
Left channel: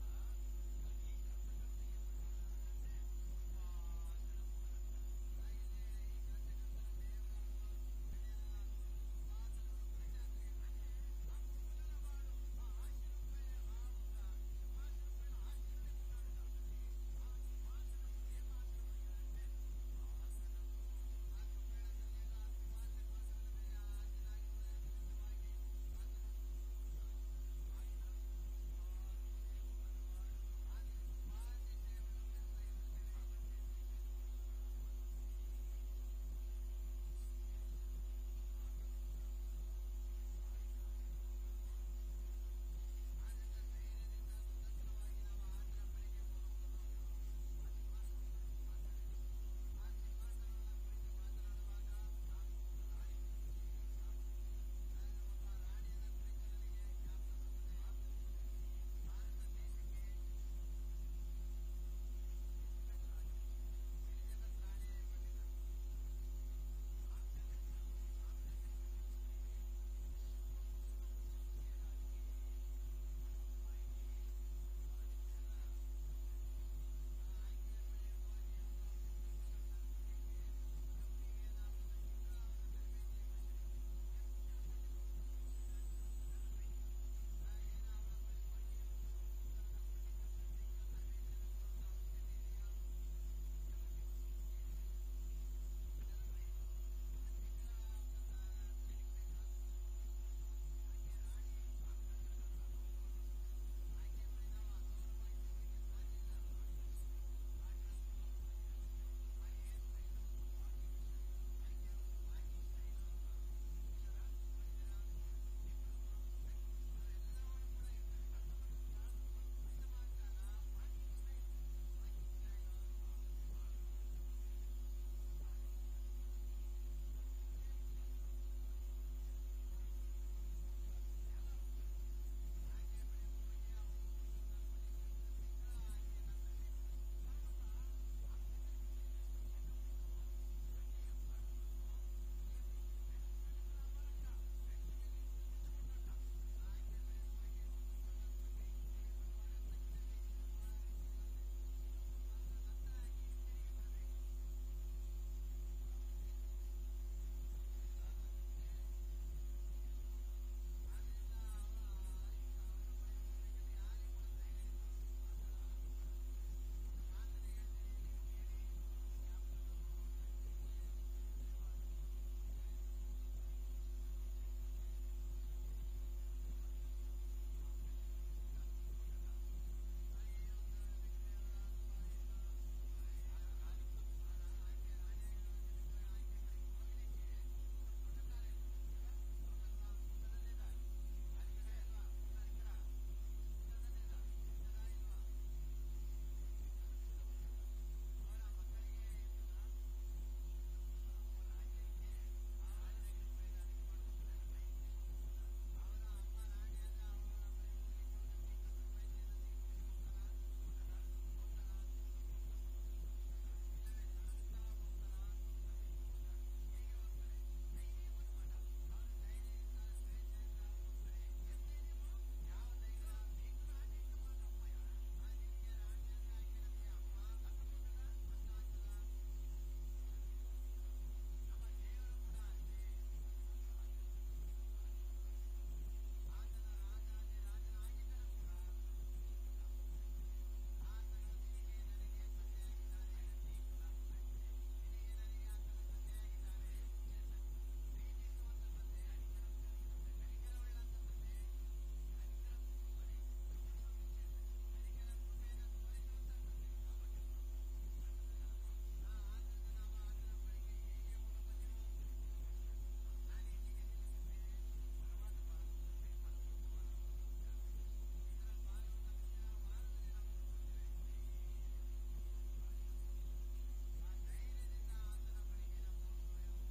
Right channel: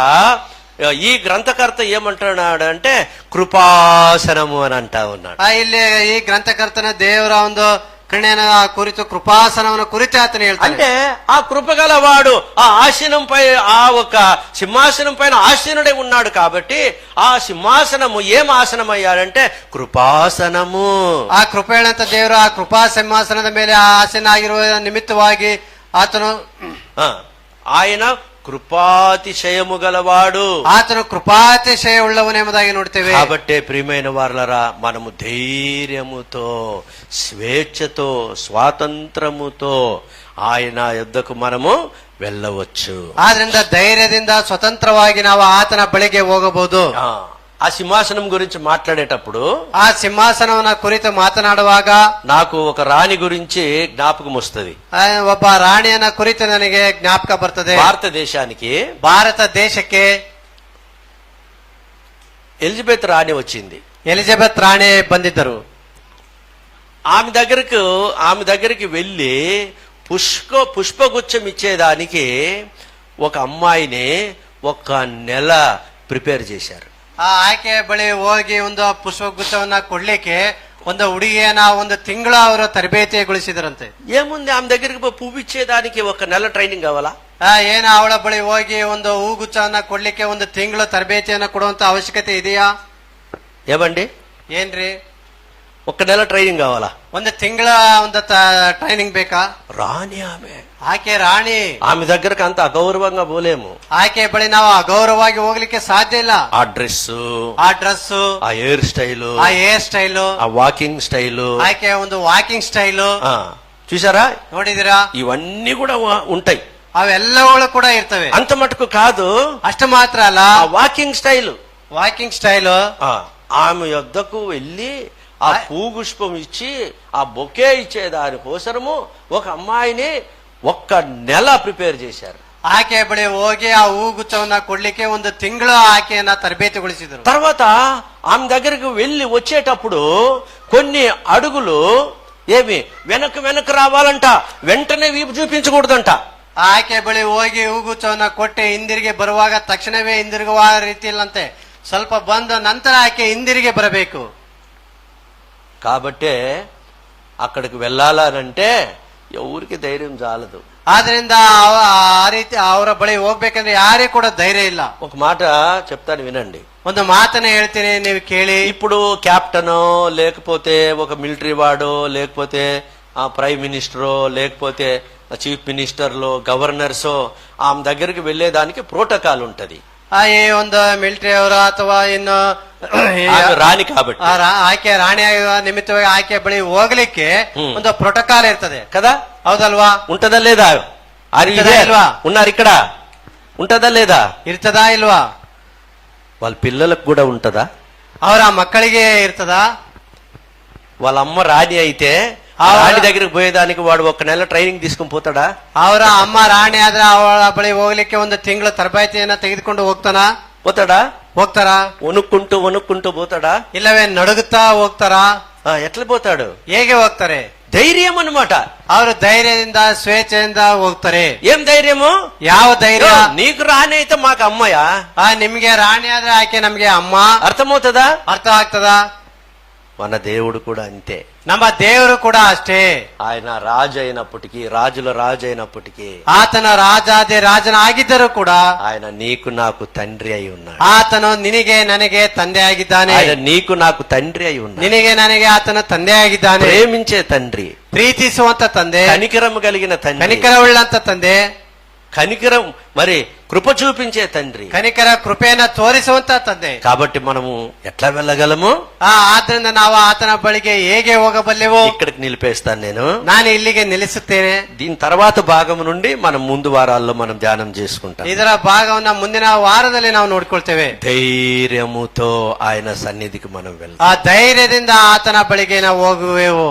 ఈ గ్రంథకర్త ఏమంటున్నాడు అంటే కృపాసనము అని అంటా ఉన్నాడు. ಇಲ್ಲಿ ಈ ಗ್ರಂಥಕರ್ತನ ದೇವರ ಒಂದು ಕರುಣೆಯ ಕುರಿತು ಕೃಪಾಸನವನ್ನು ಕುರಿತು ಆತನು ಹೇಳ್ತಾನೆ. అంటే ఆ కృపగలవాడు ఆ ఆసనం పై, ఆ ఒక సింహాసనం పైన ఆసీనుడే ఉన్నాడు కాబట్టి ఆ సింహాసనము ఏం ఆసనం అయ్యాడంటే కృపాసనము. ಆ ಕೃಪೆಯಂತ ದೇವರು ಆ ಕೃಪಾ ಸಿಂಹಾಸನದ ಮೇಲೆ ಆಸೀನಾಗಿರುವ ನಿಮಿತ್ತವಾಗಿ ಆತನು ఆయన కృపాతిశయము గలవాడు, ಆತನು ಕೃಪಾತಿಶಯ ಉಳ್ಳವನೆಂಬುದಾಗಿ ನೋಡ್ತೇವೆ. కాబట్టే ప్రియమైన వారలారా, మనము ధైర్యముతో, స్వేచ్ఛతో, స్వాతంత్రముతో ఆయన యొద్దకు మనము వెళ్ళవచ్చు. ಆದ್ರಿಂದ ಧೈರ್ಯದಿಂದ ಸ್ವತಂತ್ರವಾಗಿ ನಾವು ಆತನ ಬಳಿಗೆ ಹೋಗಬಹುದು. ఆ సింహాసనం గురించి మాట్లాడేటప్పుడు, ఆ సింహాసనವನ್ನ ಕುರಿತು ಮಾತನಾಡುವಾಗ నాకు ఒక రాణి గురించి జ్ఞాపకం వస్తుంది. ಒಬ್ಬ ರಾಣಿಯನ್ನ ಕುರಿತು ನನಗೆ ಜ್ಞಾಪಕ ಬರ್ತದೆ. భారత దేశಕ್ಕೆ ಎಲಿಜಬೆತ್ రాణి వచ్చింది. ఎలిజబెత్ రాణి ಬಂದಿದ್ದರು. ఆమె దగ్గరికి వెళ్ళి పుష్పగుచ్చం ఇచ్చేదానికి ఒక అమ్మాయిని ఒక నెల ప్రిపేర్ చేశారు. ಆ ಆಯ್ಕೆ ಬಳಿ ಹೋಗಿ ಒಂದು ಪುಷ್ಪಗುಚ್ಛವನ್ನ ಕೊಡ್ಲಿಕ್ಕೆ ಒಂದು ಹುಡುಗಿಯನ್ನ ಒಂದು ತಿಂಗಳ ಅವರು ತರಬೇತಿಗೊಳಿಸಿದ್ರಂತೆ. ఏముంది ఆమె దగ్గరికి పోయి పువ్వు ఇచ్చేదానికి ఒక నెల ట్రైనింగ్ కావాలా? ಏನ ಅವಳ ಬಳಿ ಹೋಗಿ ಒಂದು ಹೂಗುಚ್ಚವನ್ನ ಕೊಡ್ಲಿಕ್ಕೆ ಒಂದು ತಿಂಗಳು ತರಬೇತಿಯನ್ನ ಕೊಡುವಂತ ಅವಶ್ಯಕತೆ ಇದೆಯಾ? ఏమండి, ಏನ್ರಿ, ఒక నెల ట్రైనింగ్ కావాలా? ಒಂದು ತಿಂಗಳ ಒಂದು ಟ್ರೈನಿಂಗ್ ಬೇಕಾ? రాని ఆమె, ಆಕೆ ರಾಣಿ. ఆమె దగ్గరకు అంత అగౌరవంగా పోలేము. ಆಕೆ ಬಳಿ ನಾವು ಅಗೌರವವಾಗಿ ಹೋಗ್ಲಿಕ್ಕೆ ಸಾಧ್ಯ ಇಲ್ಲ. ఆ డ్రెస్, ಆ ಡ್ರೆಸ್, ఆ హెయిర్ స్టైల్, ಆ ಹೇರ್ ಸ್ಟೈಲು, ఆ వాకింగ్ స్టైల్, ಆಕೆ ಒಂದು ವಾಕಿಂಗ್ ಸ್ಟೈಲು చూసారా? ನೋಡಿದಿರಾ? ఇవన్నీ కూడా ఉంటాయి. ಅವೆಲ್ಲಗಳು ಕೂಡ ಇರ್ತವೆ. అంత మటుకు కాదు, ಅಷ್ಟು ಮಾತ್ರ ಅಲ್ಲ, ఆ వాకింగ్ స్టైల్, ವಾಕಿಂಗ್ ಸ್ಟೈಲು. ఆమె యొద్దకు వెళ్ళి ఆ పుష్పం ఇచ్చి ఆ బొకే ఇచ్చేదాని కోసము ఒక అమ్మాయిని ఒక్క నెల ప్రిపేర్ చేశారు. ಆಕೆ ಬಳಿ ಹೋಗಿ ಆ ಹೂಗುಚ್ಚವನ್ನ ಕೊಡ್ಲಿಕ್ಕೆ ಒಂದು ತಿಂಗಳು ಆಕೆಯನ್ನ ತರಬೇತಿಗೊಳಿಸಿದ್ರು. తర్వాత ఆమె దగ్గరికి వెళ్ళి వచ్చేటప్పుడు కొన్ని అడుగులు ఏమి వెనక్కి రావాలంట, వెంటనే వీపు చూపించకూడదంట. ಆಕೆ ಬಳಿ ಹೋಗಿ ಹೂಗುಚ್ಚವನ್ನ ಕೊಟ್ಟೆ ಹಿಂದಿರುಗಿ ಬರುವಾಗ ತಕ್ಷಣವೇ ಹಿಂದಿರುಗುವ ರೀತಿಯಲ್ಲಂತೆ ಸ್ವಲ್ಪ ಬಂದ ನಂತರ ಆಕೆ ಹಿಂದಿರುಗಿ ಬರಬೇಕು. కాబట్టే అక్కడికి వెళ్ళాలనంటే ఎవరికి ధైర్యం చాలదు. ಆದ್ರಿಂದ ಆ ರೀತಿ ಅವರ ಬಳಿ ಹೋಗ್ಬೇಕಂದ್ರೆ ಯಾರಿಗೂ ಕೂಡ ಧೈರ್ಯ ಇಲ್ಲ. ఒక మాట చెప్తాను వినండి. ಒಂದು ಮಾತನ್ನ ಹೇಳ್ತೀನಿ, ನೀವು ಕೇಳಿ. ఇప్పుడు క్యాప్టెనో లేకపోతే ఒక మిలిటరీ వాడో లేకపోతే ప్రైమ్ మినిస్టరో లేకపోతే చీఫ్ మినిస్టర్లో గవర్నర్సో ఆమె దగ్గరికి వెళ్లేదానికి ప్రోటోకాల్ ఉంటది. ಈ ಒಂದು ಮಿಲಿಟರಿ ಅವರು ಅಥವಾ ಇನ್ನು ರಾಣಿ కాబట్టి ಆಕೆ ರಾಣಿ ನಿಮಿತ್ತವಾಗಿ ಆಕೆ ಬಳಿ ಹೋಗ್ಲಿಕ್ಕೆ ಒಂದು ಪ್ರೋಟೋಕಾಲ್ ಇರ್ತದೆ కదా, ಹೌದಲ್ವಾ? ఉంటదా లేదా? ಇಲ್ವಾ? ఉన్నారు ఇక్కడ, ఉంటదా లేదా? ಇರ್ತದಾ ಇಲ್ವಾ? వాళ్ళ పిల్లలకు కూడా ఉంటదా? ಅವರ ಮಕ್ಕಳಿಗೆ ಇರ್ತದಾ? వాళ్ళ అమ్మ రాణి అయితే రాణి దగ్గరికి పోయేదానికి వాడు ఒక నెల ట్రైనింగ్ తీసుకుని పోతాడా? ಅವರ ಅಮ್ಮ ರಾಣಿ ಆದ್ರೆ ಅವಳ ಬಳಿ ಹೋಗ್ಲಿಕ್ಕೆ ಒಂದು ತಿಂಗಳು ತರಬೇತಿಯನ್ನ ತೆಗೆದುಕೊಂಡು పోతాడా? ಹೋಗ್ತಾರಾ? వణుక్కుంటూ పోతాడా? ಇಲ್ಲವೇ ನಡುಗುತ್ತಾ ಹೋಗ್ತಾರಾ? ఎట్లా పోతాడు? ಹೇಗೆ ಹೋಗ್ತಾರೆ? ధైర్యం అన్నమాట. ಅವರು ಧೈರ್ಯದಿಂದ ಸ್ವೇಚ್ಛೆಯಿಂದ ಹೋಗ್ತಾರೆ. ఏం ధైర్యము? ಯಾವ ಧೈರ್ಯ? నీకు రాణి అయితే మాకు అమ్మయా? ನಿಮ್ಗೆ రాణి ಆದ್ರೆ ಆಕೆ ನಮ್ಗೆ ಅಮ್ಮ. అర్థమవుతుందా? ಅರ್ಥ ಆಗ್ತದಾ? మన దేవుడు కూడా అంతే. ನಮ್ಮ ದೇವರು ಕೂಡ ಅಷ್ಟೇ. ఆయన రాజు అయినప్పటికీ, రాజుల రాజు అయినప్పటికీ, ಆತನ ರಾಜಾದಿ ರಾಜನಾಗಿದ್ದರೂ ಕೂಡ ఆయన నీకు నాకు తండ్రి అయి ఉన్నాడు. ಆತನು ನಿನಗೆ ನನಗೆ ತಂದೆ ಆಗಿದ್ದಾನೆ. ఆయన నీకు నాకు తండ్రి అయి ఉన్నాడు. ನಿನಗೆ ನನಗೆ ಆತನ ತಂದೆ ಆಗಿದ್ದಾನೆ. ప్రేమించే తండ్రి, ಪ್ರೀತಿಸುವಂತ ತಂದೆ, కనికరం కలిగిన తండ్రి, ಕನಿಕರವುಳ್ಳಂತ ತಂದೆ, కనికరం మరి కృప చూపించే తండ్రి, ಕನಿಕರ ಕೃಪೆಯನ್ನ ತೋರಿಸುವಂತ ತಂದೆ. కాబట్టి మనము ఎట్లా వెళ్ళగలము? ಆದ್ರಿಂದ ನಾವು ಆತನ ಬಳಿಗೆ ಹೇಗೆ ಹೋಗಬಲ್ಲೆವು? ఇక్కడికి నిలిపేస్తాను నేను. ನಾನು ಇಲ್ಲಿಗೆ ನಿಲ್ಲಿಸುತ್ತೇನೆ. దీని తర్వాత భాగం నుండి మనం ముందు వారాల్లో మనం ధ్యానం చేసుకుంటాం. ಇದರ ಭಾಗವನ್ನ ಮುಂದಿನ ವಾರದಲ್ಲಿ ನಾವು ನೋಡ್ಕೊಳ್ತೇವೆ. ధైర్యముతో ఆయన సన్నిధికి మనం వెళ్తాం. ಆ ಧೈರ್ಯದಿಂದ ಆತನ ಬಳಿಗೆ ನಾವು ಹೋಗುವೆವು.